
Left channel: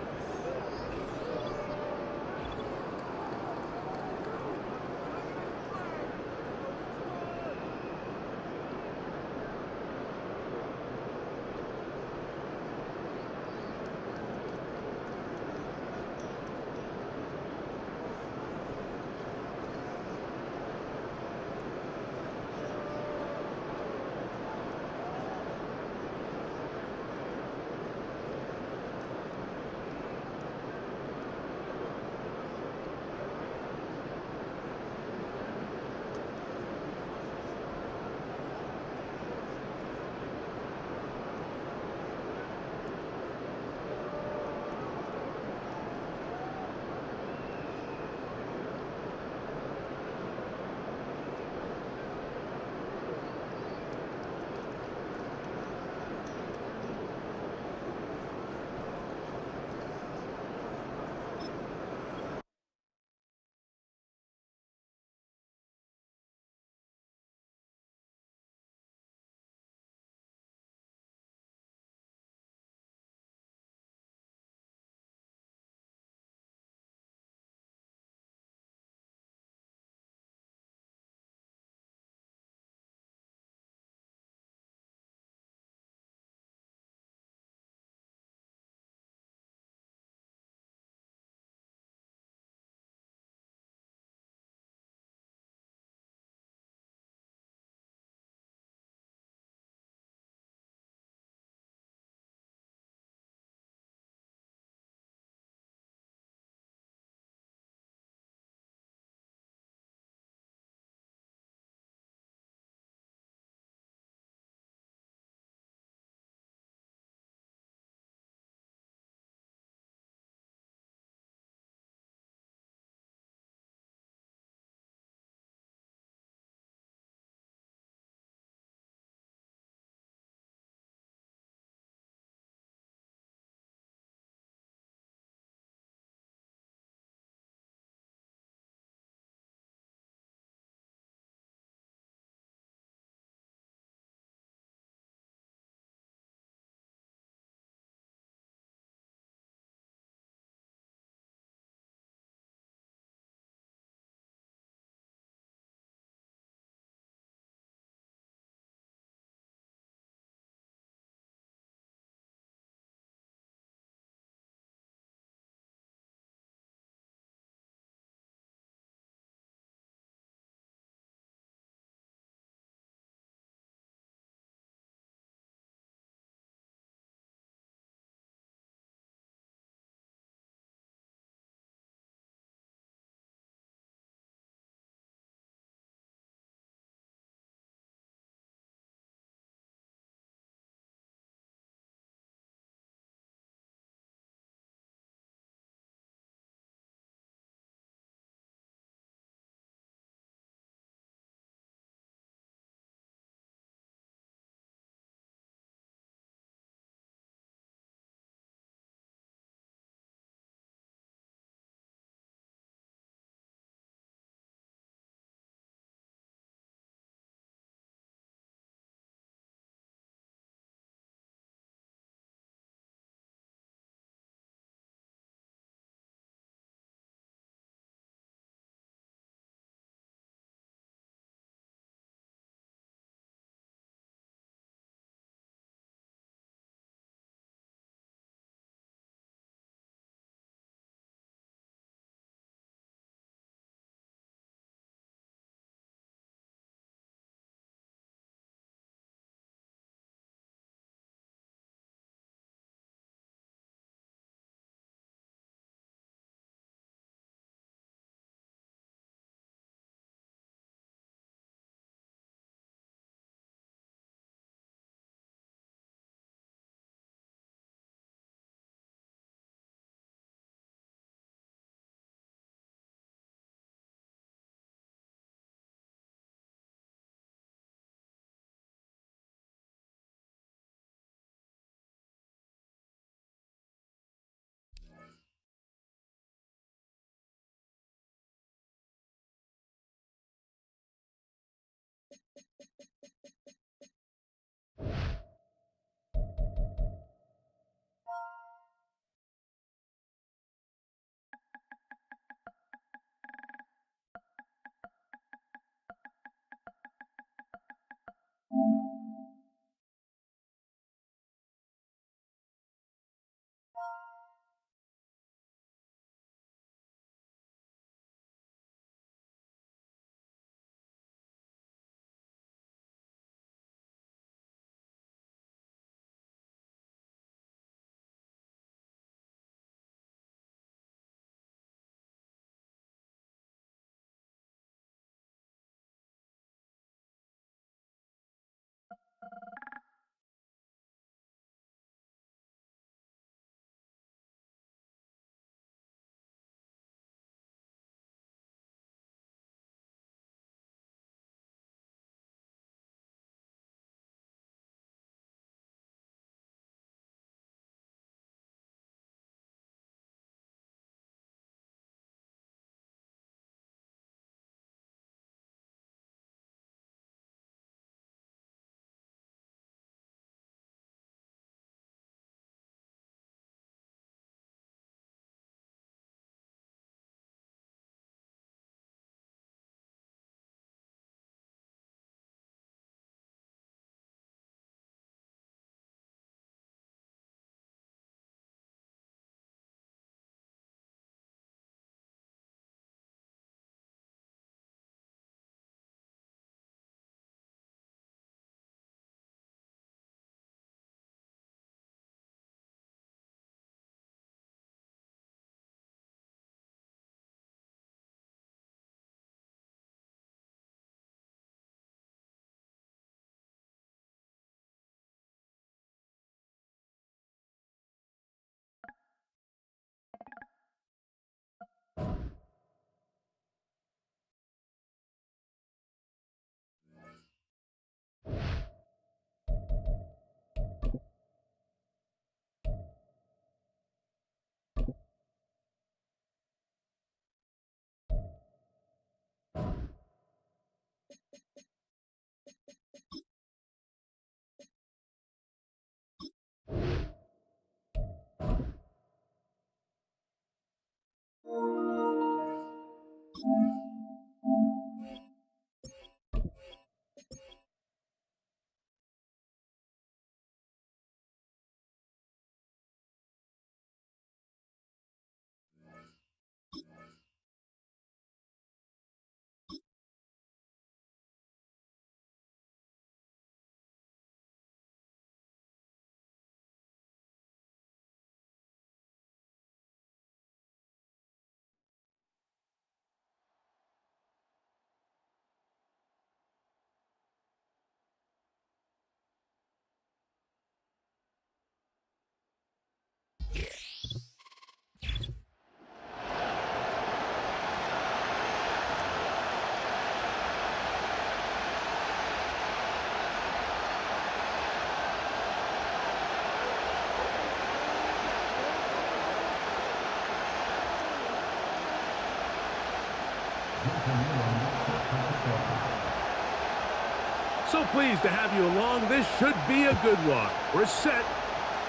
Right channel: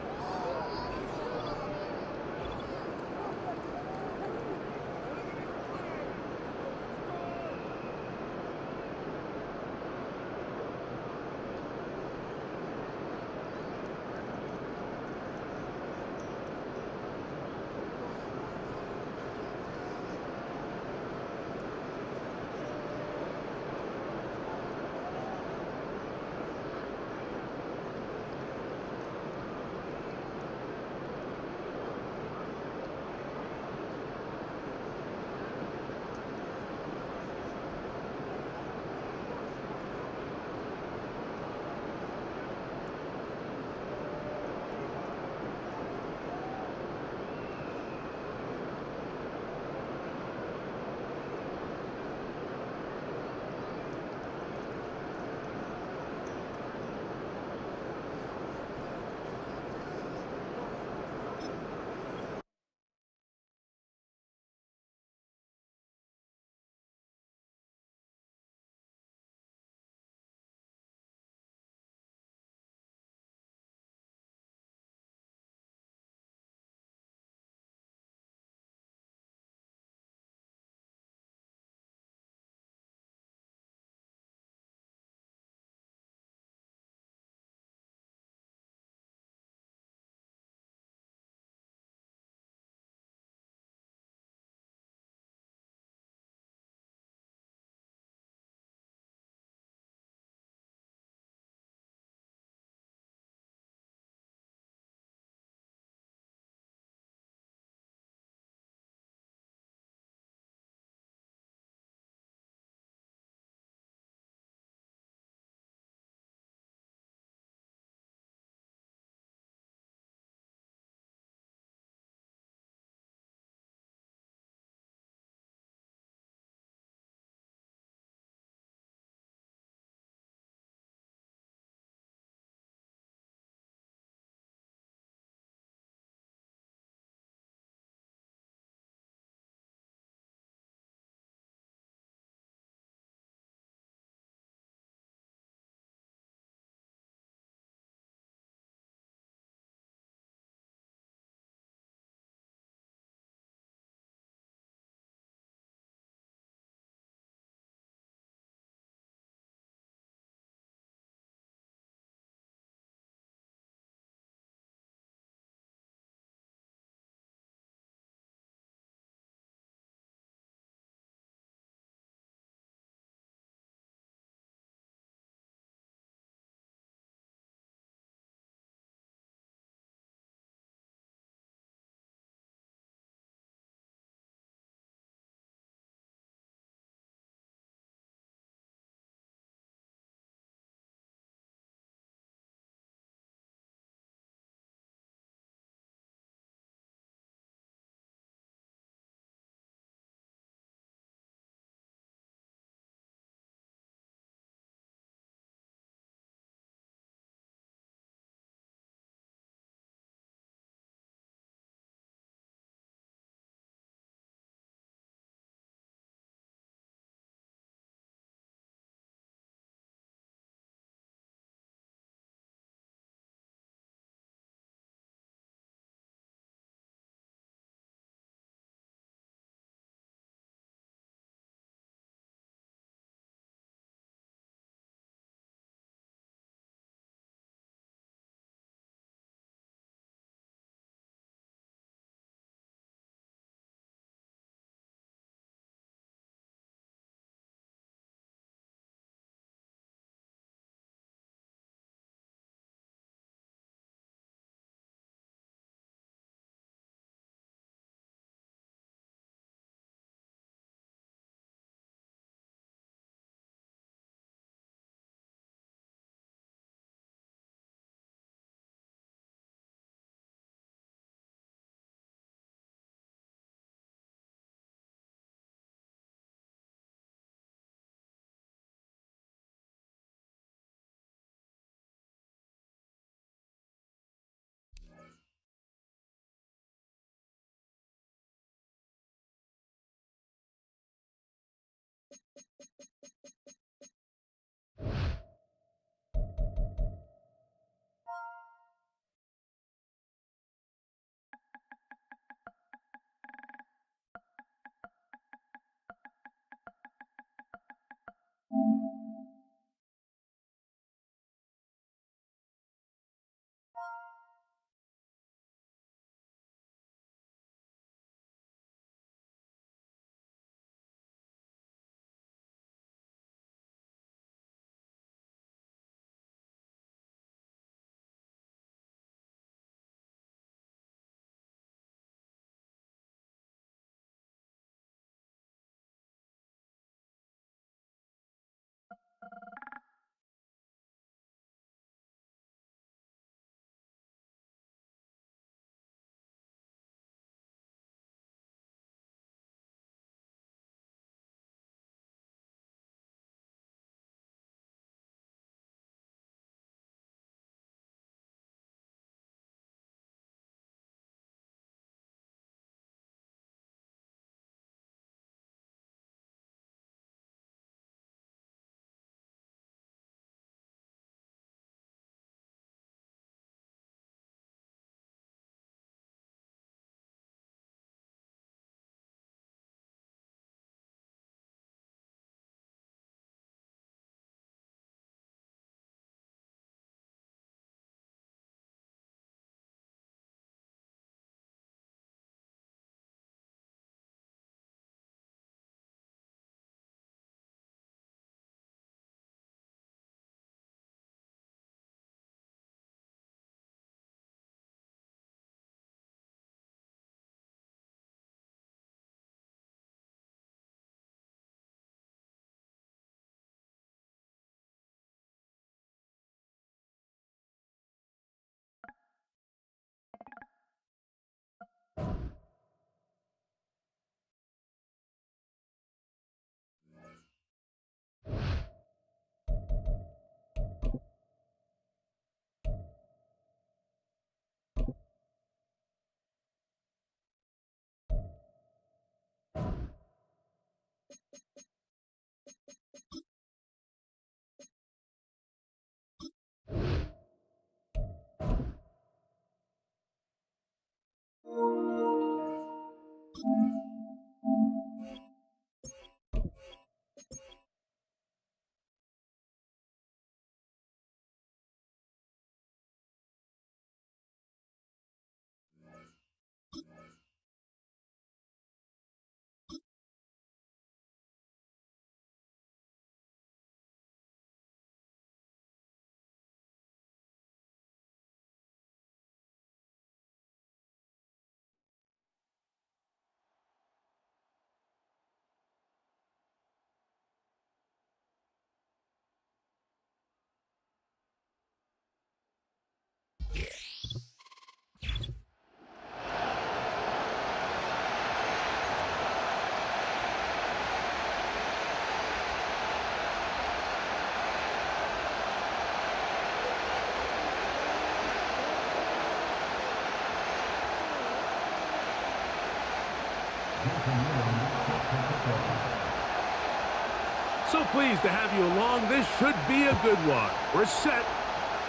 So pleased to have you along. This should be a good one. We're set,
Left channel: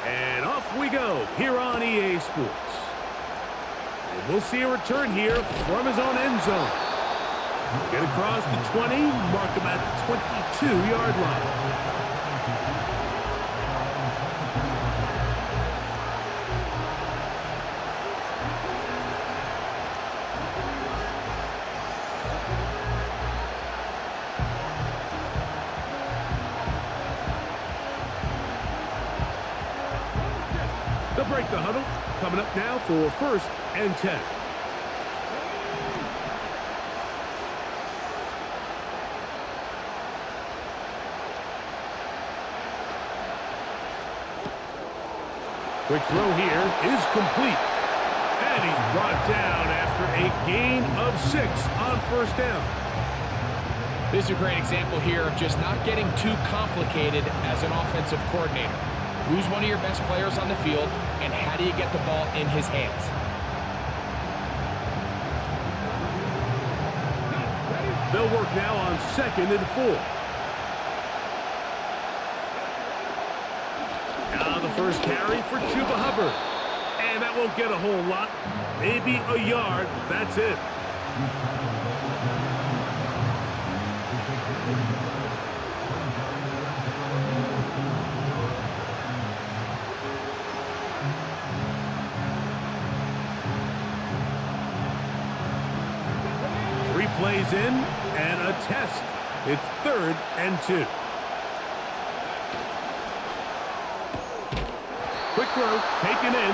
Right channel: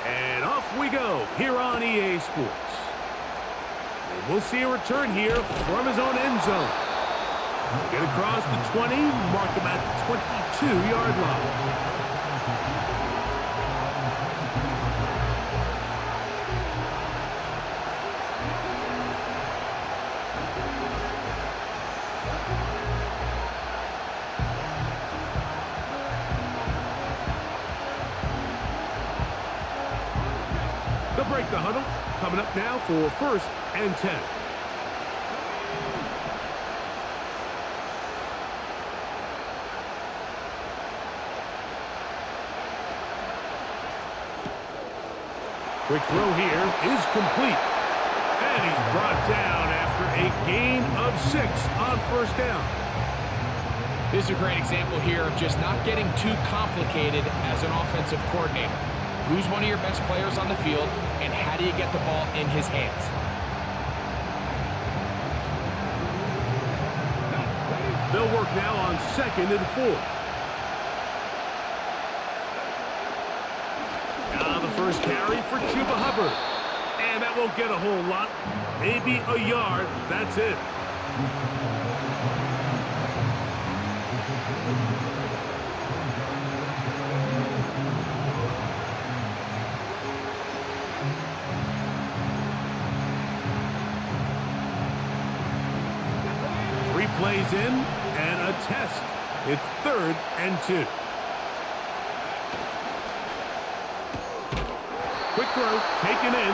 and off we go here on EA Sports. And we'll see a return here from his own end zone. Get across the 20, mark him at the 22-yard line. They'll break the huddle. Coming up now for 1st and 10. Quick throw here is complete. And he's brought down after a gain of 6 on 1st down. This is a great example here of just not getting too complicated as an offensive coordinator. Who's one of your best players on the field, and how do you get the ball in his hands? They'll work now on 2nd and 4. Now the first carry for Chuba Hubbard. And that won't get a whole lot. Maybe a yard. That's it. Three plays in and a test. It's 3rd and 2. Quick throw, taken in,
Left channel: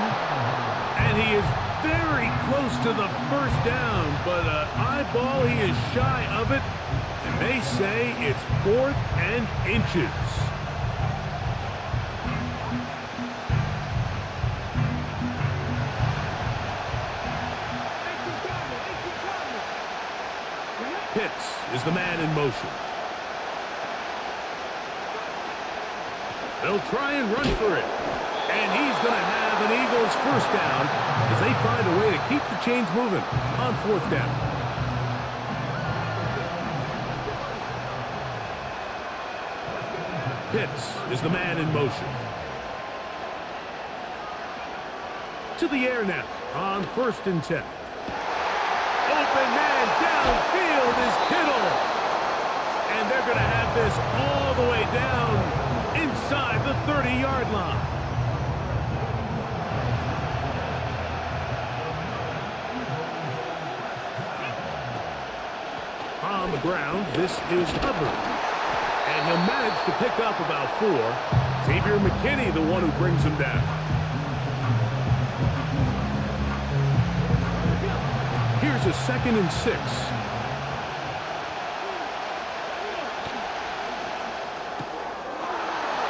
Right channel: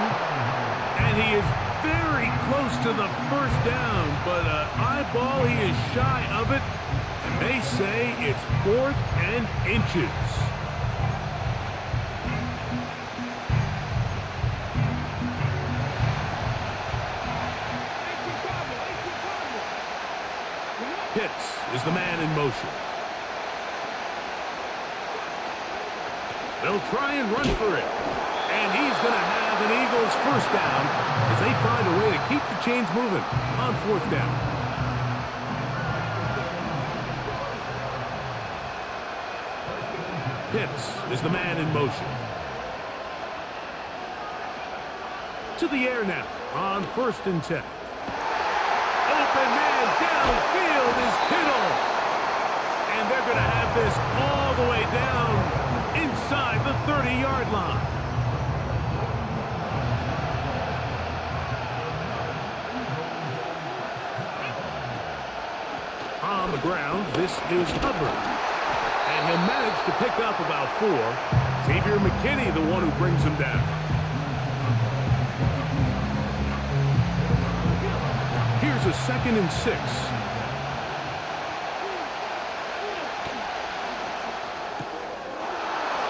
and he is very close to the 1st down, but eyeball, he is shy of it, and they say it's 4th and inches. Pitts is the man in motion. They'll try and run for it. And he's going to have an Eagles 1st down as they find a way to keep the chains moving on 4th down. Pitts is the man in motion. To the air now on 1st and 10. Open man downfield is Kittle. And they're going to have this all the way down inside the 30-yard line. On the ground, this is Hubbard. And he'll manage to pick up about 4. Xavier McKinney, the one who brings him down. Here's a 2nd and 6.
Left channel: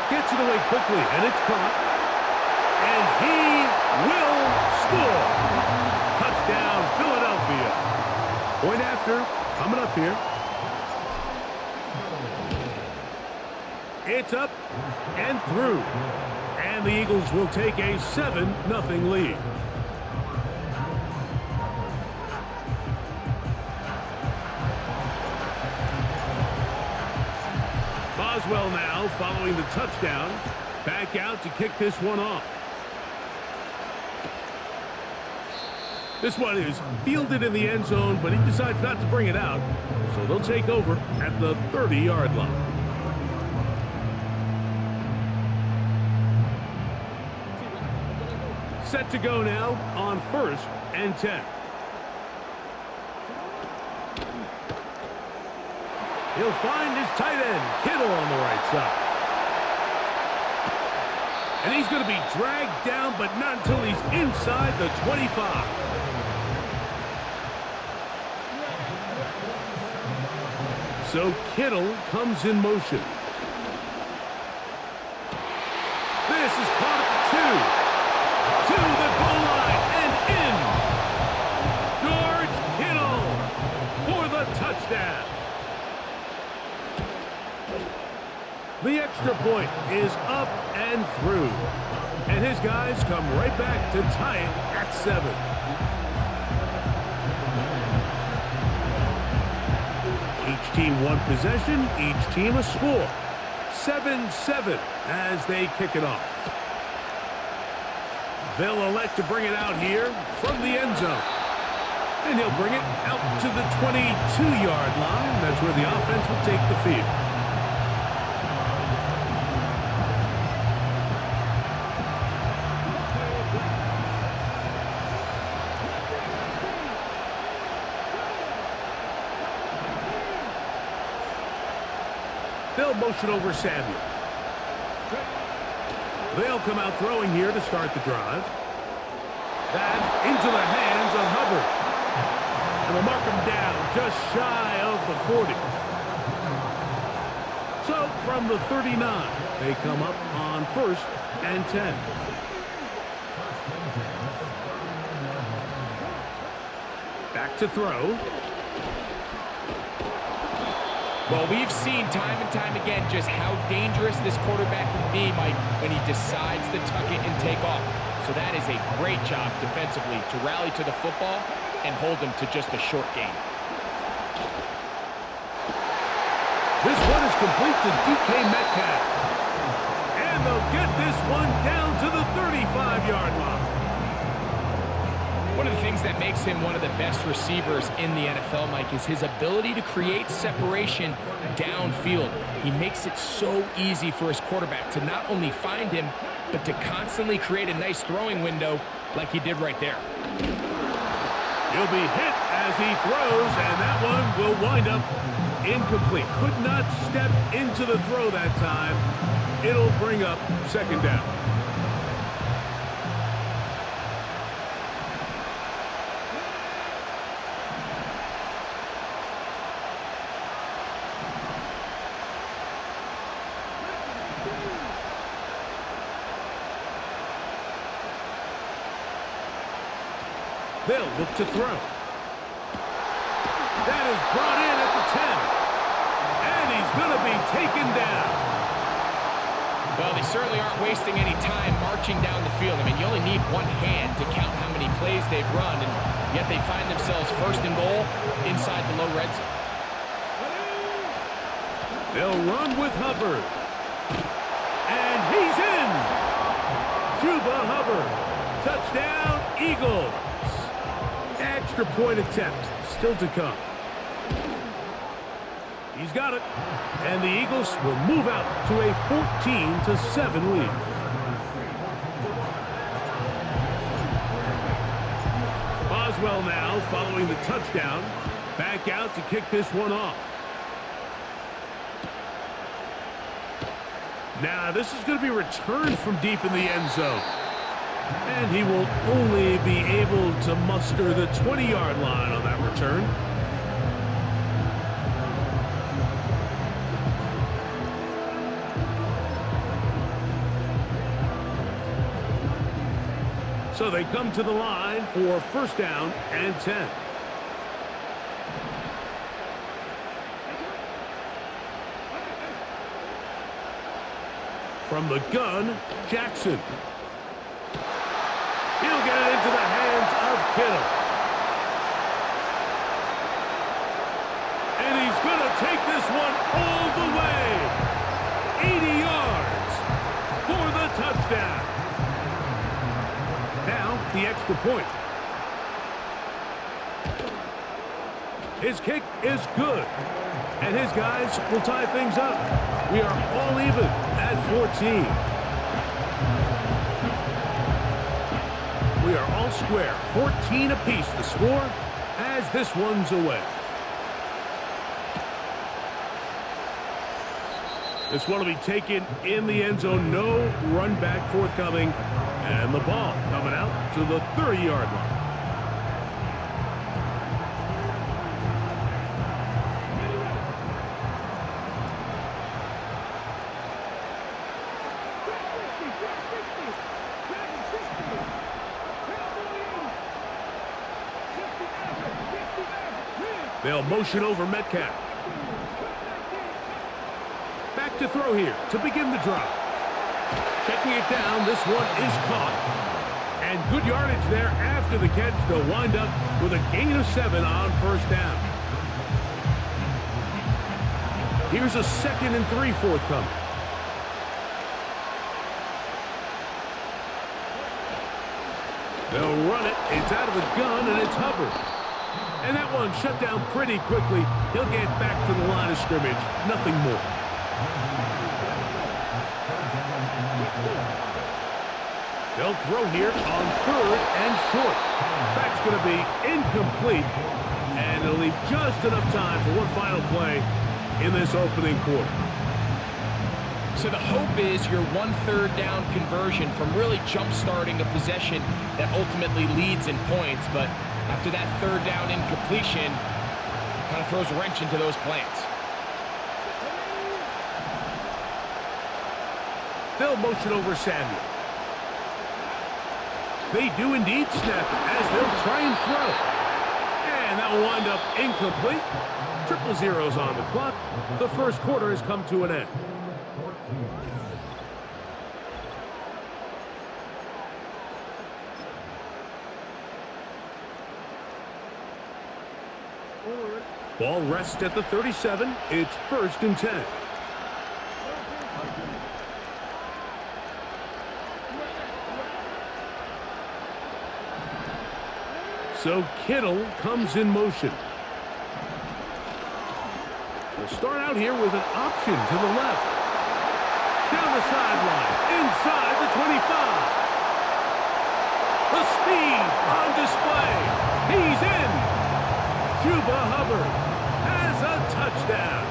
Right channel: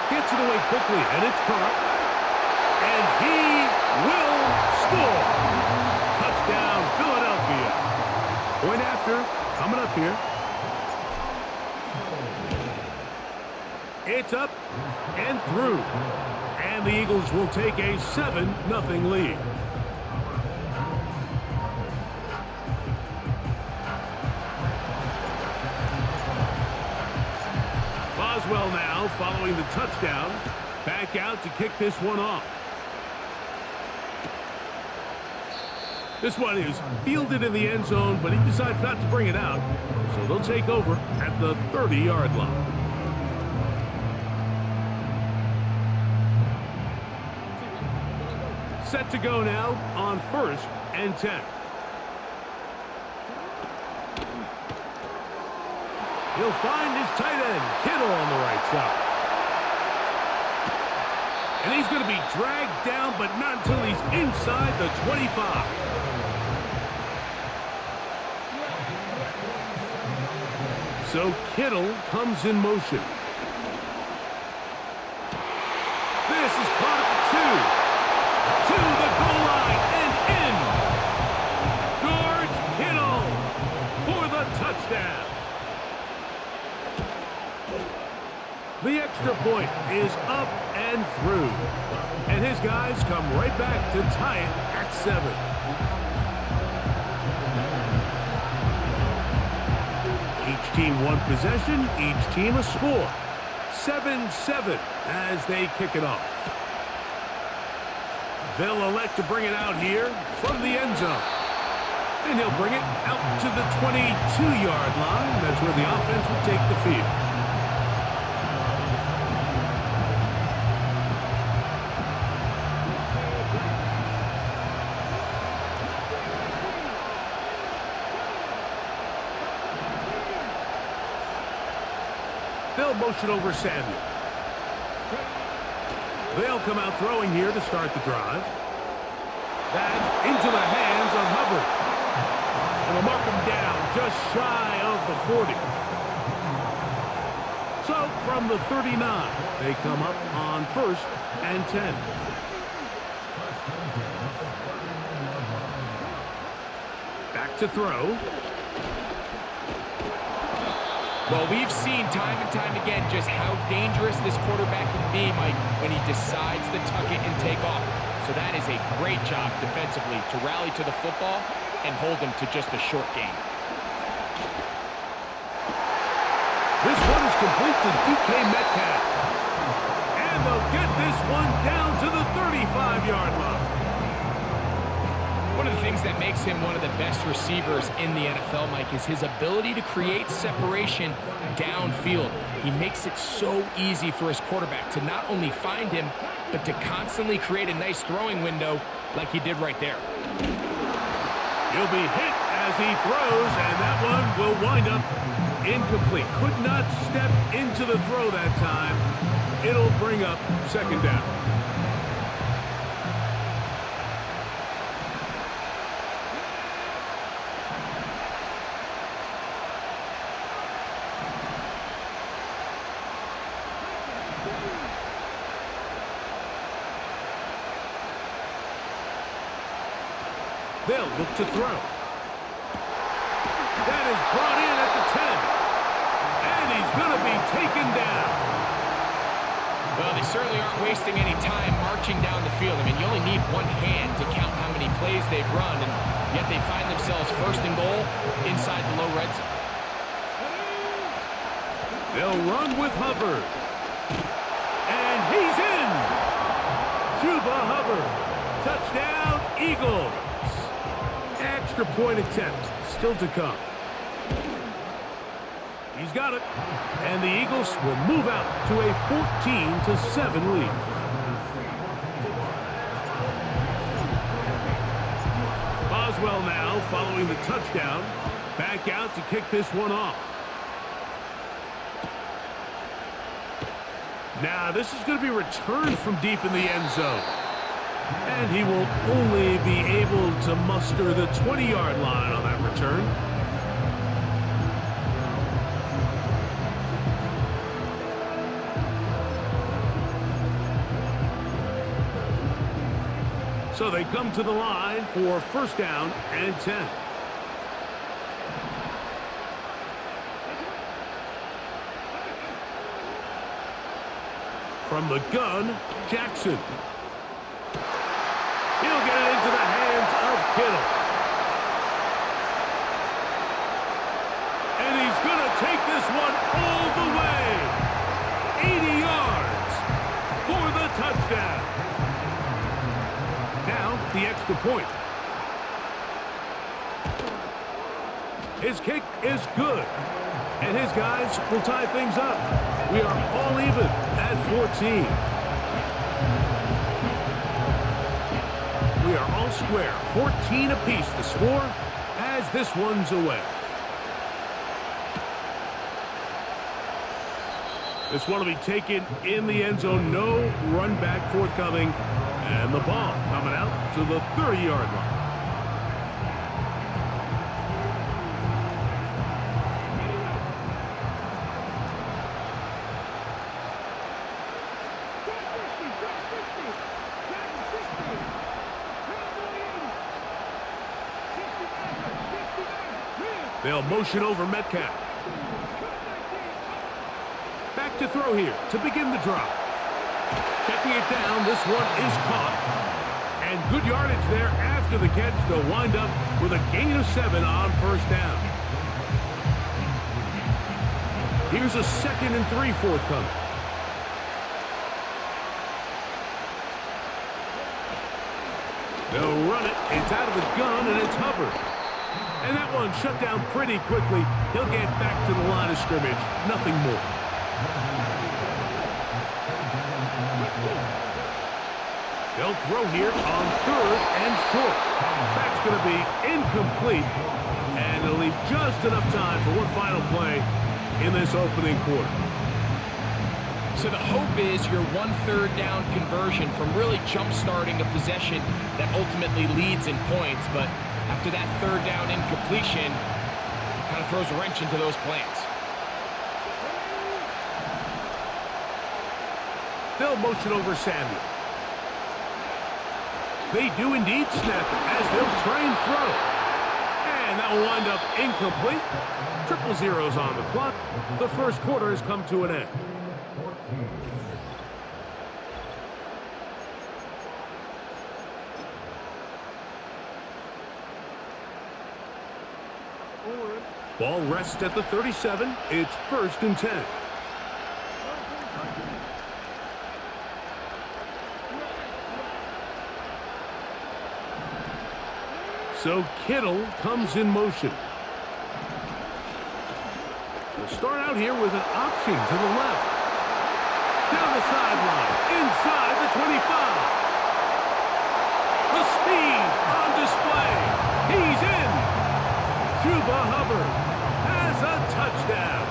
Gets it away quickly, and it's caught. And he will score. Touchdown, Philadelphia. Point after, coming up here. It's up and through. And the Eagles will take a 7-0 lead. Boswell now following the touchdown. Back out to kick this one off. This one is fielded in the end zone, but he decides not to bring it out. So they'll take over at the 30-yard line. Set to go now on 1st and 10. He'll find his tight end, Kittle, on the right side. And he's going to be dragged down, but not until he's inside the 25. So Kittle comes in motion. This is caught at the 2. To the goal line and in. George Kittle for the touchdown. The extra point is up and through. And his guys come right back to tie it at 7. Each team one possession, each team a score. 7-7 as they kick it off. They'll elect to bring it out here from the end zone. And he'll bring it out to the 22-yard line. That's where the offense will take the field. They'll motion over Samuel. They'll come out throwing here to start the drive. That into the hands of Hubbard. And they'll mark him down just shy of the 40. So from the 39, they come up on 1st and 10. Back to throw. Well, we've seen time and time again just how dangerous this quarterback can be, Mike, when he decides to tuck it and take off. So that is a great job defensively to rally to the football and hold them to just a short gain. This one is complete to DK Metcalf. And they'll get this one down to the 35-yard line. One of the things that makes him one of the best receivers in the NFL, Mike, is his ability to create separation downfield. He makes it so easy for his quarterback to not only find him, but to constantly create a nice throwing window like he did right there. He'll be hit as he throws, and that one will wind up incomplete. Could not step into the throw that time. It'll bring up 2nd down. They'll look to throw. That is brought in at the 10. And he's going to be taken down. Well, they certainly aren't wasting any time marching down the field. I mean, you only need one hand to count how many plays they've run, and yet they find themselves 1st and goal inside the low red zone. They'll run with Hubbard. And he's in. Chuba Hubbard. Touchdown, Eagles. Extra point attempt still to come. He's got it. And the Eagles will move out to a 14-7 lead. Boswell now following the touchdown. Back out to kick this one off. Now this is going to be returned from deep in the end zone. And he will only be able to muster the 20-yard line on that return. So they come to the line for 1st down and 10. From the gun, Jackson. He'll get it into the hands of Kittle. And he's going to take this one all the way. 80 yards for the touchdown. Now, the extra point. His kick is good. And his guys will tie things up. We are all even at 14. We are all square. 14 apiece the score as this one's away. This one will be taken in the end zone. No run back forthcoming. And the ball coming out to the 30-yard line. They'll motion over Metcalf. Back to throw here to begin the drop. Checking it down, this one is caught. And good yardage there after the catch. They'll wind up with a gain of 7 on first down. Here's a 2nd and 3 forthcoming. They'll run it. It's out of the gun, and it's Hubbard. And that one shut down pretty quickly. He'll get back to the line of scrimmage. Nothing more. They'll throw here on 3rd and short. That's going to be incomplete. And it'll leave just enough time for one final play in this opening quarter. So the hope is your 1/3 down conversion from really jump-starting a possession that ultimately leads in points. But after that 3rd down incompletion, kind of throws a wrench into those plans. They'll motion over Samuel. They do indeed snap it as they'll try and throw. And that will wind up incomplete. 0-0 on the clock. The first quarter has come to an end. Ball rests at the 37. It's 1st and 10. So Kittle comes in motion. We'll start out here with an option to the left. Down the sideline, inside the 25. The speed on display. He's in. Chuba Hubbard has a touchdown.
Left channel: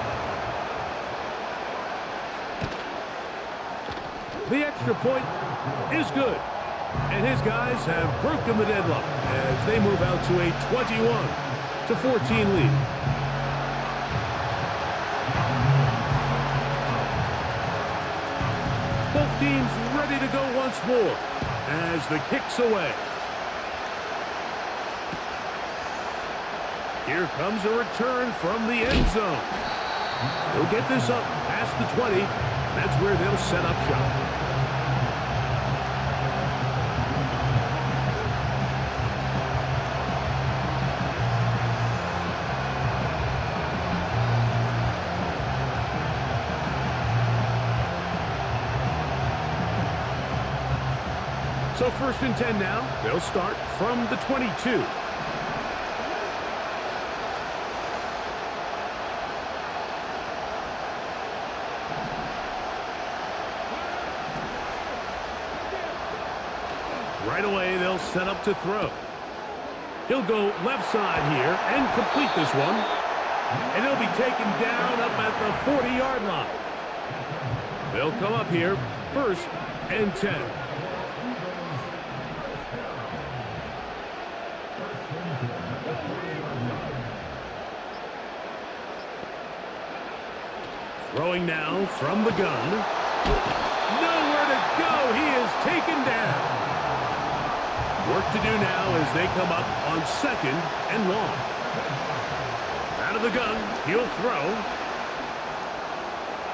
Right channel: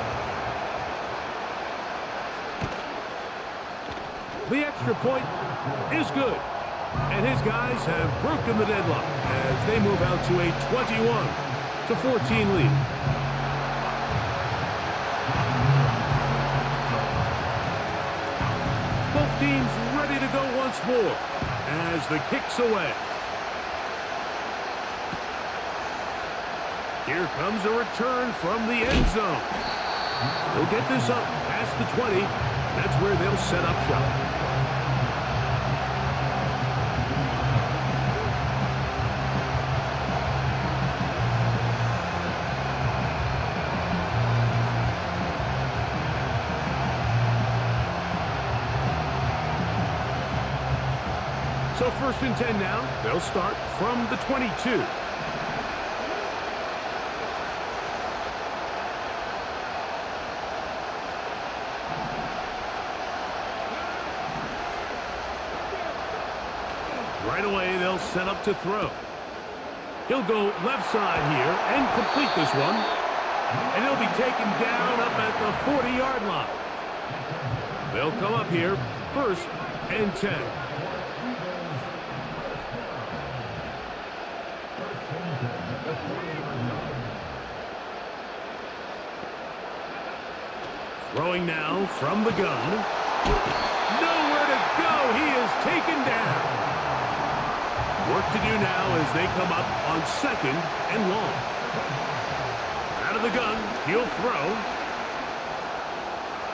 The extra point is good. And his guys have broken the deadlock as they move out to a 21-14 lead. Both teams ready to go once more as the kick's away. Here comes a return from the end zone. They'll get this up past the 20, and that's where they'll set up shop. So 1st and 10 now. They'll start from the 22. Right away, they'll set up to throw. He'll go left side here and complete this one. And he'll be taken down up at the 40-yard line. They'll come up here 1st and 10. Throwing now from the gun. Nowhere to go. He is taken down. Work to do now as they come up on 2nd and long. Out of the gun. He'll throw.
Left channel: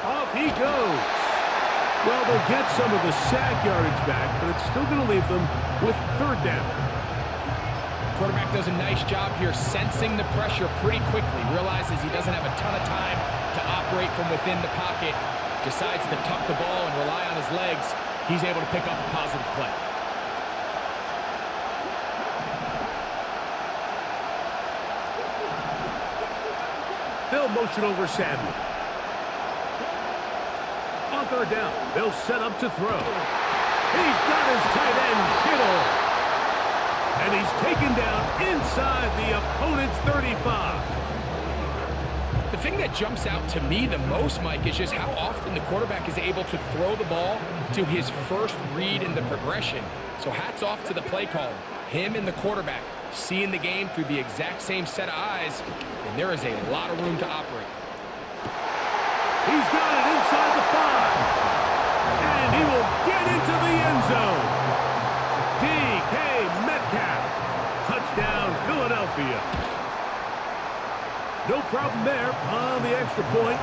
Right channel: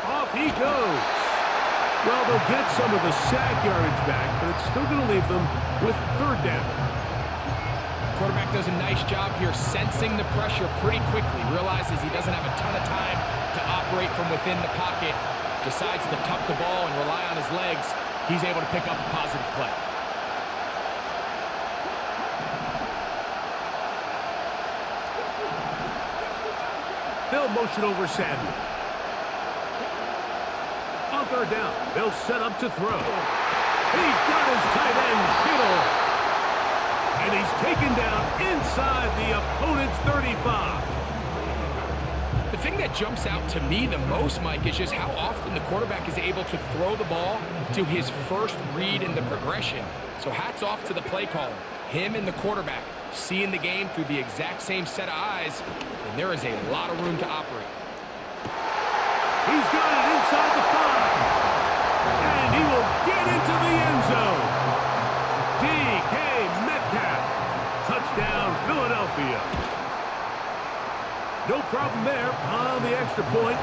Off he goes. Well, they'll get some of the sack yardage back, but it's still going to leave them with 3rd down. Quarterback does a nice job here sensing the pressure pretty quickly. Realizes he doesn't have a ton of time to operate from within the pocket. Decides to tuck the ball and rely on his legs. He's able to pick up a positive play. They'll motion over Samuel. On third down, they'll set up to throw. He's got his tight end, Kittle. And he's taken down inside the opponent's 35. The thing that jumps out to me the most, Mike, is just how often the quarterback is able to throw the ball to his first read in the progression. So hats off to the play caller. Him and the quarterback seeing the game through the exact same set of eyes, and there is a lot of room to operate. He's got it inside the 5. And he will get into the end zone. DK Metcalf. Touchdown, Philadelphia. No problem there on the extra point.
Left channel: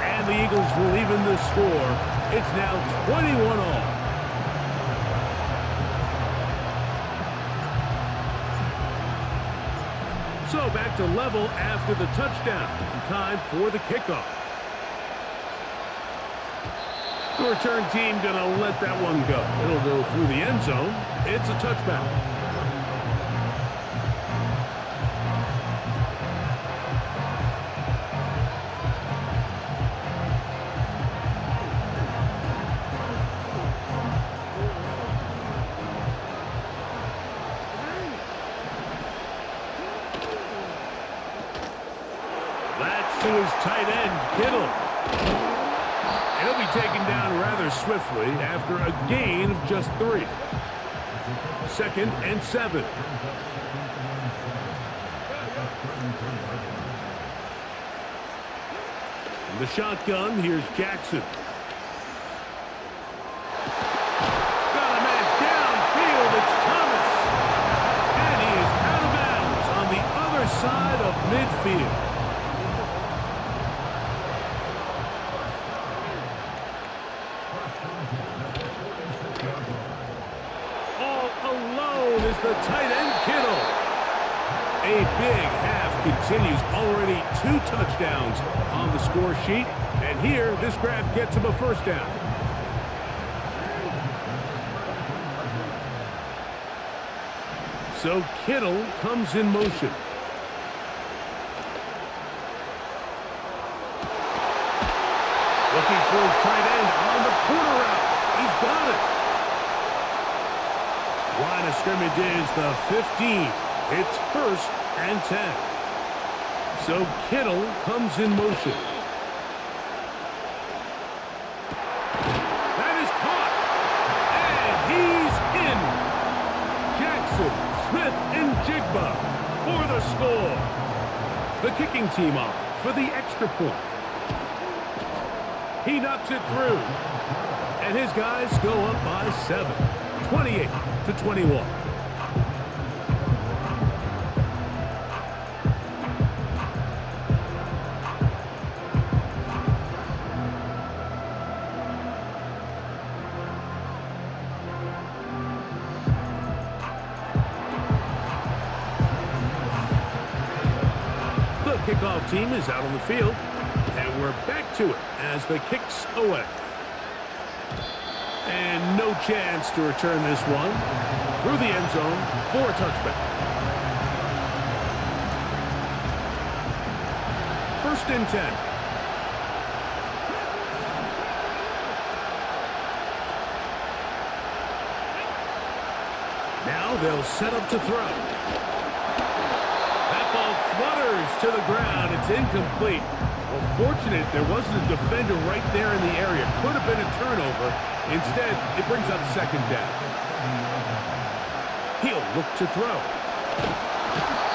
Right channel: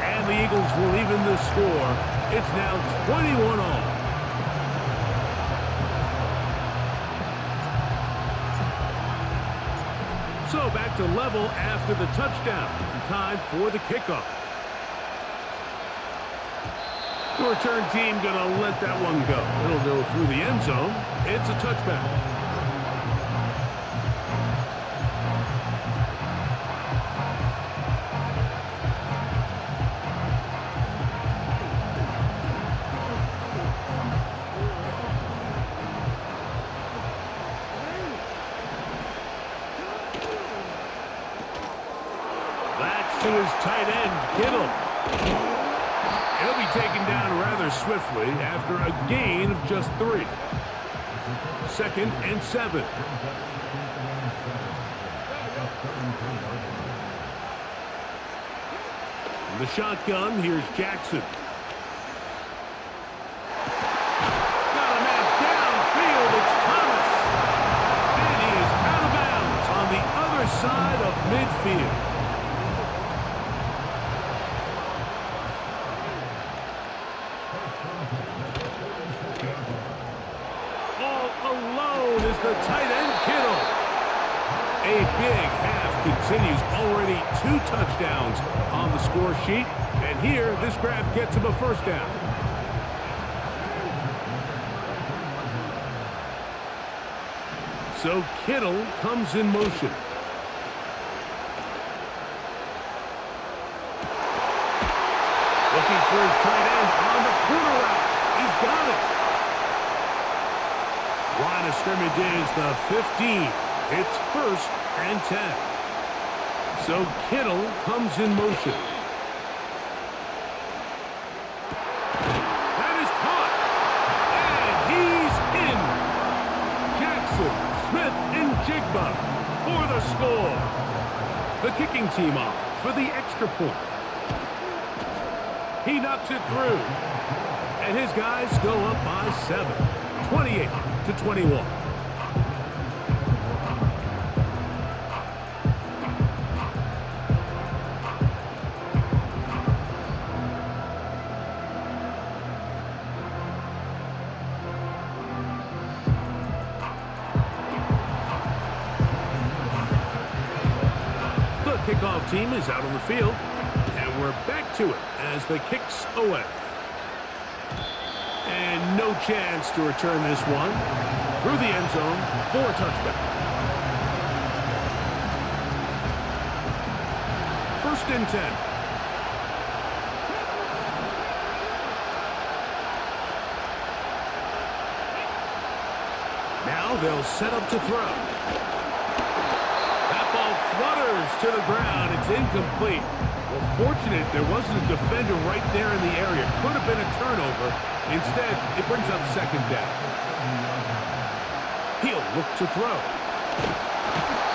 And the Eagles will even the score. It's now 21-all. So back to level after the touchdown. Time for the kickoff. The return team going to let that one go. It'll go through the end zone. It's a touchback. That's to his tight end, Kittle. He'll be taken down rather swiftly after a gain of just 3. 2nd and 7. From the shotgun, here's Jackson. Got a man downfield, it's Thomas. And he is out of bounds on the other side of midfield. All alone is the tight end, Kittle. A big half continues. Already 2 touchdowns on the score sheet. And here, this grab gets him a first down. So Kittle comes in motion. Looking for his tight end on the corner route. He's got it. Line of scrimmage is the 15. It's 1st and 10. So Kittle comes in motion. That is caught. And he's in. Jackson, Smith, and Jigba for the score. The kicking team off for the extra point. He knocks it through. And his guys go up by 7. 28-21. The kickoff team is out on the field, and we're back to it as the kick's away. And no chance to return this one through the end zone for a touchback. 1st and 10. Now they'll set up to throw. That ball flutters to the ground. It's incomplete. Well, fortunate there wasn't a defender right there in the area. Could have been a turnover. Instead, it brings up 2nd down. He'll look to throw.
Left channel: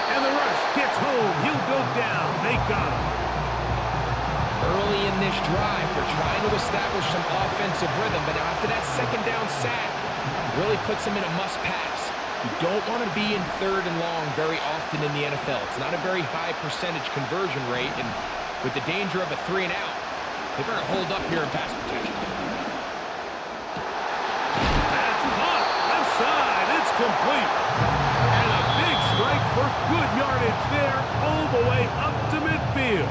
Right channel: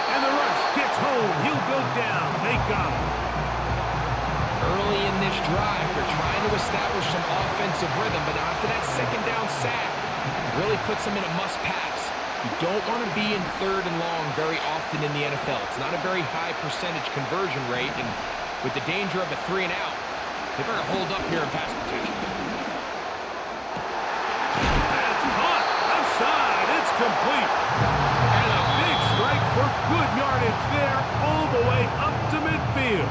And the rush gets home. He'll go down. They got him. Early in this drive, they're trying to establish some offensive rhythm, but now after that 2nd down sack, really puts them in a must-pass. You don't want to be in 3rd and long very often in the NFL. It's not a very high percentage conversion rate, and with the danger of a 3 and out, they better hold up here in pass protection. That's caught. Left side. It's complete. And a big strike for good yardage there all the way up to midfield.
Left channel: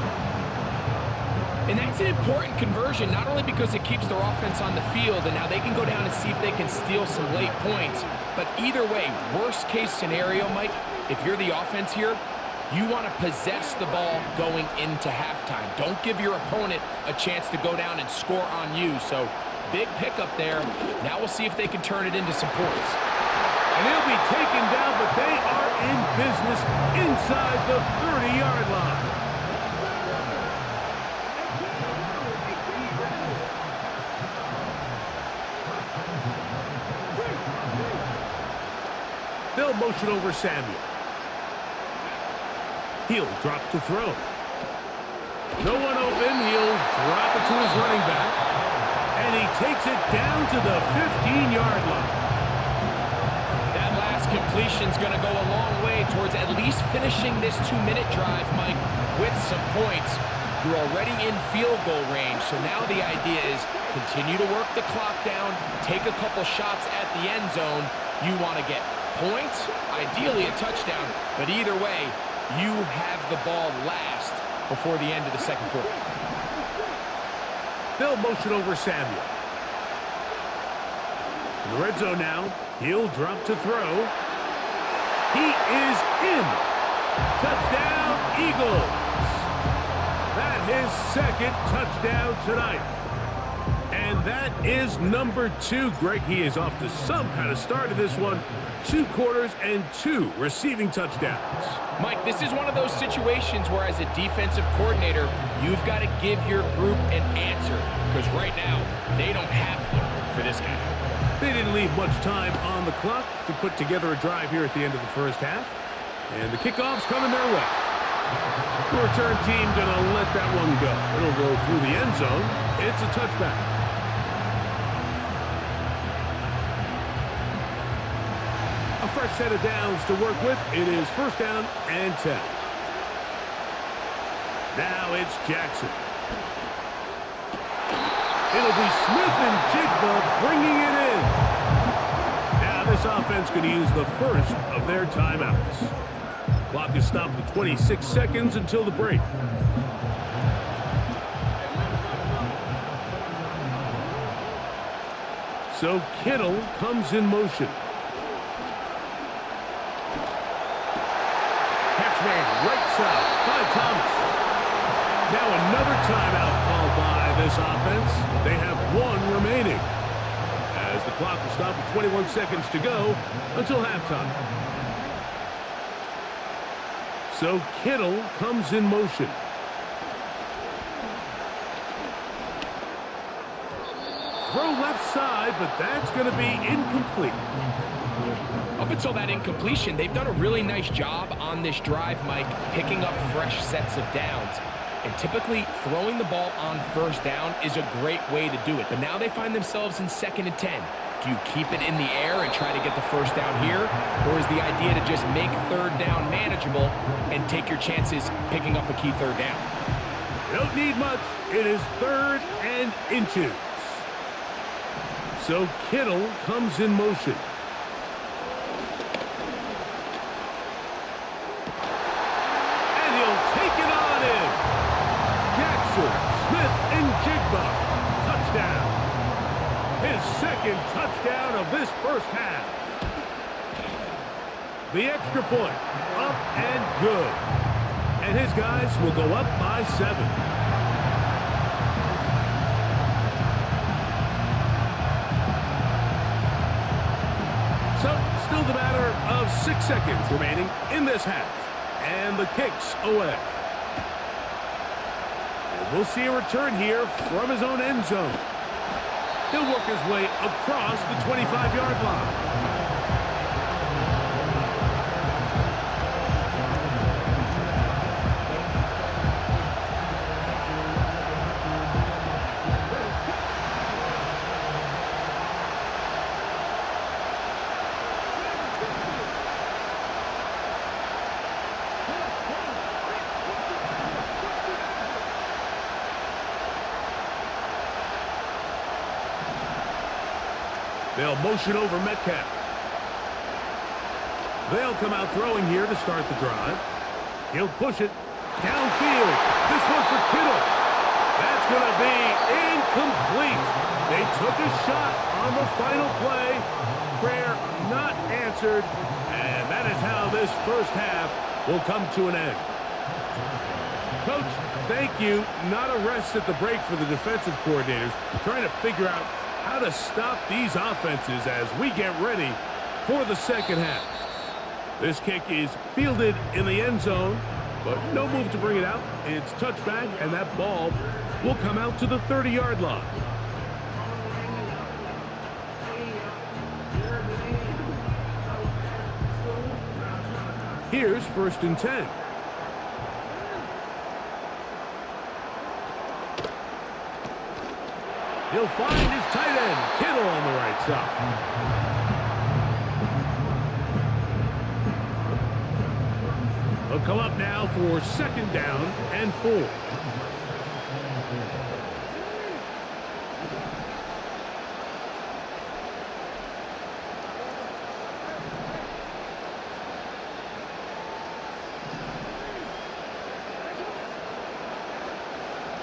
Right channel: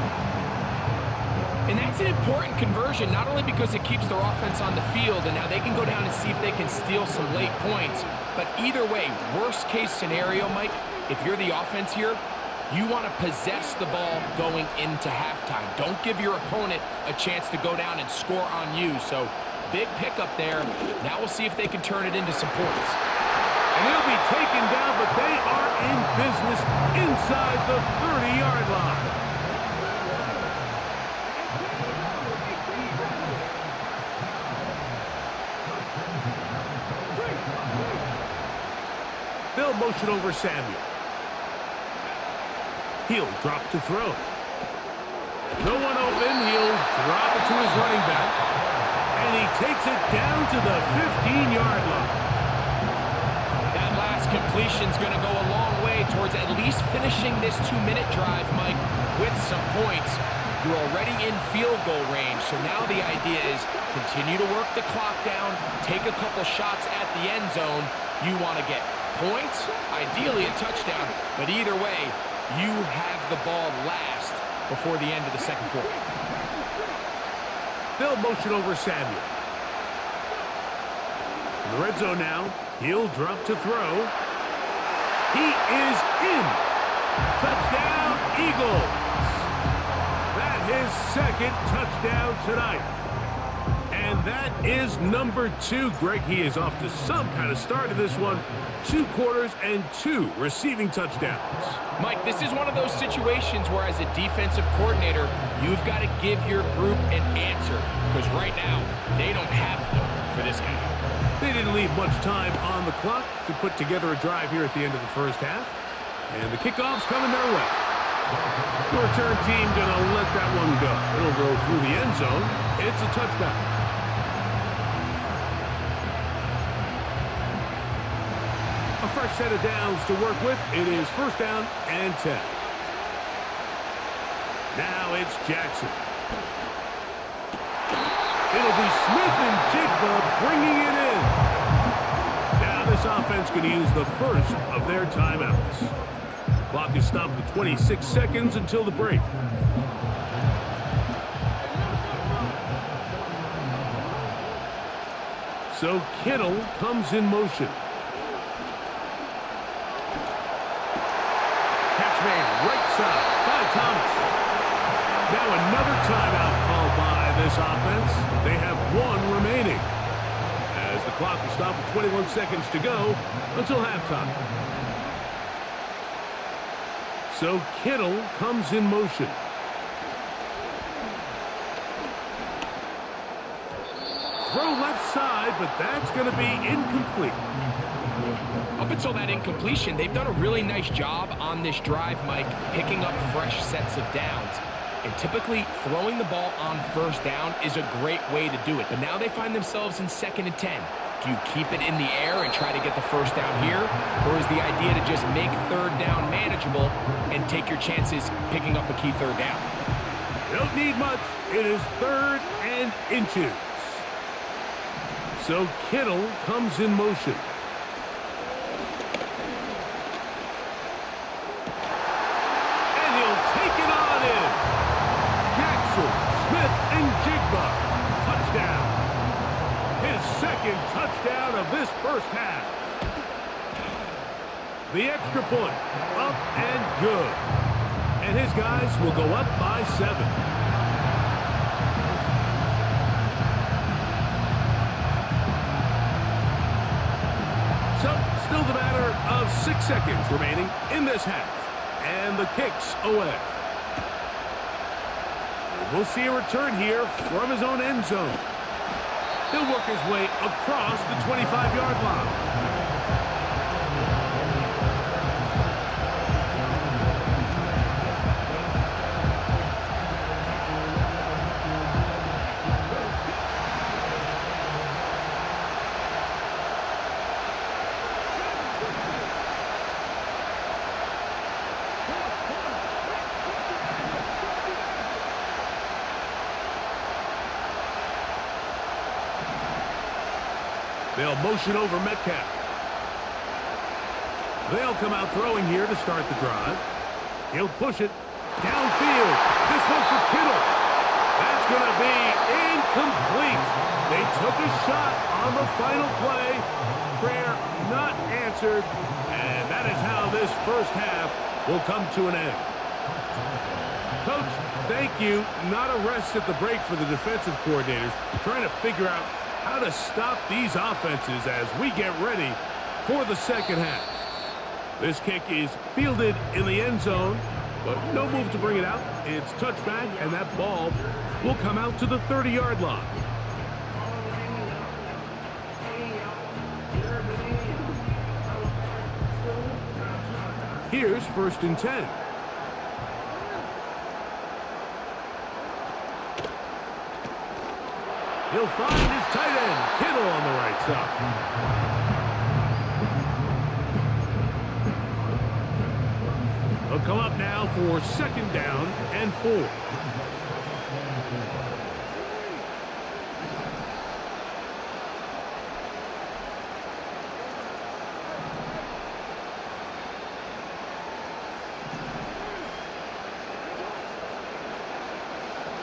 And that's an important conversion, not only because it keeps their offense on the field and now they can go down and see if they can steal some late points, but either way, worst case scenario, Mike, if you're the offense here, You want to possess the ball going into halftime. Don't give your opponent a chance to go down and score on you. So big pickup there. Now we'll see if they can turn it into some points. And he'll be taken down, but they are in business inside the 30-yard line. They'll motion over Samuel. He'll drop to throw. No one open. He'll drop it to his running back. And he takes it down to the 15-yard line. That last completion's going to go a long way towards at least finishing this 2-minute drive, Mike, with some points. You're already in field goal range, so now the idea is continue to work the clock down, take a couple shots at the end zone. You want to get points, ideally a touchdown, but either way, you have the ball last before the end of the second quarter. They'll motion over Samuel. In the red zone now, he'll drop to throw. He is in. Touchdown, Eagles. That his second touchdown tonight. And that is number 2. Greg, he is off to some kind of start in this one. 2 quarters and 2 receiving touchdowns. Mike, this is one of those situations where as a defensive coordinator, you've got to give your group an answer. Because right now, they don't have one for this guy. They didn't leave much time on the clock to put together a drive here at the end of the first half. And the kickoff's coming their way. The return team going to let that one go. It'll go through the end zone. It's a touchback. A fresh set of downs to work with. It is first down and 10. Now it's Jackson. It'll be Smith and Jigba bringing it in. Now this offense going to use the first of their timeouts. The clock is stopped with 26 seconds until the break. So Kittle comes in motion. Catch made right side by Thomas. Now another timeout called by this offense. They have 1 remaining. As the clock will stop with 21 seconds to go until halftime. So Kittle comes in motion. Throw left side, but that's going to be incomplete. Up until that incompletion, they've done a really nice job on this drive, Mike, picking up fresh sets of downs. And typically, throwing the ball on first down is a great way to do it. But now they find themselves in 2nd and 10. Do you keep it in the air and try to get the first down here? Or is the idea to just make 3rd down manageable and take your chances picking up a key 3rd down? You don't need much. It is 3rd and inches. So Kittle comes in motion. And he'll take it on in. Jackson, Smith, and Jigba. Touchdown. His 2nd touchdown of this first half. The extra point. Up and good. And his guys will go up by 7. So, still the matter of 6 seconds remaining in this half. And the kick's away. And we'll see a return here from his own end zone. He'll work his way across the 25-yard line. They'll motion over Metcalf. They'll come out throwing here to start the drive. He'll push it downfield. This one for Kittle. That's going to be incomplete. They took a shot on the final play. Prayer not answered. And that is how this first half will come to an end. Coach, thank you. Not a rest at the break for the defensive coordinators, trying to figure out how to stop these offenses as we get ready for the second half. This kick is fielded in the end zone, but no move to bring it out. It's touchback, and that ball will come out to the 30-yard line. Here's 1st and 10. He'll find his tight end, Kittle, on the right side. He'll come up now for 2nd down and 4.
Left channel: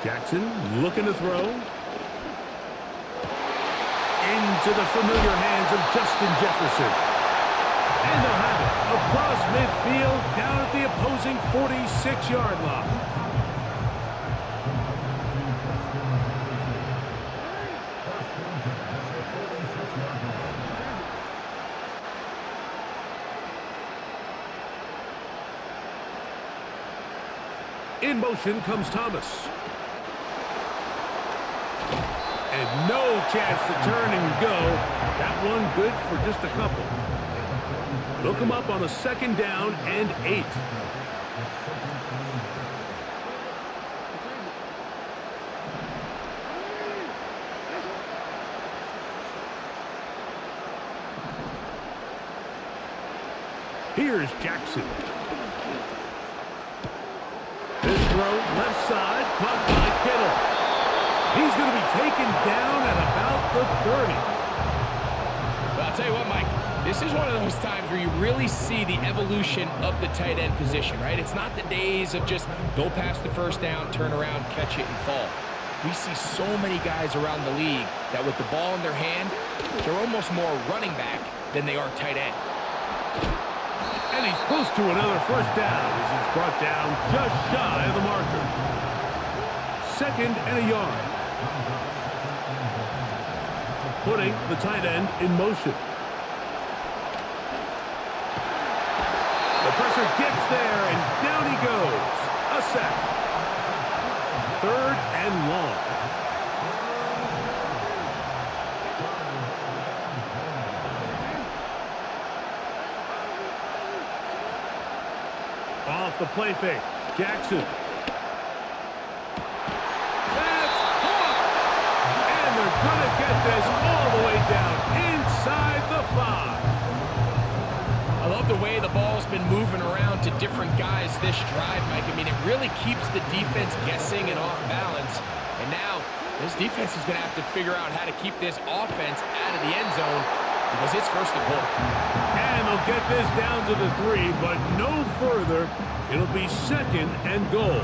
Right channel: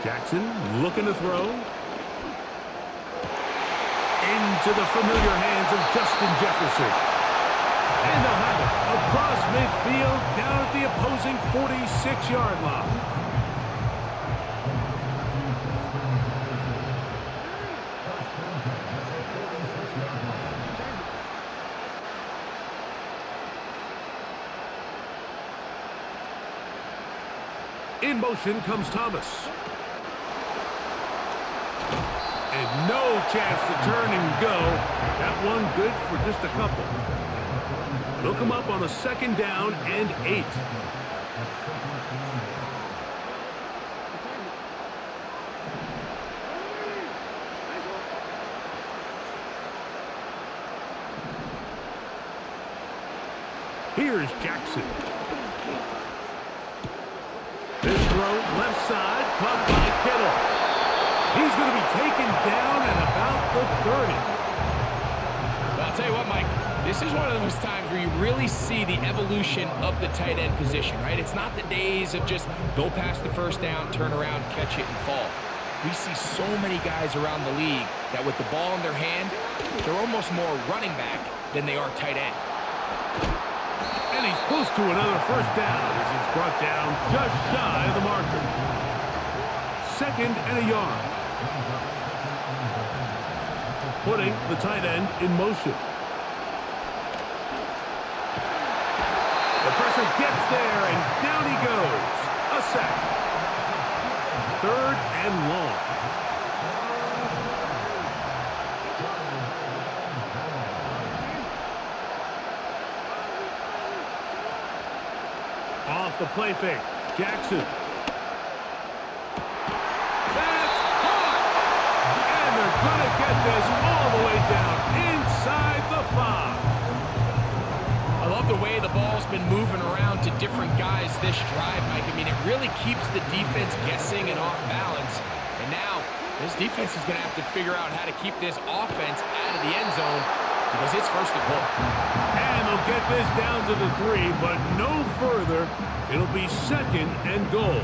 Jackson looking to throw. Into the familiar hands of Justin Jefferson. And they'll have it across midfield down at the opposing 46-yard line. In motion comes Thomas. And no chance to turn and go. That one good for just a couple. They'll come up on a 2nd down and 8. Here's Jackson. This throw left side caught by Kittle. He's going to be taken down at about the 30. Well, I'll tell you what, Mike. This is one of those times where you really see the evolution of the tight end position, right? It's not the days of just go past the 1st down, turn around, catch it, and fall. We see so many guys around the league that with the ball in their hand, they're almost more running back than they are tight end. And he's close to another 1st down as he's brought down just shy of the marker. 2nd and a yard. Putting the tight end in motion. The pressure gets there, and down he goes. A sack. 3rd and long. Off the play fake. Jackson. That's caught. And they're going to get this all the way down inside the 5. I love the way the ball's been moving around to different guys this drive, Mike. I mean, it really keeps the defense guessing and off balance. And now this defense is going to have to figure out how to keep this offense out of the end zone because it's 1st and goal. And they'll get this down to the 3, but no further. It'll be 2nd and goal.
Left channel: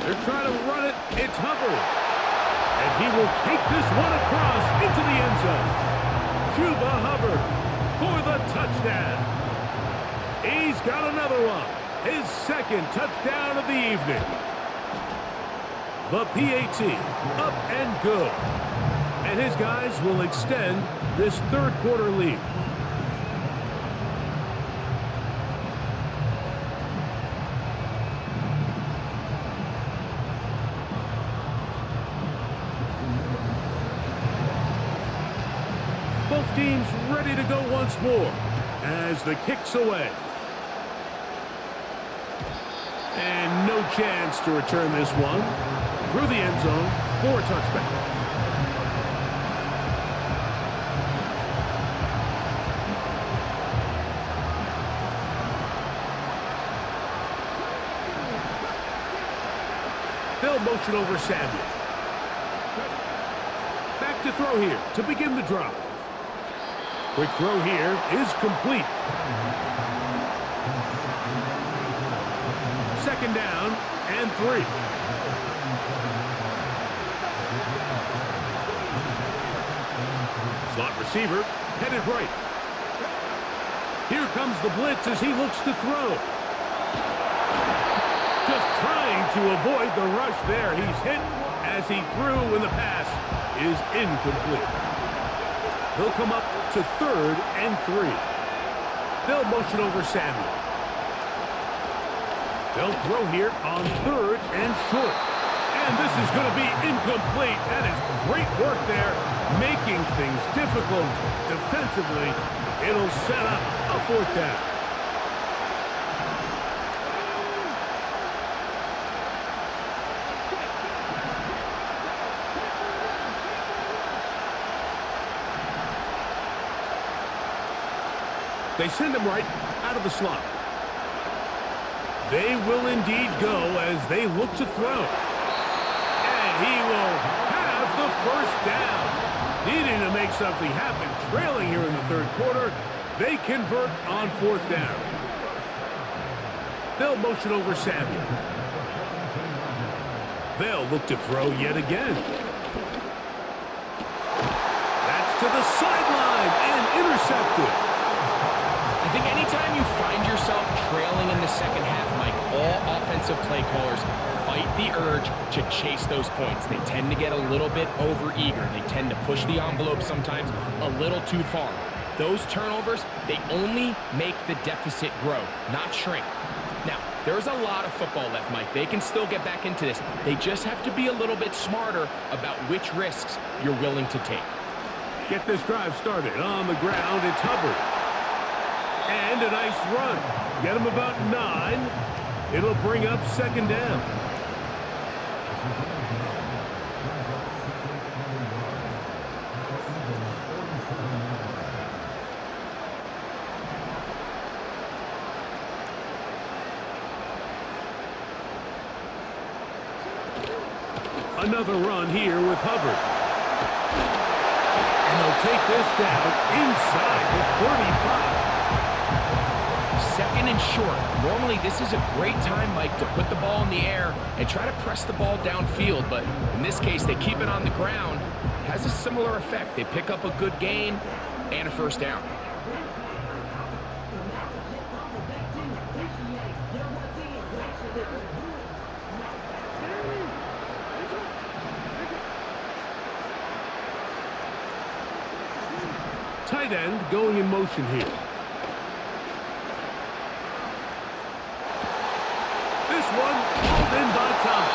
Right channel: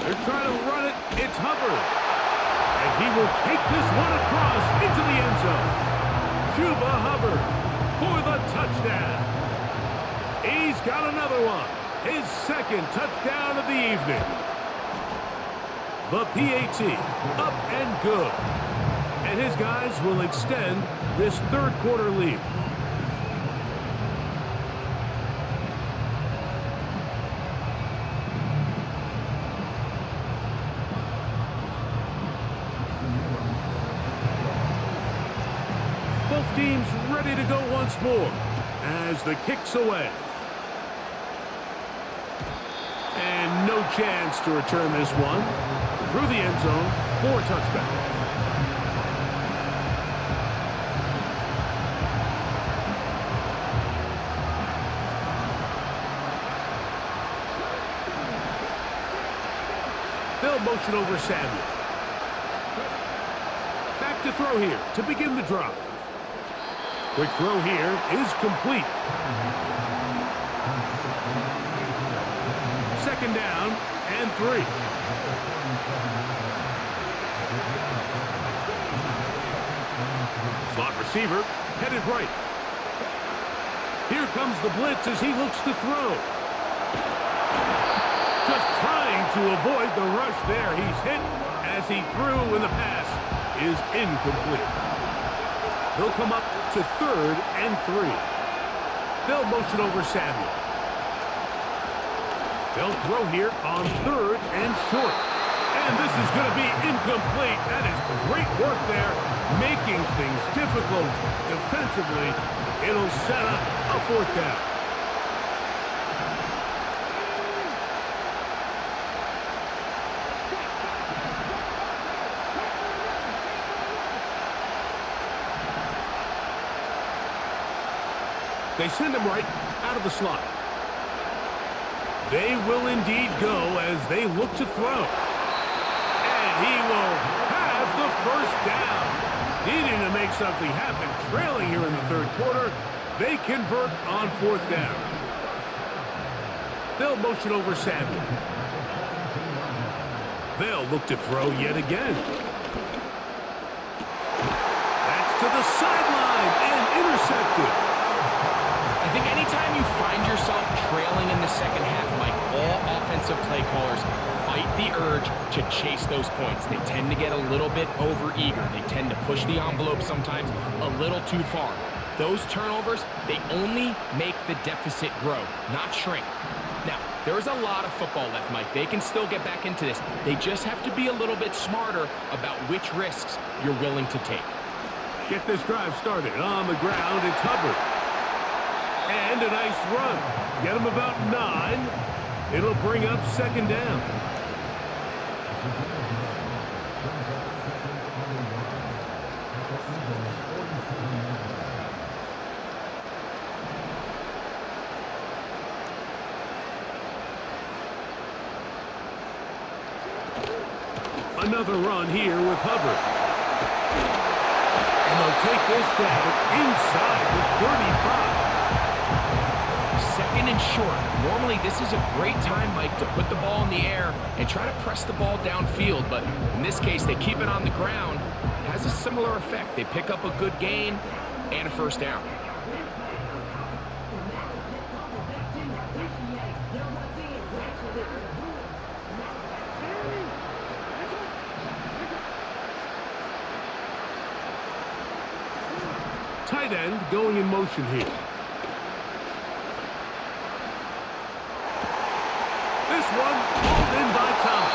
They're trying to run it. It's Hubbard. And he will take this one across into the end zone. Chuba Hubbard for the touchdown. He's got another one. His 2nd touchdown of the evening. The PAT up and good. And his guys will extend this 3rd quarter lead. Both teams ready to go once more as the kick's away. And no chance to return this one through the end zone for a touchback. They'll motion over Samuel. Back to throw here to begin the drive. Quick throw here is complete. 2nd down and 3. Slot receiver headed right. Here comes the blitz as he looks to throw. Just trying to avoid the rush there. He's hit as he threw, and the pass is incomplete. They'll come up to 3rd and 3. They'll motion over Samuel. They'll throw here on 3rd and short. And this is going to be incomplete. That is great work there, making things difficult defensively. It'll set up a 4th down. They send him right out of the slot. They will indeed go as they look to throw. And he will have the 1st down. Needing to make something happen, trailing here in the 3rd quarter. They convert on 4th down. They'll motion over Samuel. They'll look to throw yet again. That's to the sideline and intercepted. I think anytime you find yourself trailing in the second half, Mike, all offensive play callers fight the urge to chase those points. They tend to get a little bit overeager. They tend to push the envelope sometimes a little too far. Those turnovers, they only make the deficit grow, not shrink. Now, there's a lot of football left, Mike. They can still get back into this. They just have to be a little bit smarter about which risks you're willing to take. Get this drive started on the ground. It's Hubbard. And a nice run. Get him about 9. It'll bring up 2nd down. Another run here with Hubbard. And they'll take this down inside the 35. 2nd and short. Normally, this is a great time, Mike, to put the ball in the air and try to press the ball downfield. But in this case, they keep it on the ground. Has a similar effect. They pick up a good gain and a 1st down. Tight end going in motion here. This one hauled in by Thomas.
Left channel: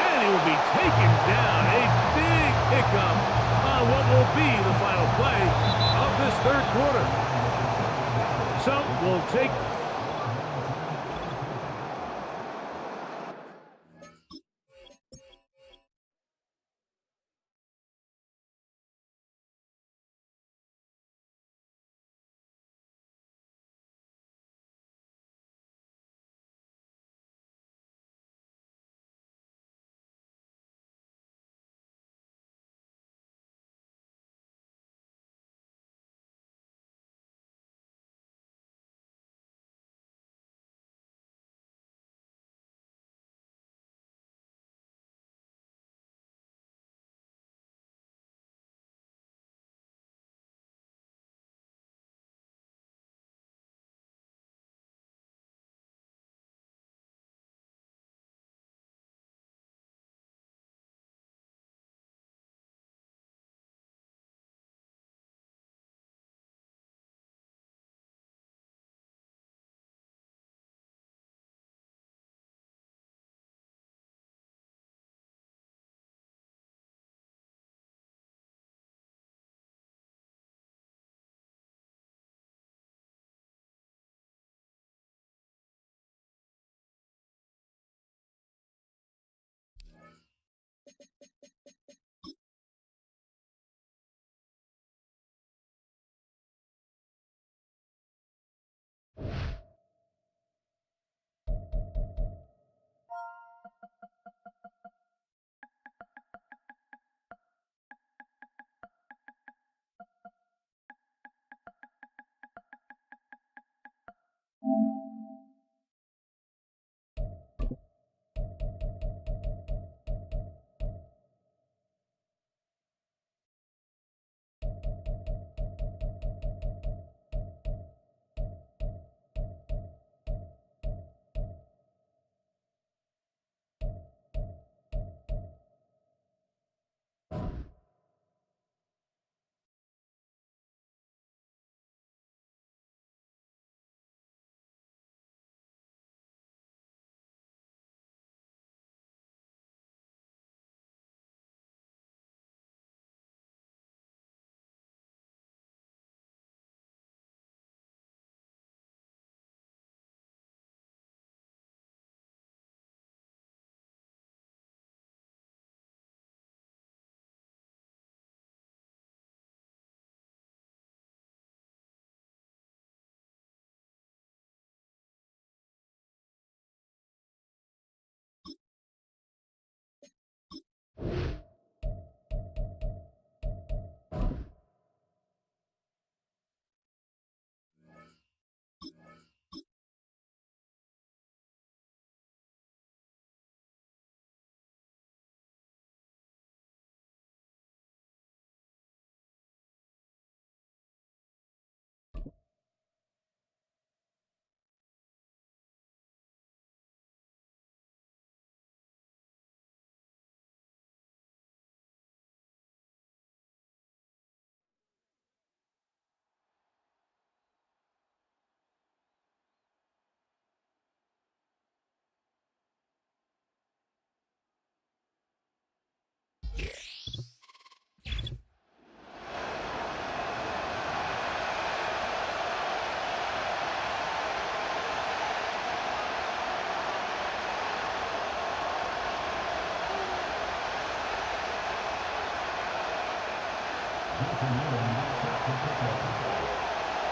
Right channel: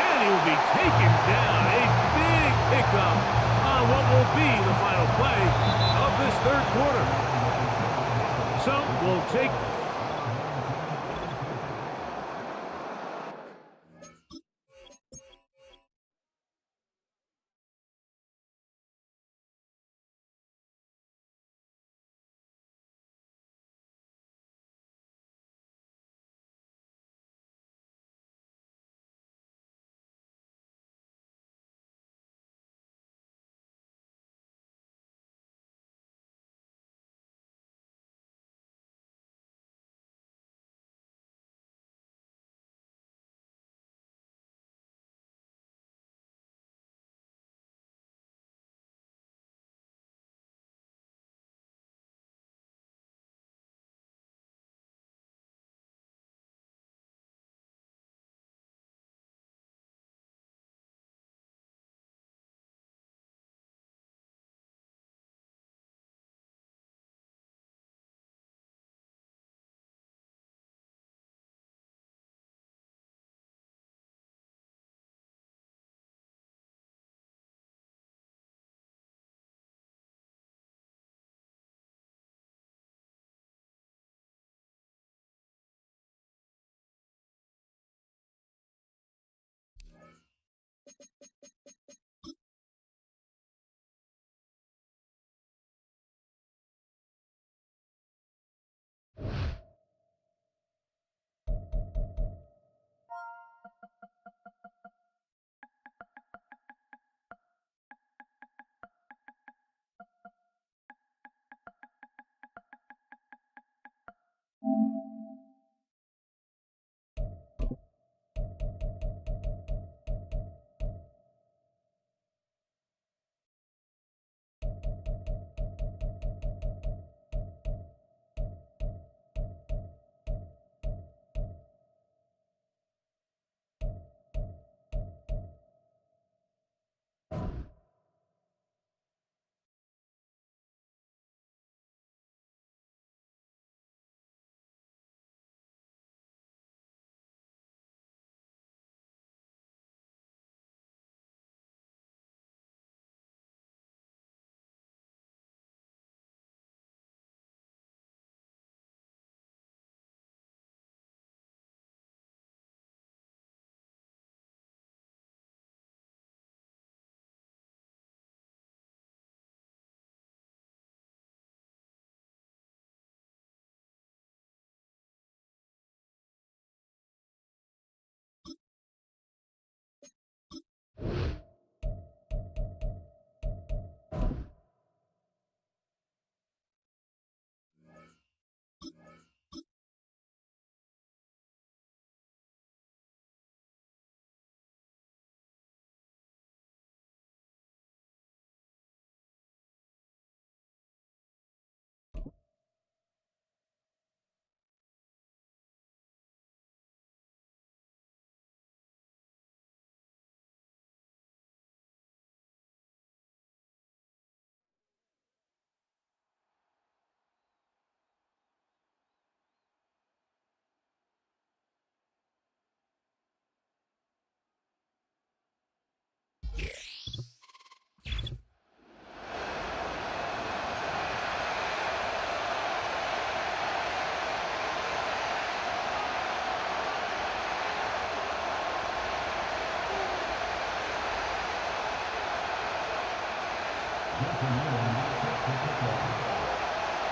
And he will be taken down. A big pickup on what will be the final play of this 3rd quarter. So we'll take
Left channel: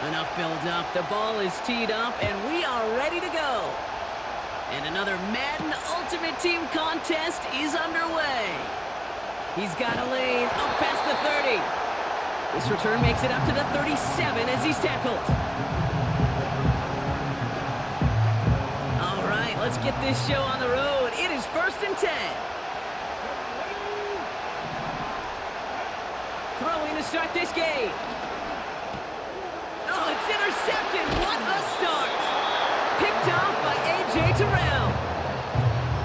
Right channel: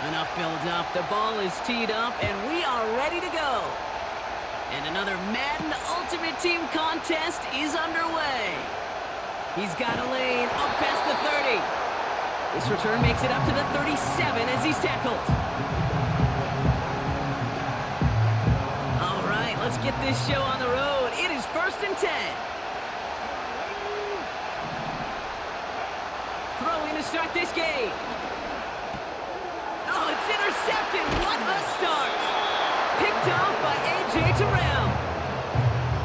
Enough build up. The ball is teed up, and we are ready to go. And another Madden Ultimate Team contest is underway. He's got a lane up past the 30. This return makes it up to the 37 as he's tackled. All right, let's get this show on the road. It is 1st and 10. Throwing to start this game. Oh, it's intercepted. What a start. Picked off by A.J. Terrell.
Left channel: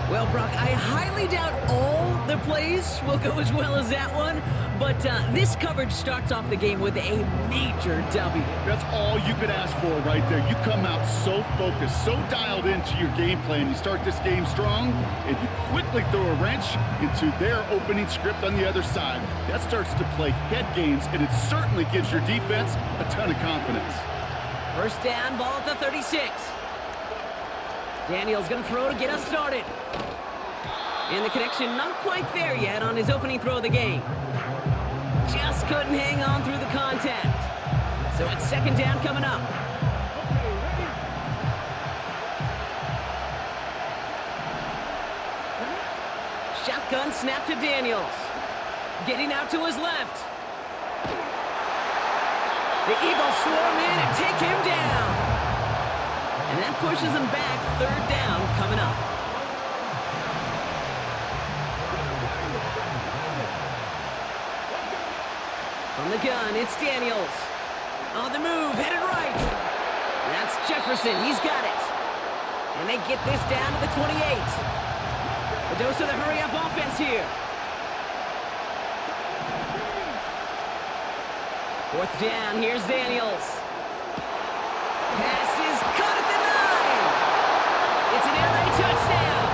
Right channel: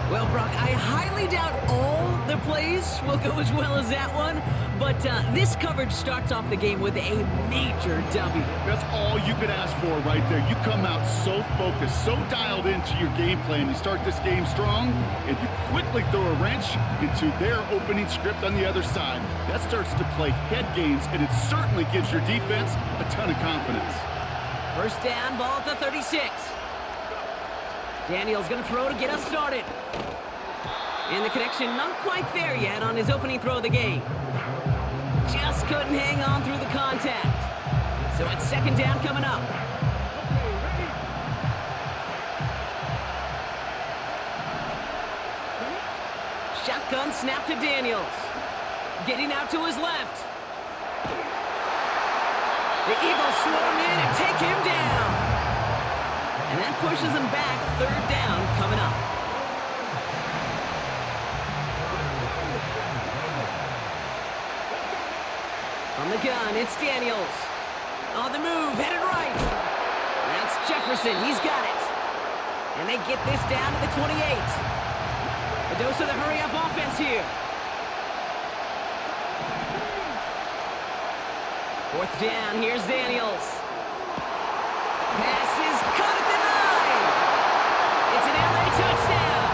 Well, Brock, I highly doubt all the plays will go as well as that one, but this coverage starts off the game with a major W. That's all you could ask for right there. You come out so focused, so dialed into your game plan. You start this game strong, and you quickly throw a wrench into their opening script on the other side. That starts to play head games, and it certainly gives your defense a ton of confidence. First down, ball at the 36. Daniel's going to throw to get us started. And the connection not quite there yet on his opening throw of the game. Just couldn't hang on through the contact. So it's 2nd down coming up. Okay, ready? Shotgun snap to Daniels. Getting out to his left. The Eagles swarm in and take him down. And that pushes them back. 3rd down coming up. From the gun, it's Daniels. On the move, headed right. That's Jefferson. He's got it. And they get this down to the 28. A dose of the hurry-up offense here. 4th down, here's Daniels. Pass is caught at the 9. It's an LA touchdown.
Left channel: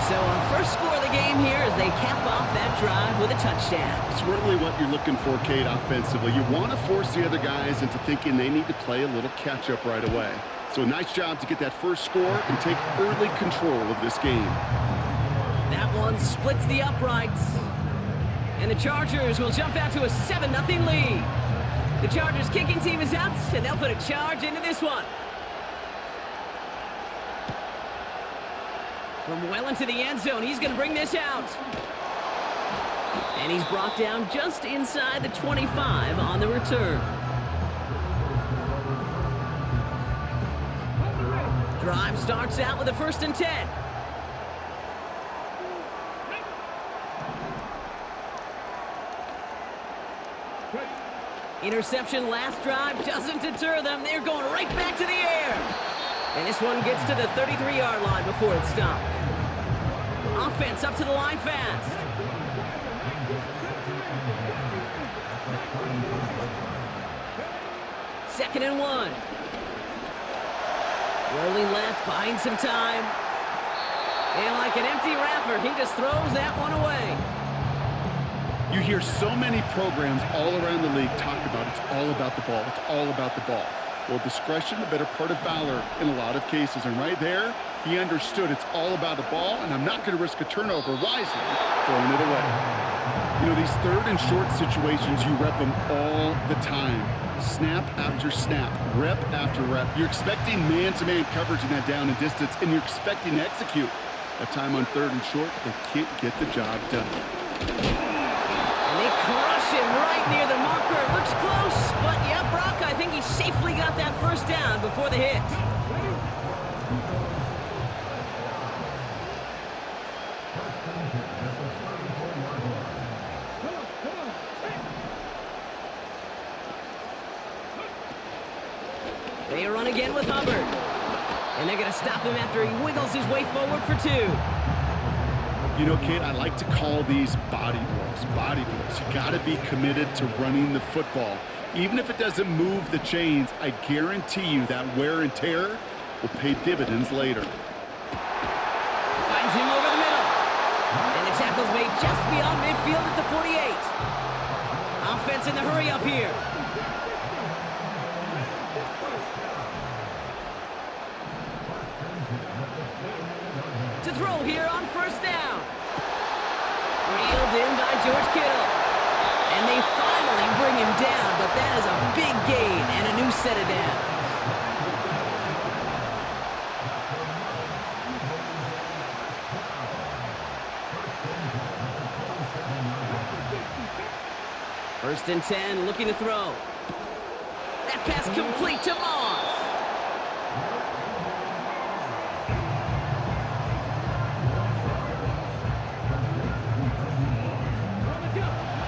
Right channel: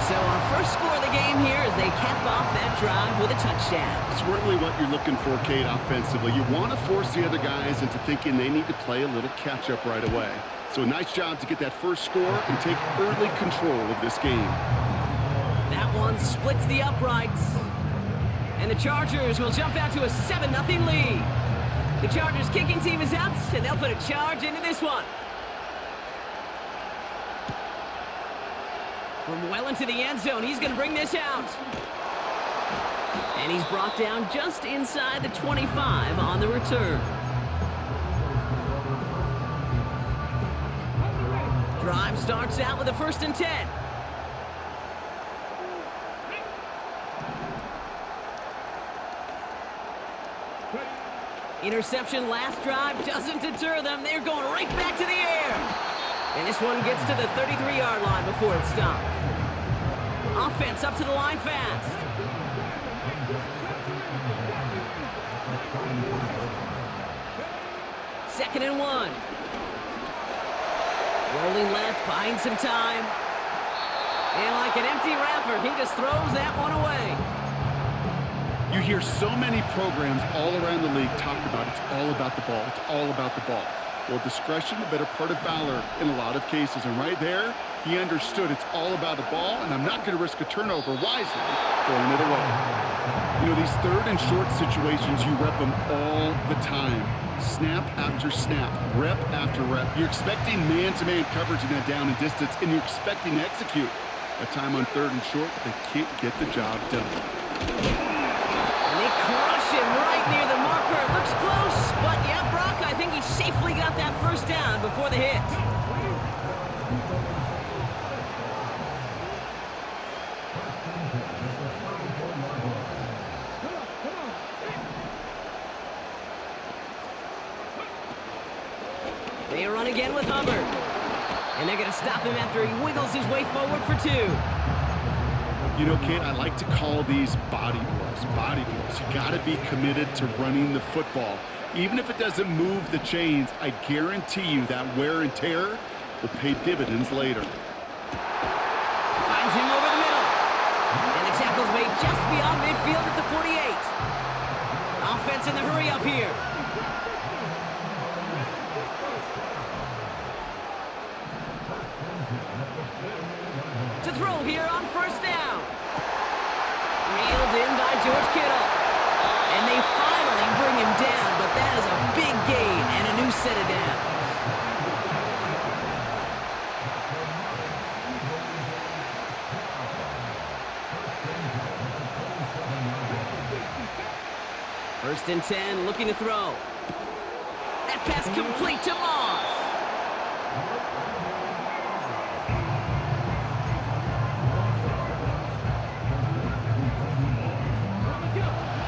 So our first score of the game here as they cap off that drive with a touchdown. It's really what you're looking for, Kate, offensively. You want to force the other guys into thinking they need to play a little catch-up right away. So a nice job to get that first score and take early control of this game. That one splits the uprights. And the Chargers will jump out to a 7-0 lead. The Chargers kicking team is out, and they'll put a charge into this one. From well into the end zone, he's going to bring this out. And he's brought down just inside the 25 on the return. Drive starts out with a 1st and 10. Interception last drive doesn't deter them. They're going right back to the air. And this one gets to the 33-yard line before it's stopped. Offense up to the line fast. 2nd and 1. Rolling left, buying some time. And like an empty wrapper, he just throws that one away. You hear so many programs all around the league talk about it's all about the ball. It's all about the ball. Well, discretion, the better part of valor in a lot of cases. And right there, he understood it's all about the ball, and I'm not going to risk a turnover wisely, throwing it away. You know, these 3rd and short situations, you rep them all the time. Snap after snap, rep after rep. You're expecting man-to-man coverage in that down and distance, and you're expecting to execute. That time on 3rd and short, they can't get the job done. And they crush him right near the marker. It looks close, but yeah, Brock, I think he safely got that first down before the hit. Come on. They run again with Hubbard. And they're going to stop him after he wiggles his way forward for 2. You know, Kate, I like to call these body blows. Body blows. You got to be committed to running the football. Even if it doesn't move the chains, I guarantee you that wear and tear will pay dividends later. Finds him over the middle. And the tackle's made just beyond midfield at the 48. Offense in the hurry up here. To throw here on first down. Reeled in by George Kittle. And they finally bring him down, but that is a big gain and a new set of downs. First and 10, looking to throw. That pass complete to Moss.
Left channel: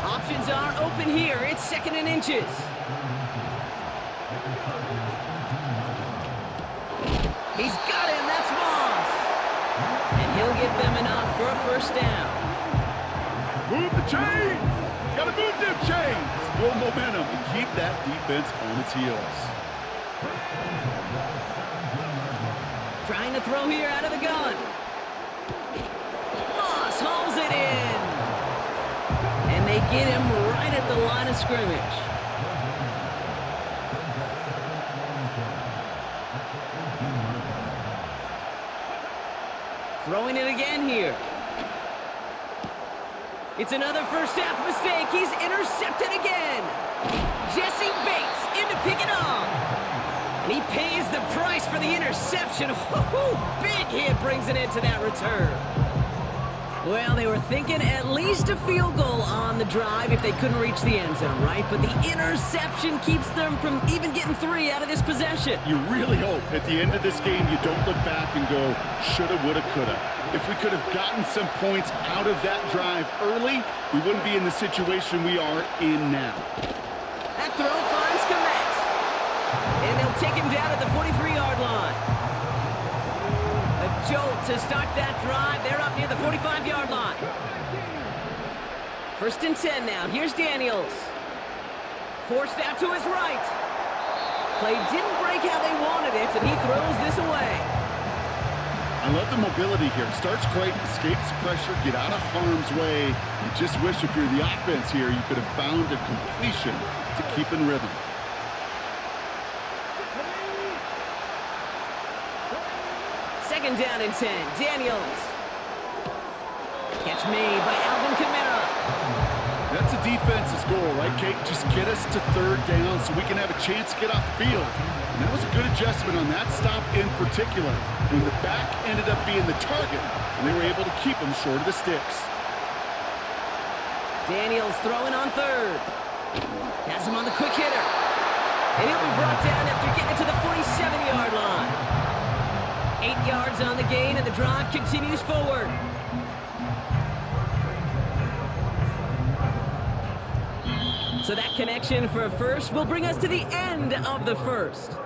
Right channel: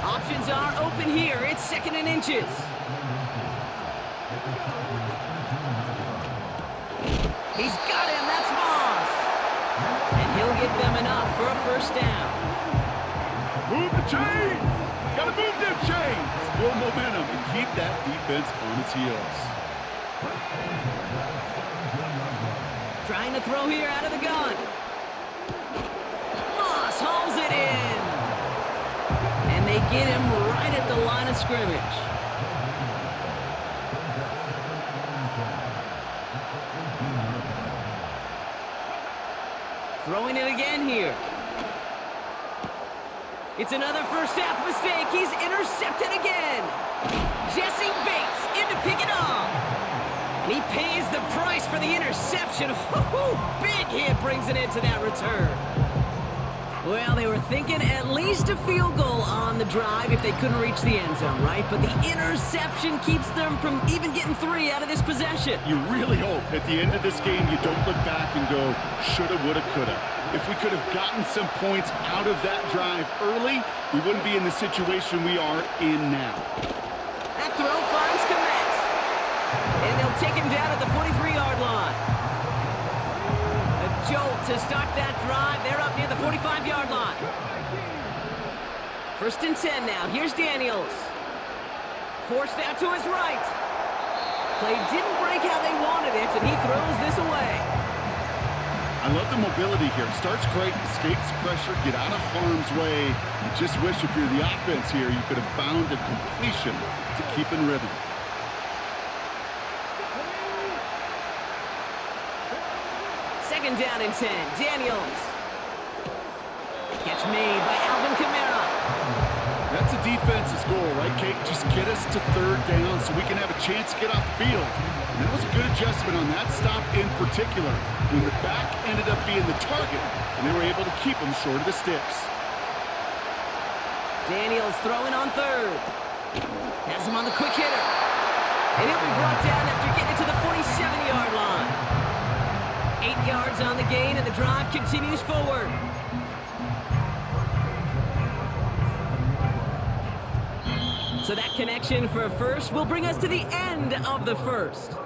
Options are open here. It's 2nd and inches. He's got him. That's Moss. And he'll get them enough for a first down. Move the chains! Gotta move them chains! Build momentum and keep that defense on its heels. Trying to throw here out of the gun. Moss hauls it in. And they get him right at the line of scrimmage. Throwing it again here. It's another first half mistake. He's intercepted again. Jesse Bates in to pick it off. And he pays the price for the interception. Big hit brings it into that return. Well, they were thinking at least a field goal on the drive if they couldn't reach the end zone, right? But the interception keeps them from even getting 3 out of this possession. You really hope at the end of this game you don't look back and go, shoulda, woulda, coulda. If we could have gotten some points out of that drive early, we wouldn't be in the situation we are in now. That throw finds Komet. And they'll take him down at the 43-yard line. A jolt to start that drive. They're up near the 45-yard line. First and 10 now. Here's Daniels. Forced out to his right. Play didn't break how they wanted it, and he throws this away. I love the mobility here. Starts great, escapes pressure, get out of harm's way. You just wish if you're the offense here, you could have found a completion to keep in rhythm. Second down and 10. Daniels. Catch made by Alvin Kamara. That's a defense's goal, right, Kate? Just get us to 3rd down so we can have a chance to get off the field. And that was a good adjustment on that stop in particular, when the back ended up being the target, and they were able to keep him short of the sticks. Daniels throwing on 3rd. Has him on the quick hitter. And he'll be brought down after getting it to the 47-yard line. 8 yards on the gain, and the drive continues forward. So that connection for a first will bring us to the end of the first.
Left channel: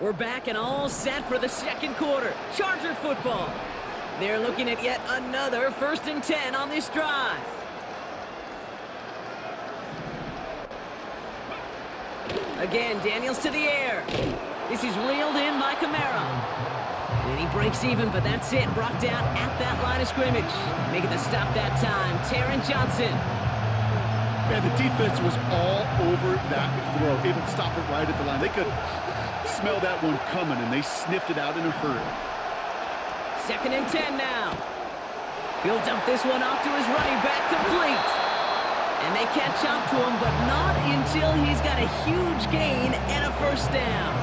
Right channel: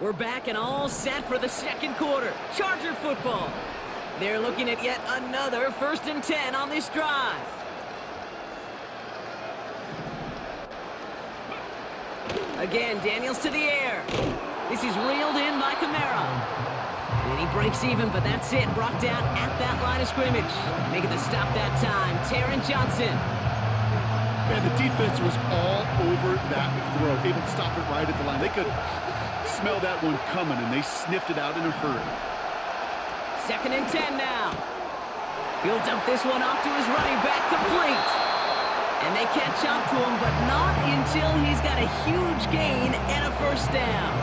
We're back and all set for the second quarter. Charger football. They're looking at yet another 1st and 10 on this drive. Again, Daniels to the air. This is reeled in by Kamara. And he breaks even, but that's it. Brought down at that line of scrimmage. Making the stop that time, Taron Johnson. Man, the defense was all over that throw, able to stop it right at the line. They could smell that one coming, and they sniffed it out in a hurry. 2nd and 10 now. He'll dump this one off to his running back, complete. And they catch up to him, but not until he's got a huge gain and a first down.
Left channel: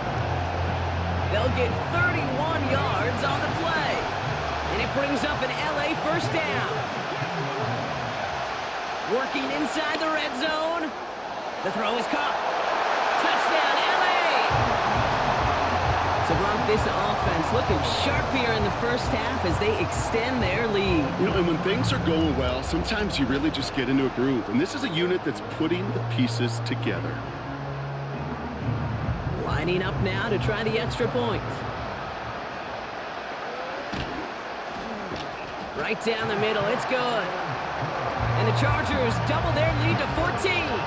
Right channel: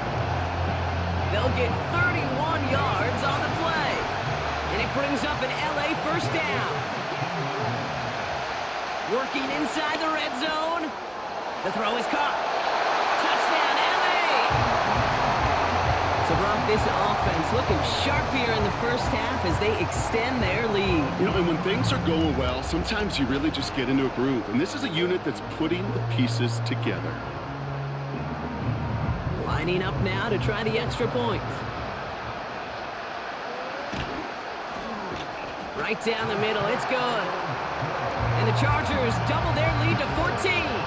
They'll get 31 yards on the play. And it brings up an LA first down. Working inside the red zone. The throw is caught. Touchdown, LA! So, Brock, this offense looking sharp here in the first half as they extend their lead. You know, and when things are going well, sometimes you really just get into a groove. And this is a unit that's putting the pieces together. Lining up now to try the extra point. Right down the middle, it's good. And the Chargers double their lead to 14.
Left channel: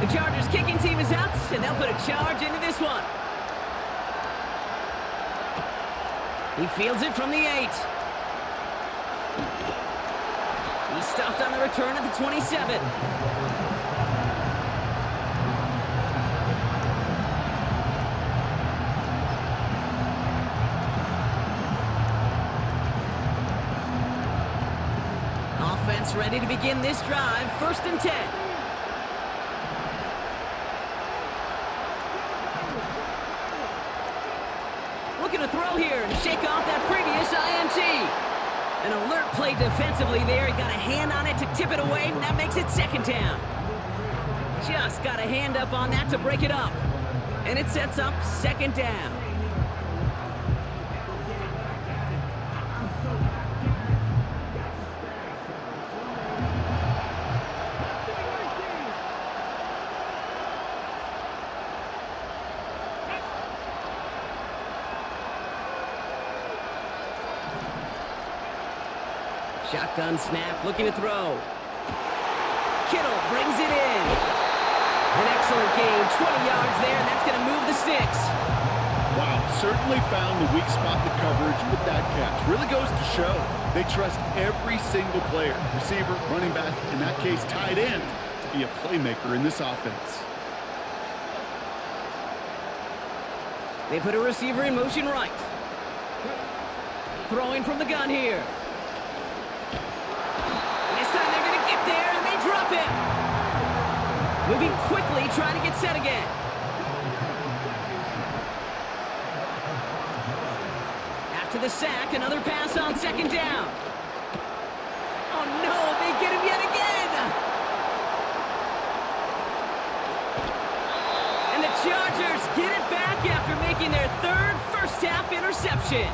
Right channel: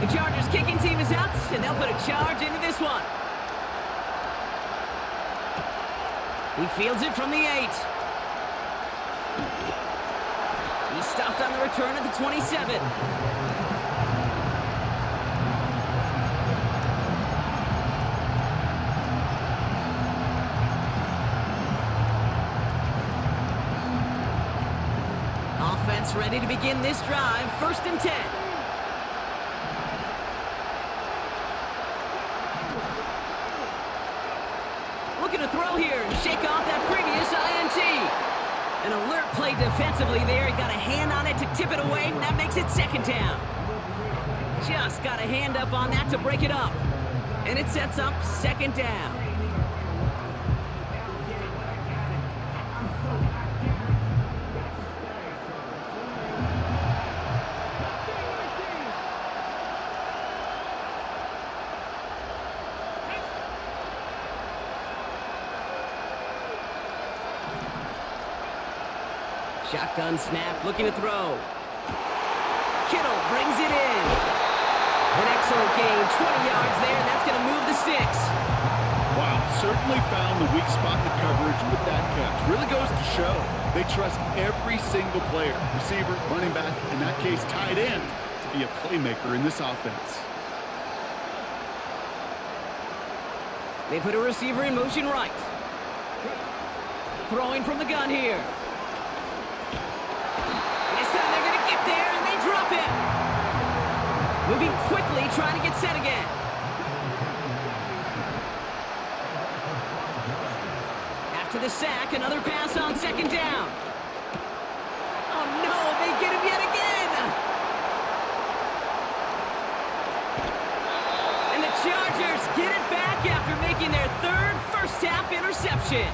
The Chargers kicking team is out, and they'll put a charge into this one. He fields it from the 8. He stopped on the return at the 27. Offense ready to begin this drive. 1st and 10. Looking to throw here and shake off that previous INT. An alert play defensively there. He got a hand on it to tip it away, and that makes it 2nd down. Just got a hand up on that to break it up. And it sets up 2nd down. Shotgun snap, looking to throw. Kittle brings it in. An excellent gain, 20 yards there, and that's going to move the sticks. Wow, certainly found the weak spot in the coverage with that catch. Really goes to show they trust every single player, receiver, running back, in that case tight end, to be a playmaker in this offense. They put a receiver in motion right. Throwing from the gun here. This time they're going to get there, and they drop him. Moving quickly, trying to get set again. After the sack, another pass on 2nd down. Oh, no, they get him yet again. And the Chargers get it back after making their 3rd first-half interception.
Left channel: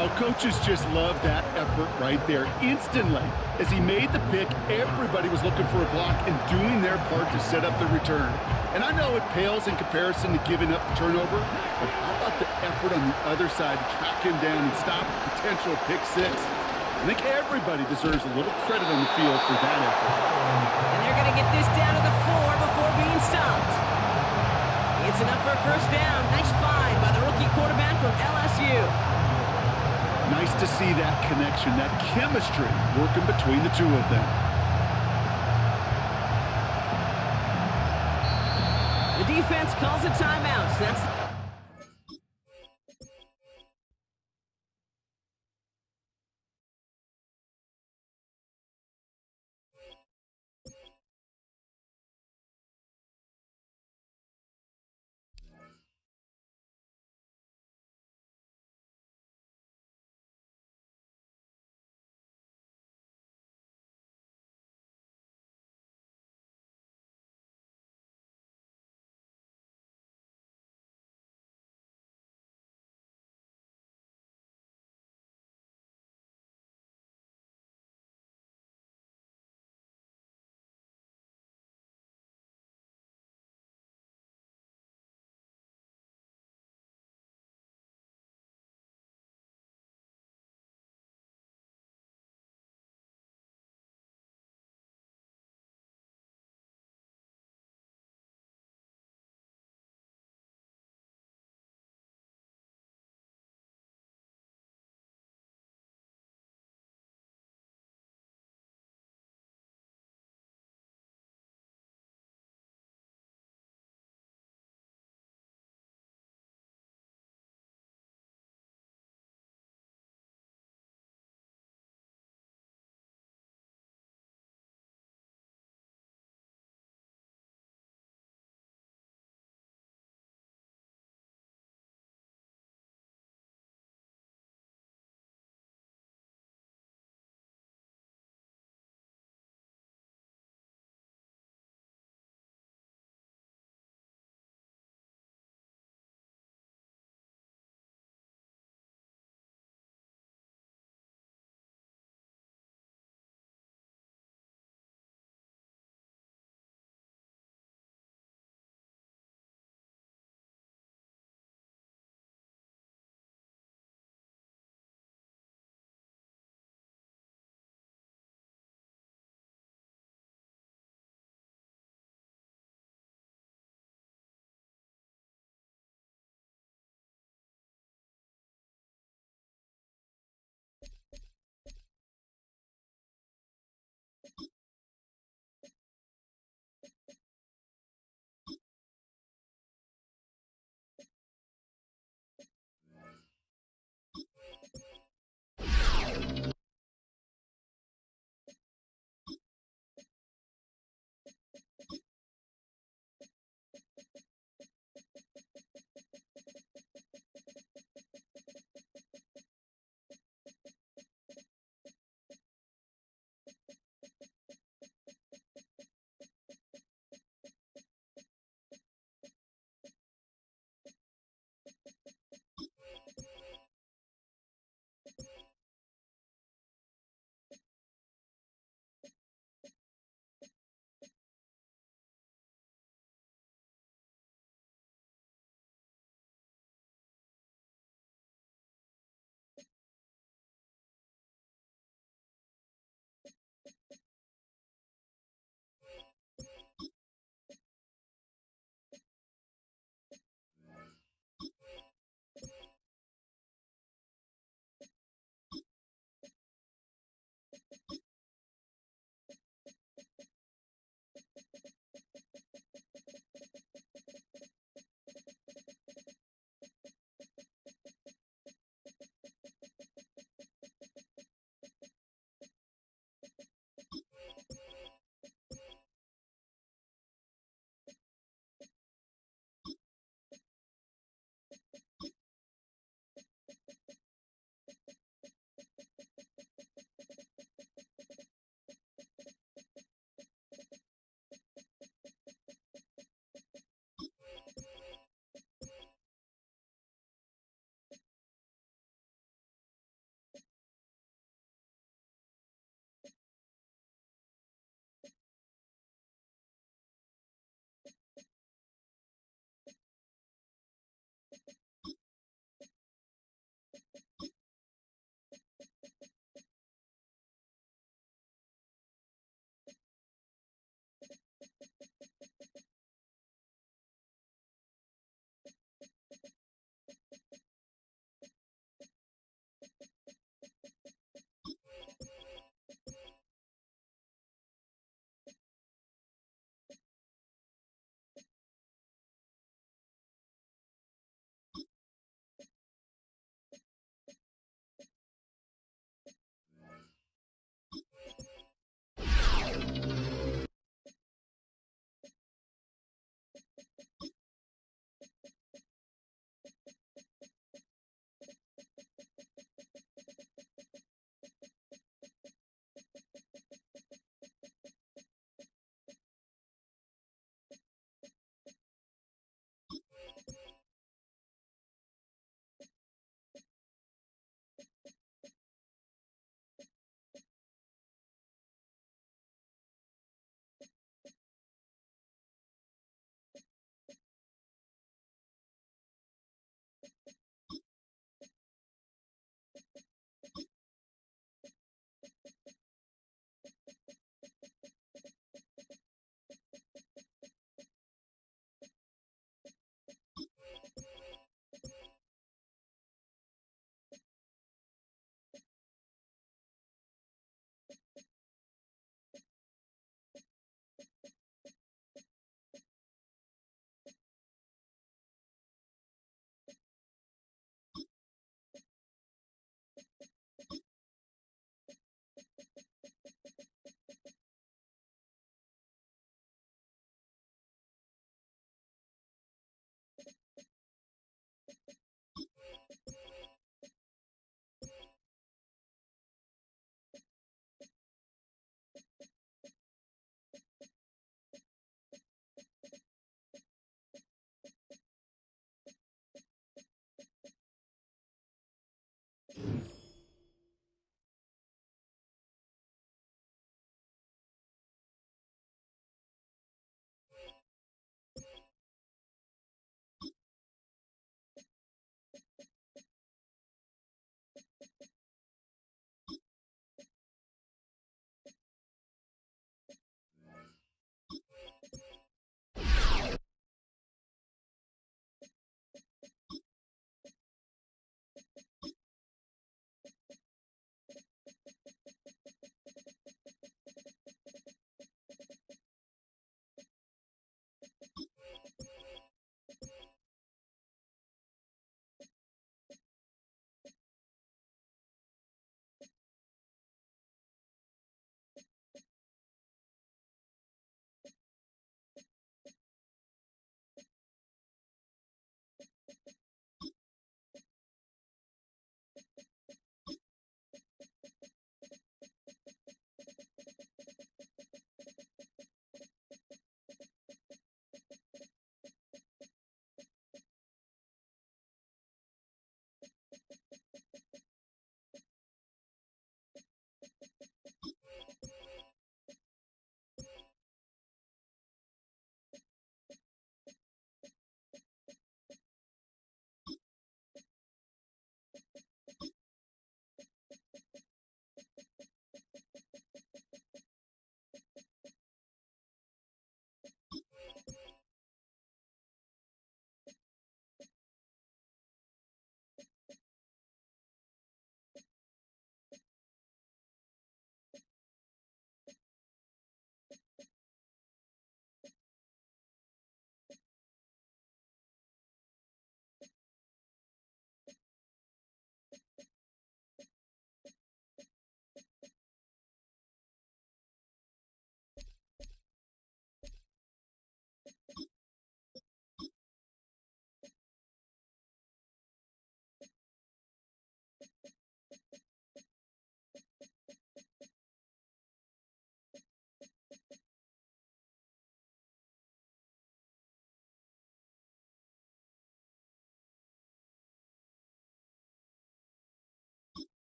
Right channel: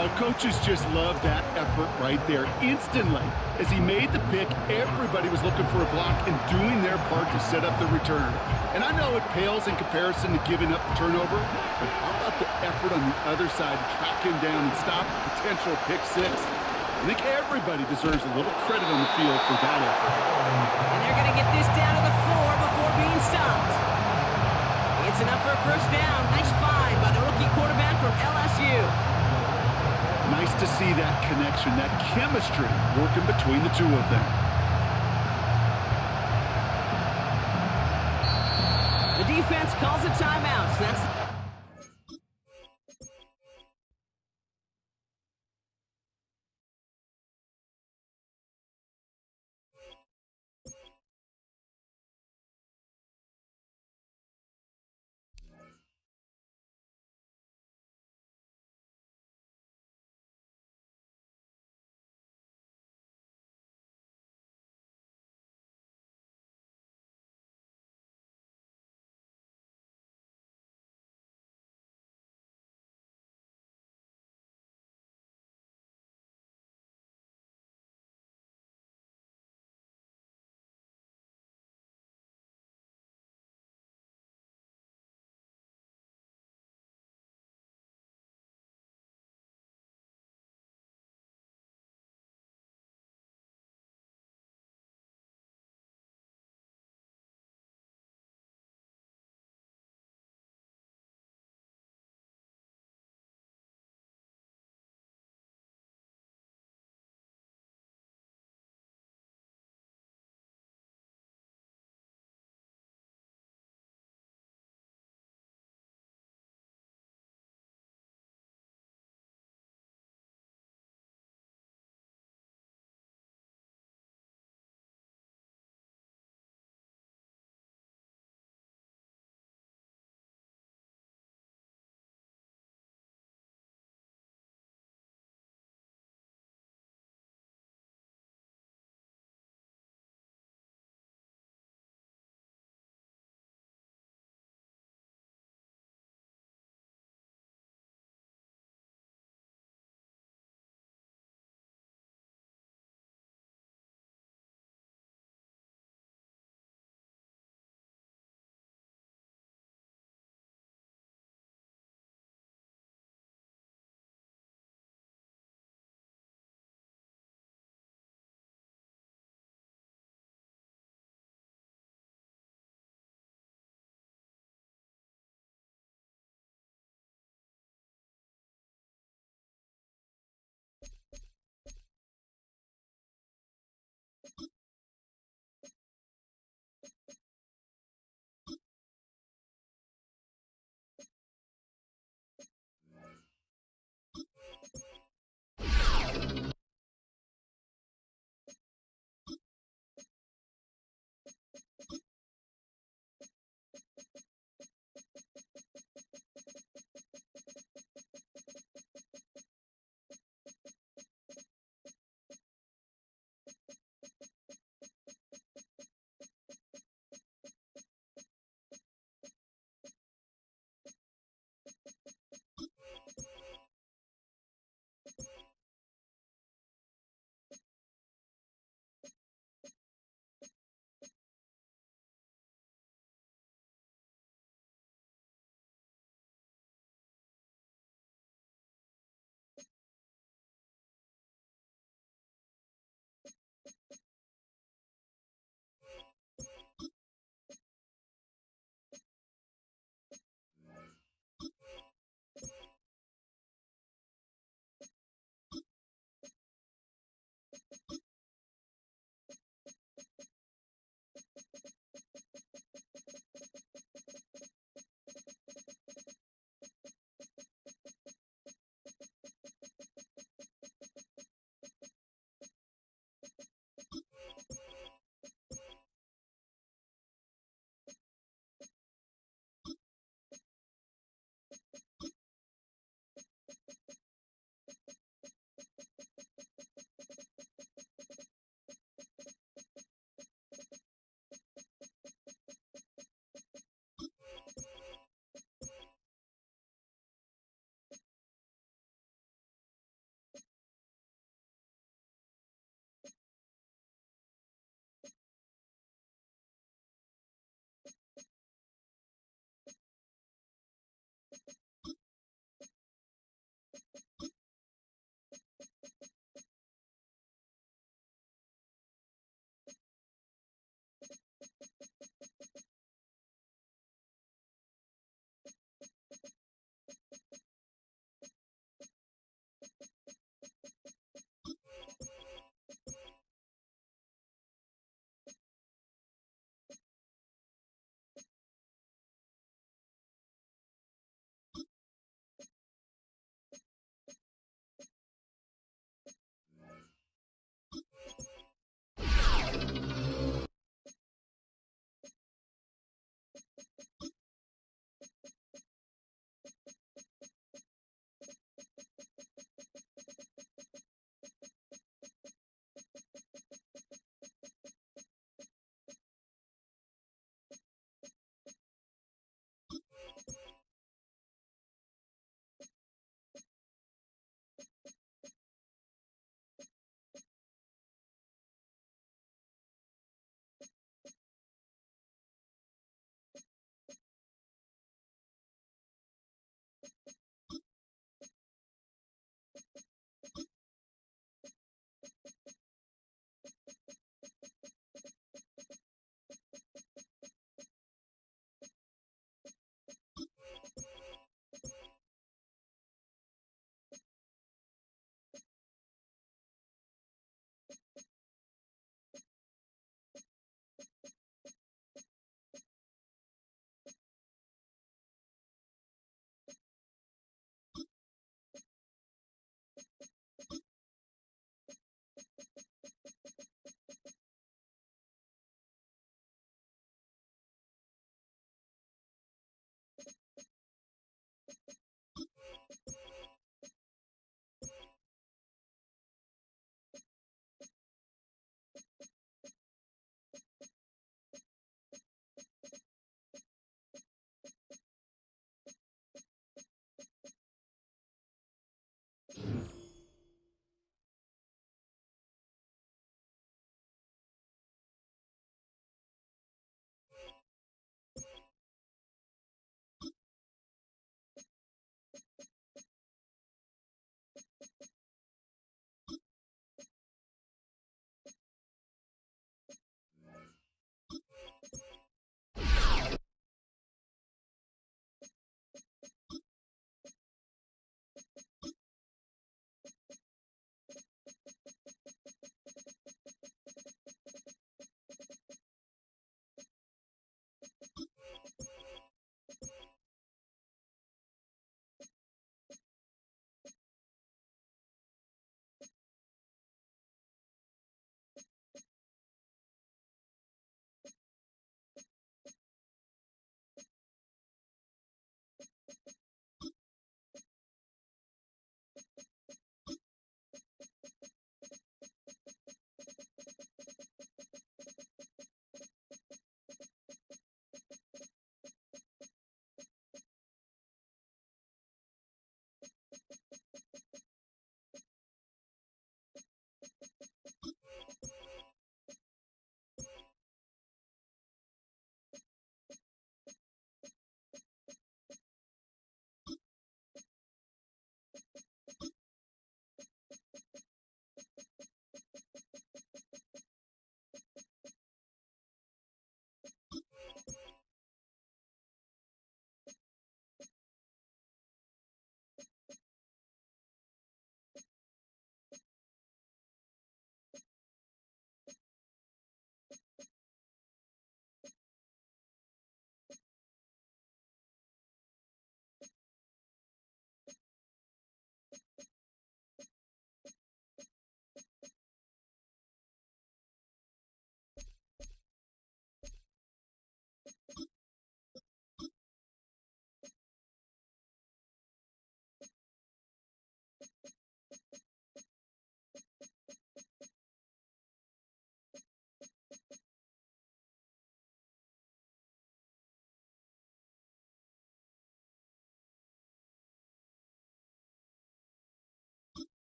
Oh, coaches just love that effort right there. Instantly, as he made the pick, everybody was looking for a block and doing their part to set up the return. And I know it pales in comparison to giving up the turnover, but how about the effort on the other side to track him down and stop a potential pick 6? I think everybody deserves a little credit on the field for that effort. And they're going to get this down to the 4 before being stopped. It's enough for a first down. Nice find by the rookie quarterback from LSU. Nice to see that connection, that chemistry working between the two of them. The defense calls a timeout. That's